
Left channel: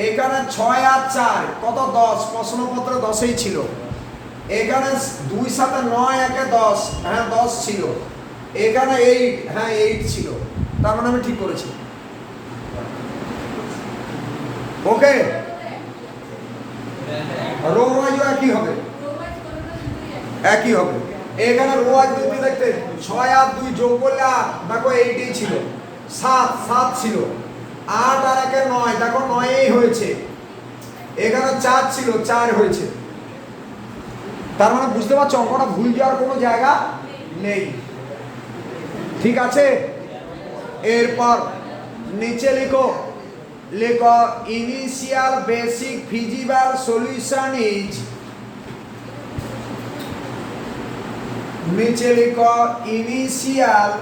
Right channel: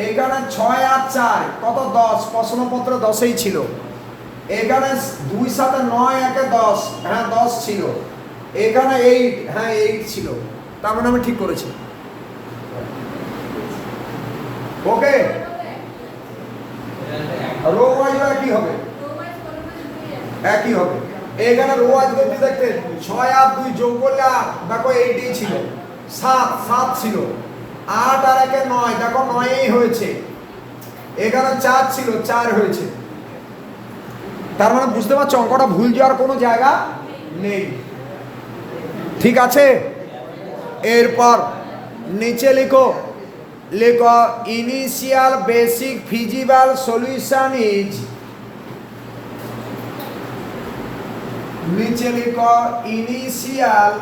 এখানে 6 আর 4 কত? 10, প্রশ্নপত্র 10ই ছিল। এখানে 2 সাথে 9 একে 10, হ্যাঁ 10 ছিল। এখানে 8, হ্যাঁ 8 ছিল। তার মানে আমি ঠিক করেছি। ওকে, রো ওয়াইজ কি হবে? একই হবে। এখানে রো ওয়াইজ দেখতে 6 আর 2 যোগ করলে দেখো 8ই ছিল। 7 ছিল। 8 আর 1 9, দেখো 9ই হয়েছে। এখানে 4 ছিল, 4 হয়েছে। তার মানে বুঝতে পারছো অঙ্কটা ভুল যাওয়ার কোনো জায়গা নেই। ঠিক আছে? এরপর নিচে লিখো, initial basic feasible solution is. নিচে লিখো initial,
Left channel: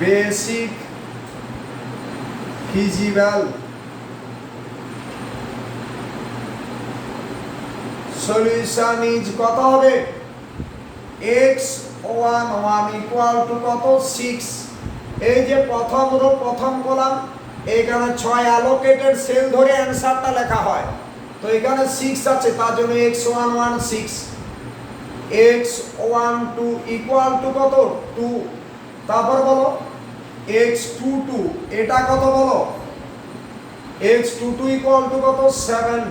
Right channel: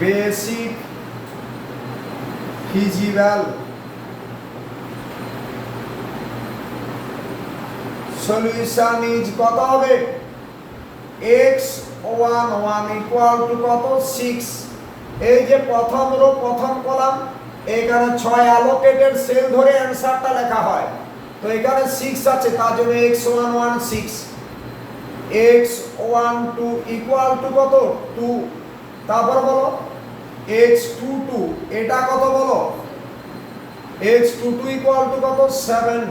basic feasible solution is কত হবে? x11 ইকুয়াল টু কত? 6। এই যে প্রথম হলো প্রথম কলাম, এখানে 6 অ্যালোকেটেড সেল ধরে অ্যানসারটা লেখা হয়। তো এখানে 6 আছে, তার জন্য x11 6, x12 ইকুয়াল টু কত? 2। তারপর বলো x22, এটা কত বলো? x22 ইকুয়াল টু কত? 7।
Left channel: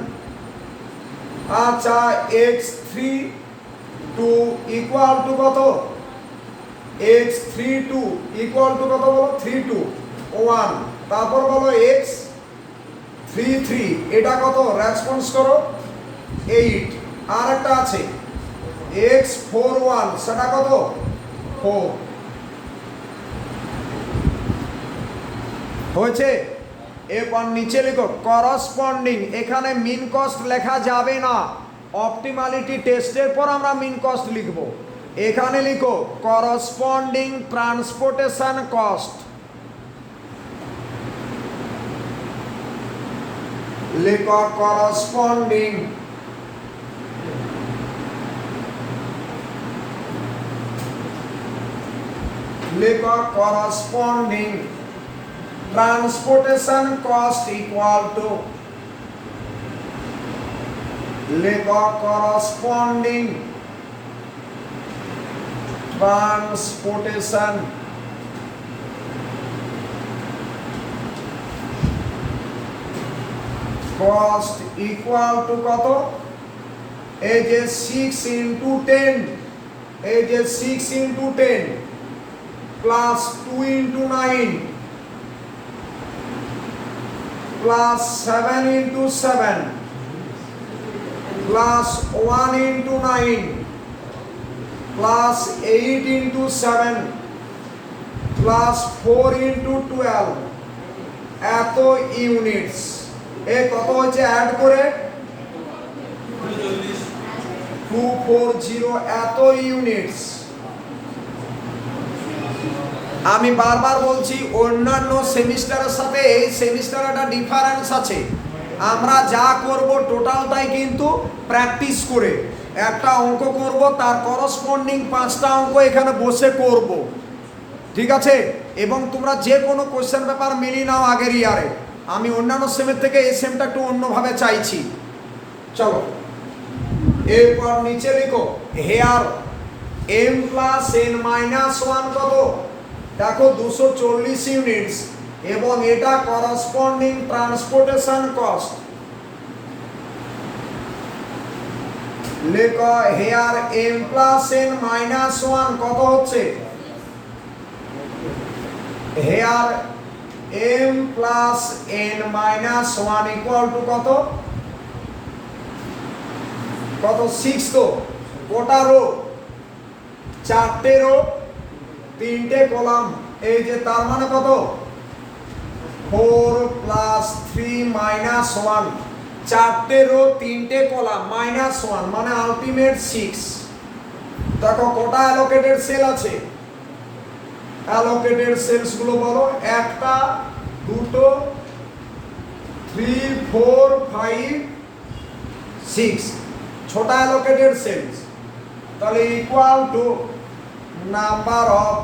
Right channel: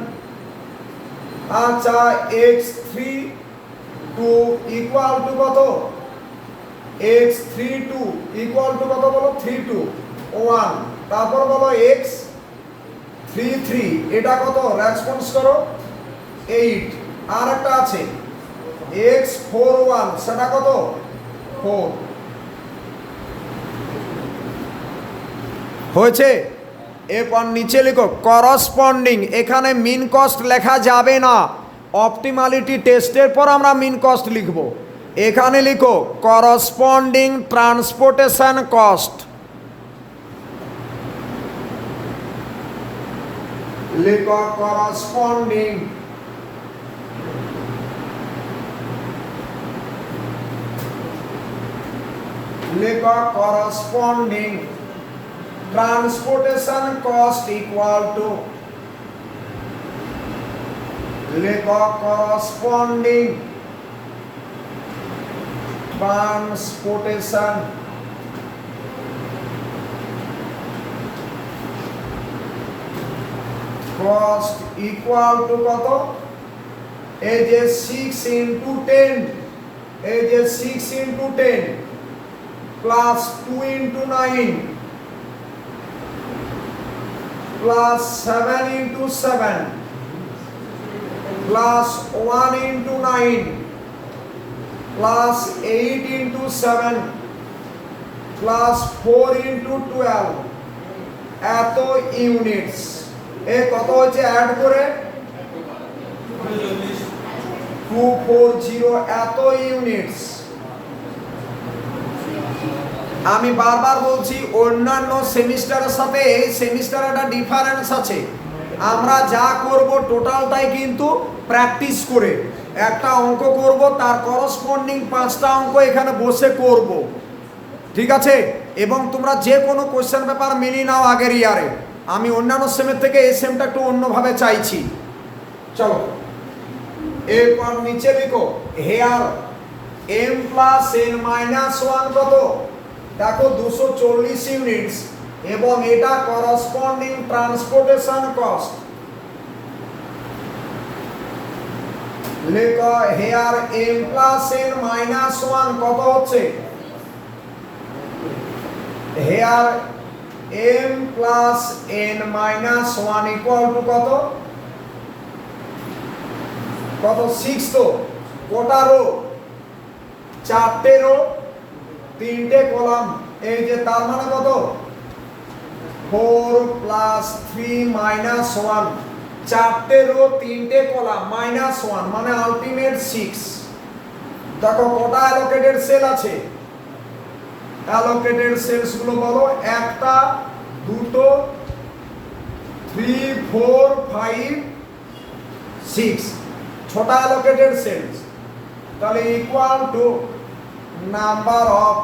আচ্ছা, x32 ইকুয়াল টু কত? x32 ইকুয়াল টু কত বলো? 32 1। তারপর বলো x3 3 এটা কত রেসপন্স করো 8 আর একটা আছে x41 সেটা কত 4 হয়েছে। এরপর নিচে লিখো করসপন্ডিং, এখানে মিন কস্ট লেখা যাবে না, অপটিমালিটি টেস্টের পর আমরা মিন কস্ট লিখব। এখানে লিখো করসপন্ডিং ট্রান্সপোর্টেশন কস্ট, লিখো corresponding transportation cost equal to corresponding transportation cost equal to কত এই যে 6 into 10 এই যে 6 into 10 plus 2 into 9 plus 7 into 7 plus 1 into 9 plus 8 into 7 plus 4 into 12 এত ইউনিটস। এ কত হচ্ছে অ্যাড করে 240 এত ইউনিটস। আমি বারবার বলছি অন্যান্য সেমিস্টারের সাথে এই সেমিস্টারে একটা ডিফারেন্স আছে। আমরা যা করব টোটালটাই কিন্তু প্র্যাকটিস করে একটা অঙ্ক করব, তার করসপন্ডিং 5টা অঙ্ক এখানে বসে করব, ঠিক আছে? এবং তোমরা যে কোনো কোশ্চেন পেপার মিলিয়ে নাও আগের ইয়ারে। আমি অন্যান্য সেমের থেকে এই সেমটা একটু অন্যভাবে চাইছি। চলো এরপর নিচে লিখো here m plus n minus 1 কত দেখো 240 ইউনিটস এবং এটা করসপন্ডিং ট্রান্সপোর্টেশন কস্ট। লেখো here m plus n minus 1 কত হচ্ছে here m plus n minus 1 equal to কত কত 6 তো কোটা রো 4টে রো 3টে কলাম এই যে তার মানে কত 4 প্লাস 3 মাইনাস 1 4টে রো 3টে কলাম মাইনাস 1 মানে আলটিমেট 6। দেখো কোটা অ্যালোকেটেড সেল আছে, অ্যালোকেটেড সেলস গুলো বলো একটা দুটো 3 4 5 6 ছোটা অ্যালোকেটেড সেলস, তাহলে equal to number of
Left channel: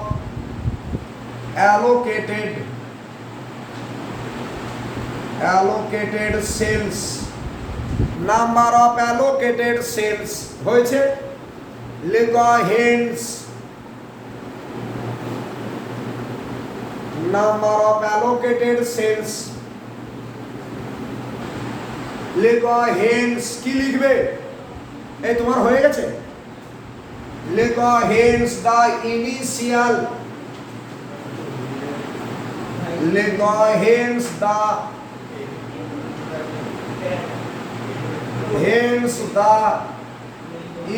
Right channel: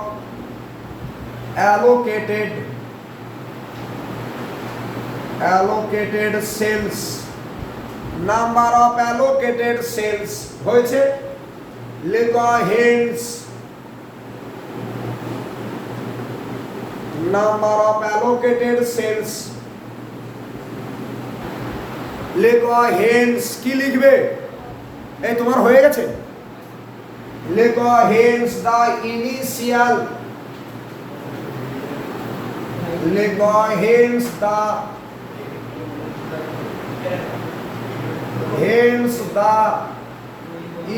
allocated cells, number of allocated cells হয়েছে। লেখো hence number of allocated cells, লেখো hence কি লিখবে এই তোমার হয়ে গেছে। লেখো hence the initial, লেখো hence the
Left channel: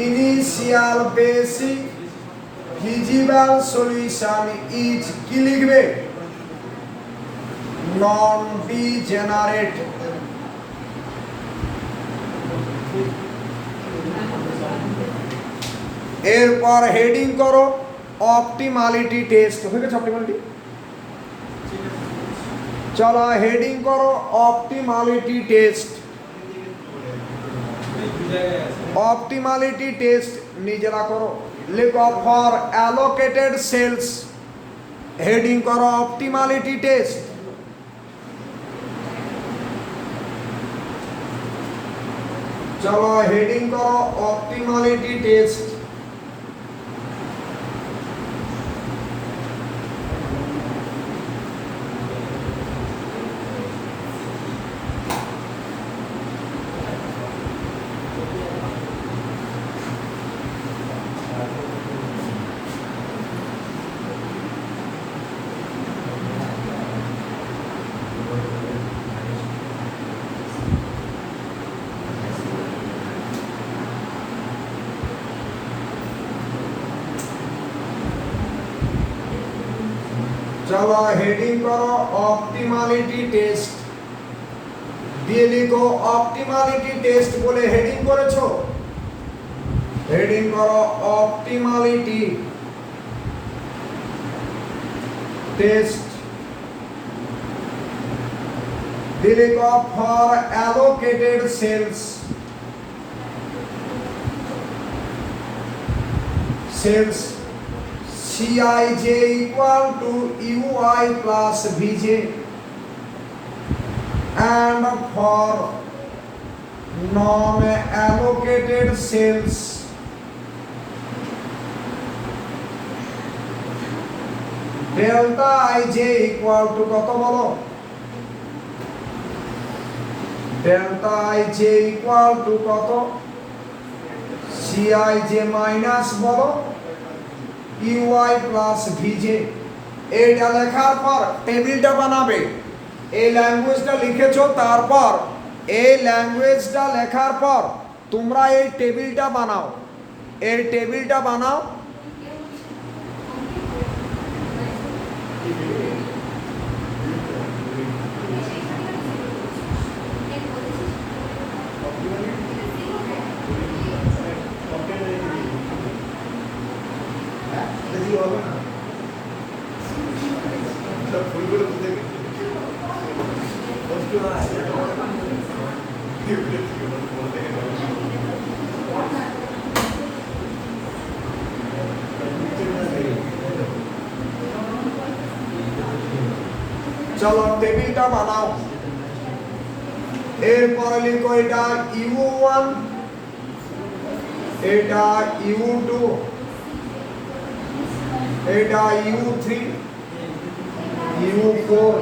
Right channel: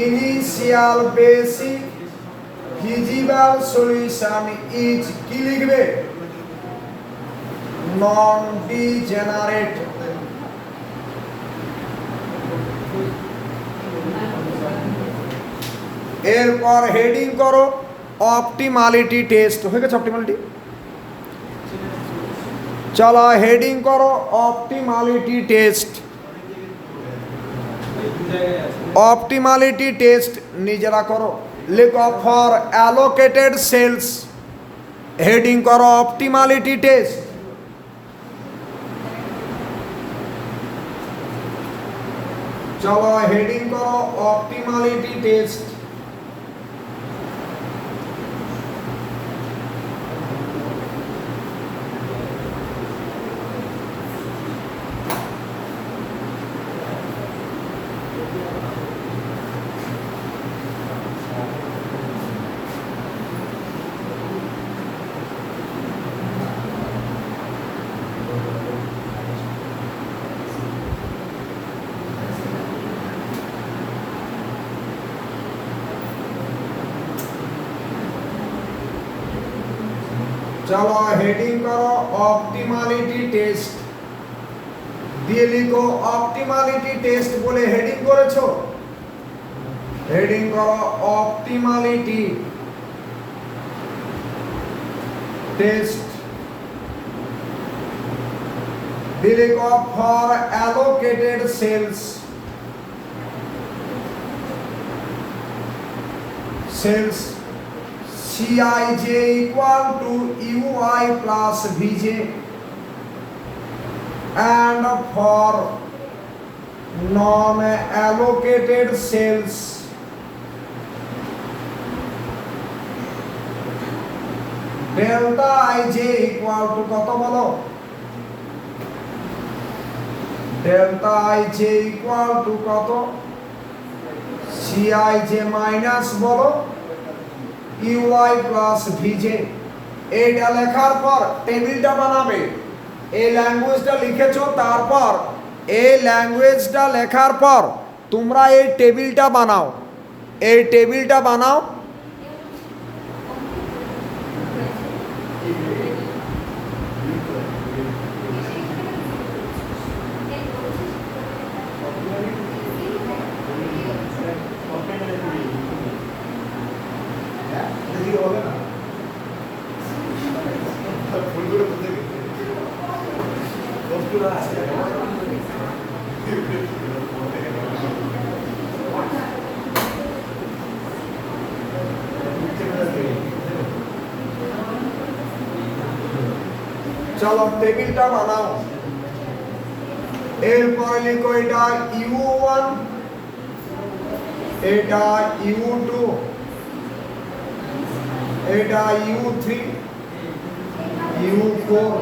initial basic feasible solution is কি লিখবে non degenerate। এরপর হেডিং করো অপটিমালিটি টেস্ট। হয়ে গেছে অপটিমালিটি, চলো হেডিং করো অপটিমালিটি টেস্ট। অপটিমালিটি টেস্ট নিজেরা করো, লেখো ফর অ্যালোকেটেড সেলস, হেডিং করো অপটিমালিটি টেস্ট। চলো হেডিং করো অপটিমালিটি টেস্ট। चलो हेडिंग करो ऑप्टिमालिटी टेस्ट, দিয়ে লিখো অপটিমালিটি টেস্ট বলে হেডিং করেছো, হেডিং করো অপটিমালিটি টেস্ট, দিয়ে লিখো for allocated cells, cells Cij equal to ui plus vj, and for non-allocated cells delta ij equal to কত বলো, delta ij equal to কত, Cij মাইনাস বলো ui plus vj। এইটা লেখার পর টেবিলটা বানাবে, এই ল্যাঙ্গুয়েজটা লিখেছো, তারপর এই ল্যাঙ্গুয়েজটা লেখার পর তোমরা এই টেবিলটা বানাও, এই টেবিলটা বানাও। চলো টেবিলটা বানাও, এরপর লিখো এটা u1, এটা u2, এটা u3, u4,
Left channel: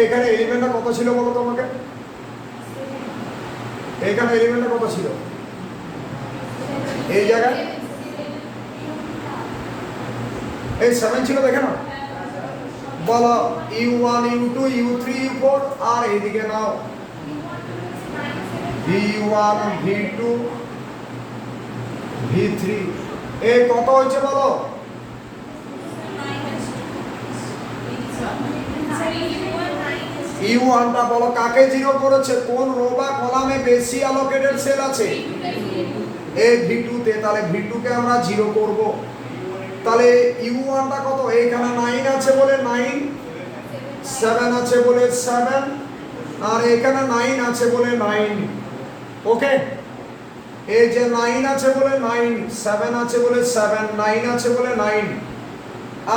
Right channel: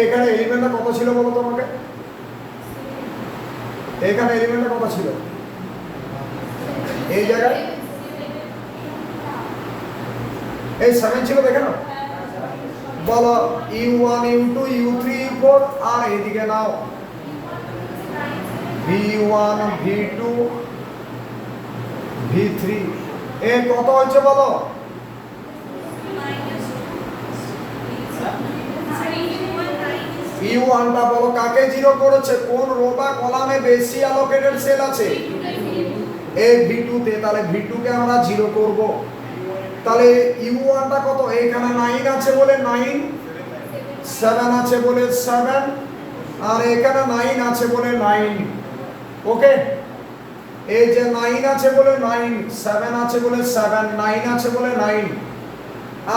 এখানে এলিমেন্টটা কত ছিল বলো তোমাকে, এখানে এলিমেন্টটা কত ছিল এই জায়গায়, এই 7 ছিল দেখে না, বলো u1 ইনটু u3 u4, আর এদিকে নাও v1 v2 v3, এ কত হয়েছে বলো, u1 টা বলো কাকে জিরো করেছে, কোন রো বা কলামে বেশি অ্যালোকেটেড সেল আছে, এ v2 তে, তাহলে v2 কে আমরা জিরো করব, তাহলে u1 টা কত, এখানে 9 আছে বলে 9, 7 আছে বলে 7, আর এখানে 9 আছে বলে 9, ওকে, এই যে 9 আছে বলে 9, 7 আছে বলে 7, 9 আছে বলে 9।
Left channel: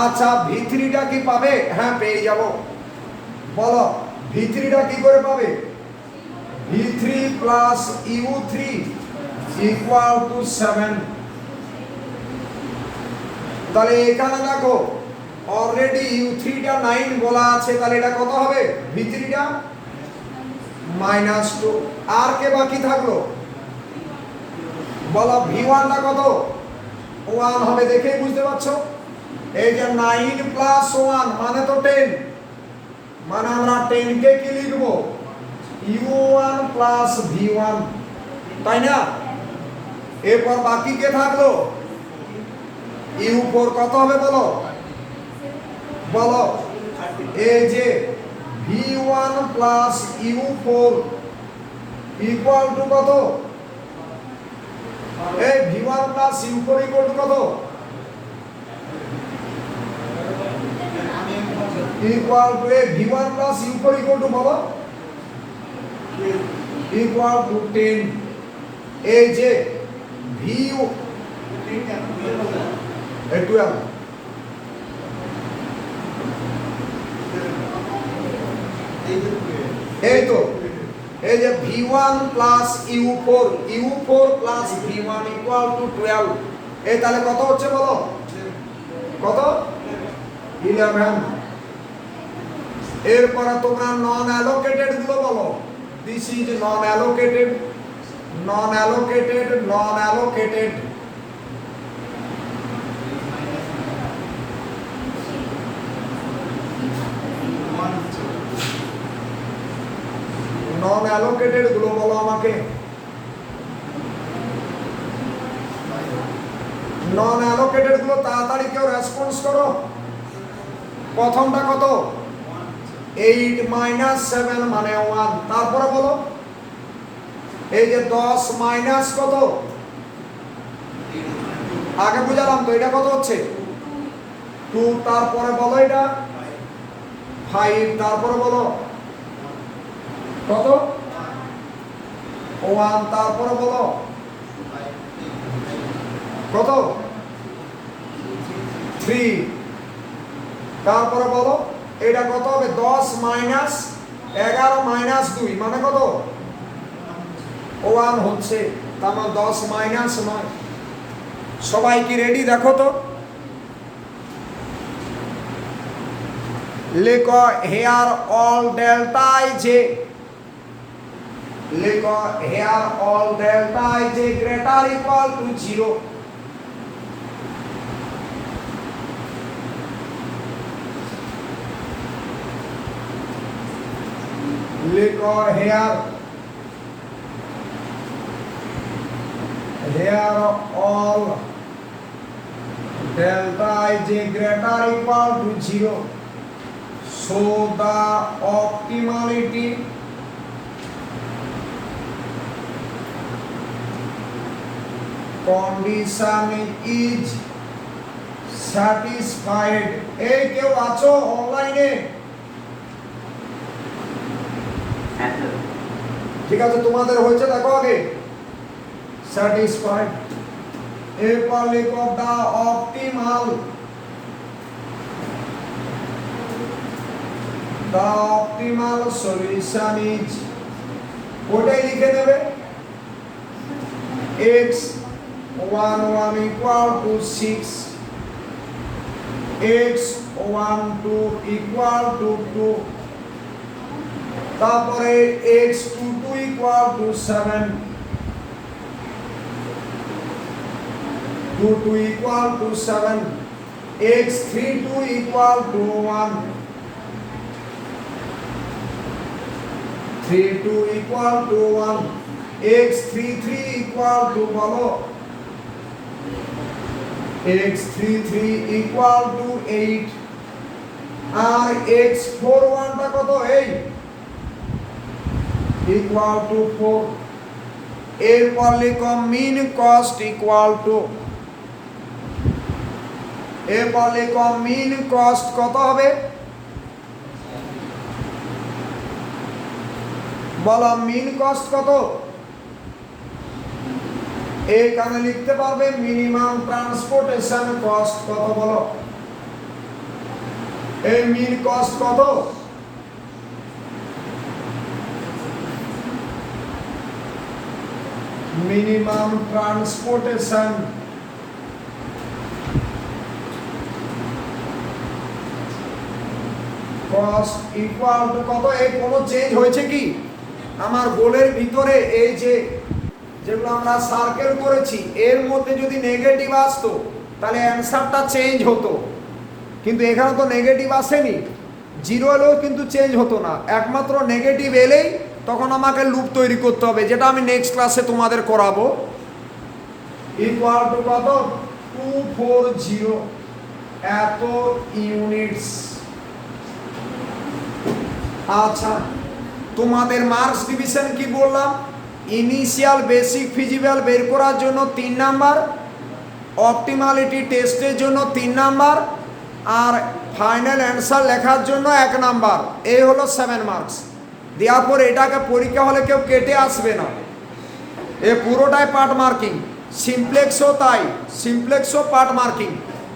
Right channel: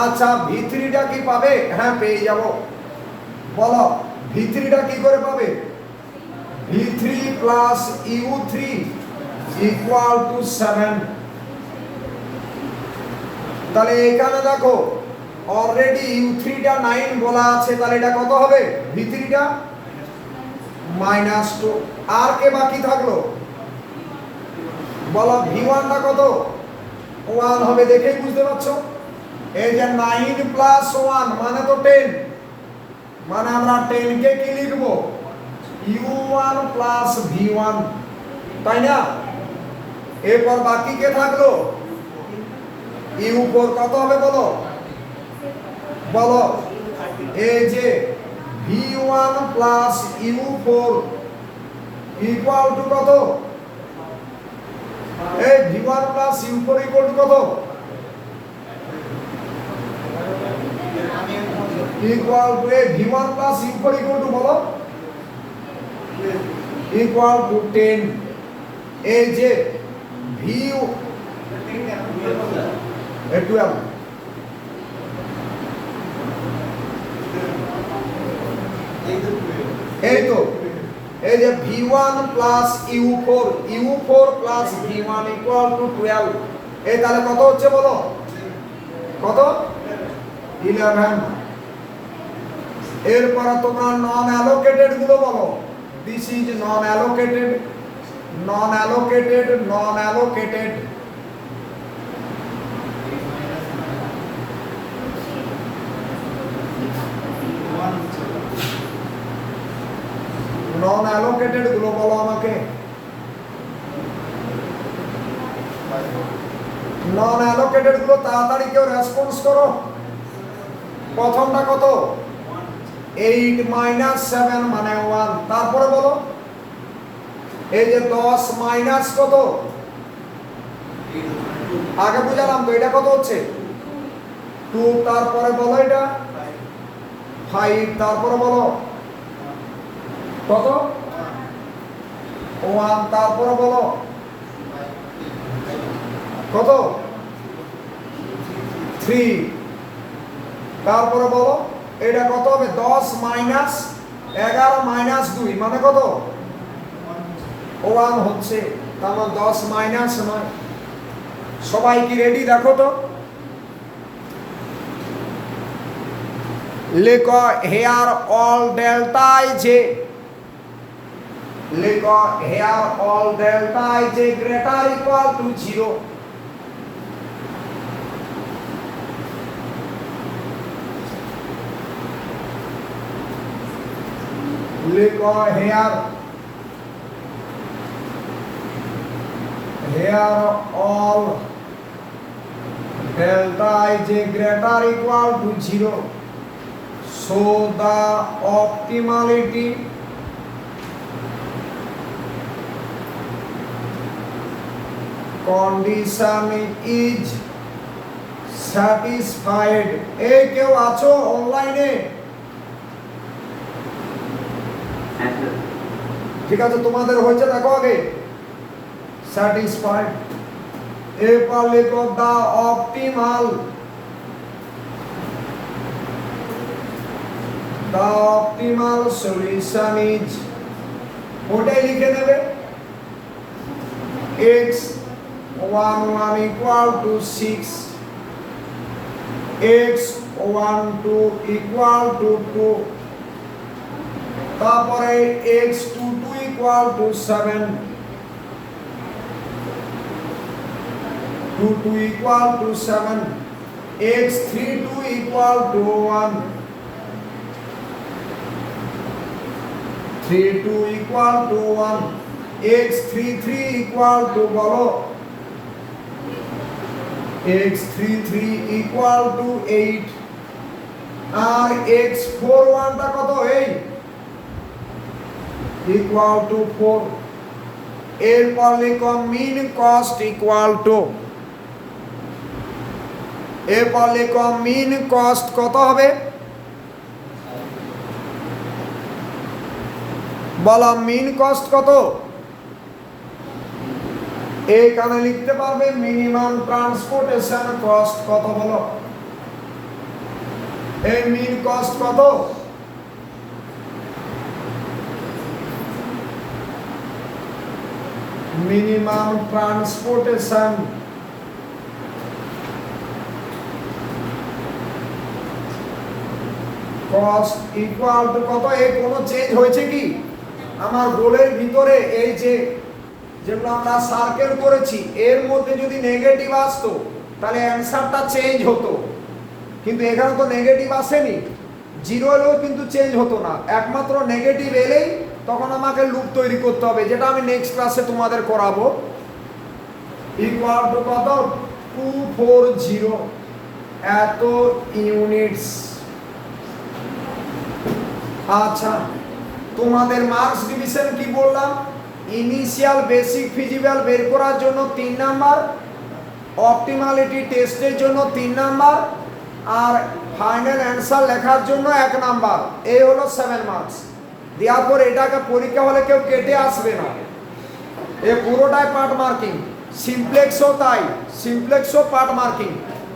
আচ্ছা v3 টা কি পাবে, হ্যাঁ পেয়ে যাব, বলো v3 টা কি করে পাবে, v3 plus u3 equal to 7। তাহলে এখানে দেখো অলরেডি u3 টা 9 বলা আছে, তাহলে এটা কত হবে, v3 টা -2, আর কে বাকি থাকলো বলো, v1 টা কত 1 হবে, দেখেই বুঝতে পারছো, এই যে 9 প্লাস 1 মানে তো 10, মানে আমরা 10 কে কি লিখবো, u1 প্লাস v1, তাই না, এরপর বাকি কে থাকলো u4, কত হবে বলো, বলো এই যে v1 plus u4 equal to কত, এই v1 plus u4 equal to কত, equal to v1 plus u4 equal to বলো, ইকুয়াল টু 10, এই যে v12, এই তো এই যে v1 plus u4 plus v1 equal two 12, এই তাহলে কত হচ্ছে বলো, কত 11। এরপরে তোমরা নন অ্যালোকেটেড গুলো বলো, this is non allocated, non allocated, non allocated, তাড়াতাড়ি কেউ রেসপন্স করো। প্রথমটা কত? 8 - 7 মানে 1। তারপরে বলো এই যে 10 মাইনাস কত? আগে বুঝালাম তো, এটা কত হচ্ছে? 2। তারপরে বলো এটা 5। তারপরে বলো কত? 1। তারপরে বলো কত? 3। তারপরে বলো এটা কত হবে? 10 মাইনাস 11 মাইনাস 2 মানে কত? 1 হচ্ছে। তার মানে 10 মাইনাস 9। সবাই কি রেডি? দেখো তো লেখো হেয়ার অল ডেল্টা জে। লেখো here all delta j greater equal to 0। লেখো here all delta is a greater equal to 0, so the optimality condition is satisfied. এই কেউ আছো অনলাইনে? ঠিক আছে, তোমাদের হয়েছে দেখো আগে satisfied। এরপর লেখো the optimal solution is, ওটাই লিখে দেবে x11 equal to 6, x12 equal to 2, তারপরে x22 equal to 7, 22 equal to 7, x32 equal to 1, 32 equal to 1, x33 equal to বলো x33 equal to 8, R x41 টা কত? 8 equal to 4। এরপর লিখো মিন কস্ট ইকুয়াল টু, এরপর লিখো মিন কস্ট কত হবে? বলো মিন কস্ট কত? এইখানে লিখতে পারবে মিনিমাম ট্রান্সপোর্টেশন কস্ট কত? বলো এই মিন কস্ট কত? Minimum transportation cost equal to কত? এই কোনো চেঞ্জ হয়েছে কি আমার গোলের ভিতরে? এই যে যেগুলো আমরা সার্কেল করেছি এর মধ্যে যদি নেগেটিভ আসতো তাহলে অ্যান্সারটা চেঞ্জ হতো, কিন্তু এখানে তো নেগেটিভ আসেনি। 0 এলেও কিন্তু চেঞ্জ হতো না, একমাত্র নেগেটিভ এলেই তখন আমাকে লুপ তৈরি করতে হবে, যেটা আমি নেক্সট ক্লাসে তোমাদের করাবো। ইকুয়াল টু কত? 240 এত ইউনিটস। আচ্ছা, তোমাদের মার্কস ডিভিশন কি বললাম? ইনিশিয়াল বেসিক ফিজিবল বের করার জন্য 3 নাম্বার, অপটিমালিটি টেস্টের জন্য 3 নাম্বার, আর ফাইনাল অ্যান্সার লেখার জন্য 1 নাম্বার। এই হলো 7 মার্কস। দেওয়ার পর এটাকে পরীক্ষা হলে কেউ কেটে আসবে না, এ পুরোটাই পার্ট মার্কিং। সিমপ্লেক্সও তাই, সিমপ্লেক্সও পার্ট মার্কিং।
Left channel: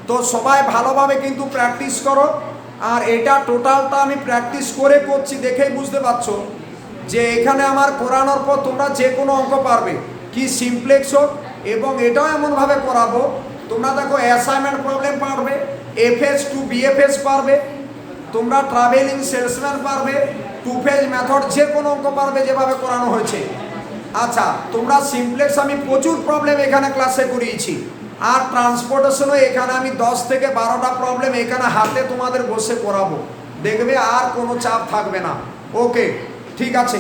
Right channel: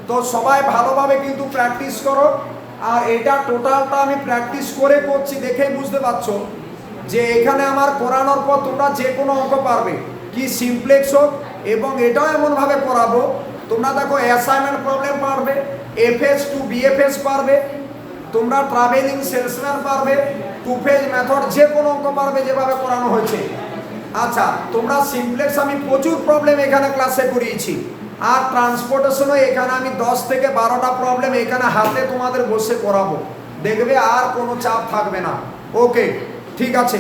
তো সবাই ভালোভাবে কিন্তু প্র্যাকটিস করো, আর এটা টোটালটা আমি প্র্যাকটিস করে করছি, দেখেই বুঝতে পারছো যে এখানে আমার করানোর পর তোমরা যে কোনো অঙ্ক পারবে, কি সিমপ্লেক্স হোক। এবং এটাও এমনভাবে করাবো তোমরা দেখো অ্যাসাইনমেন্ট প্রবলেম পারবে, এফএস টু বিএফএস পারবে, তোমরা ট্রাভেলিং সেলসম্যান পারবে, টু ফেজ মেথড, যে কোনো অঙ্ক পারবে যেভাবে করানো হয়েছে। আচ্ছা, তোমরা সিমপ্লেক্স আমি প্রচুর প্রবলেম এখানে ক্লাসে করিয়েছি, আর ট্রান্সপোর্টেশনও এখানে আমি 10 থেকে 12টা প্রবলেম এখানে হাতে তোমাদের বসে করাবো, দেখবে আর কোনো চাপ থাকবে না। ওকে, ঠিক আছে।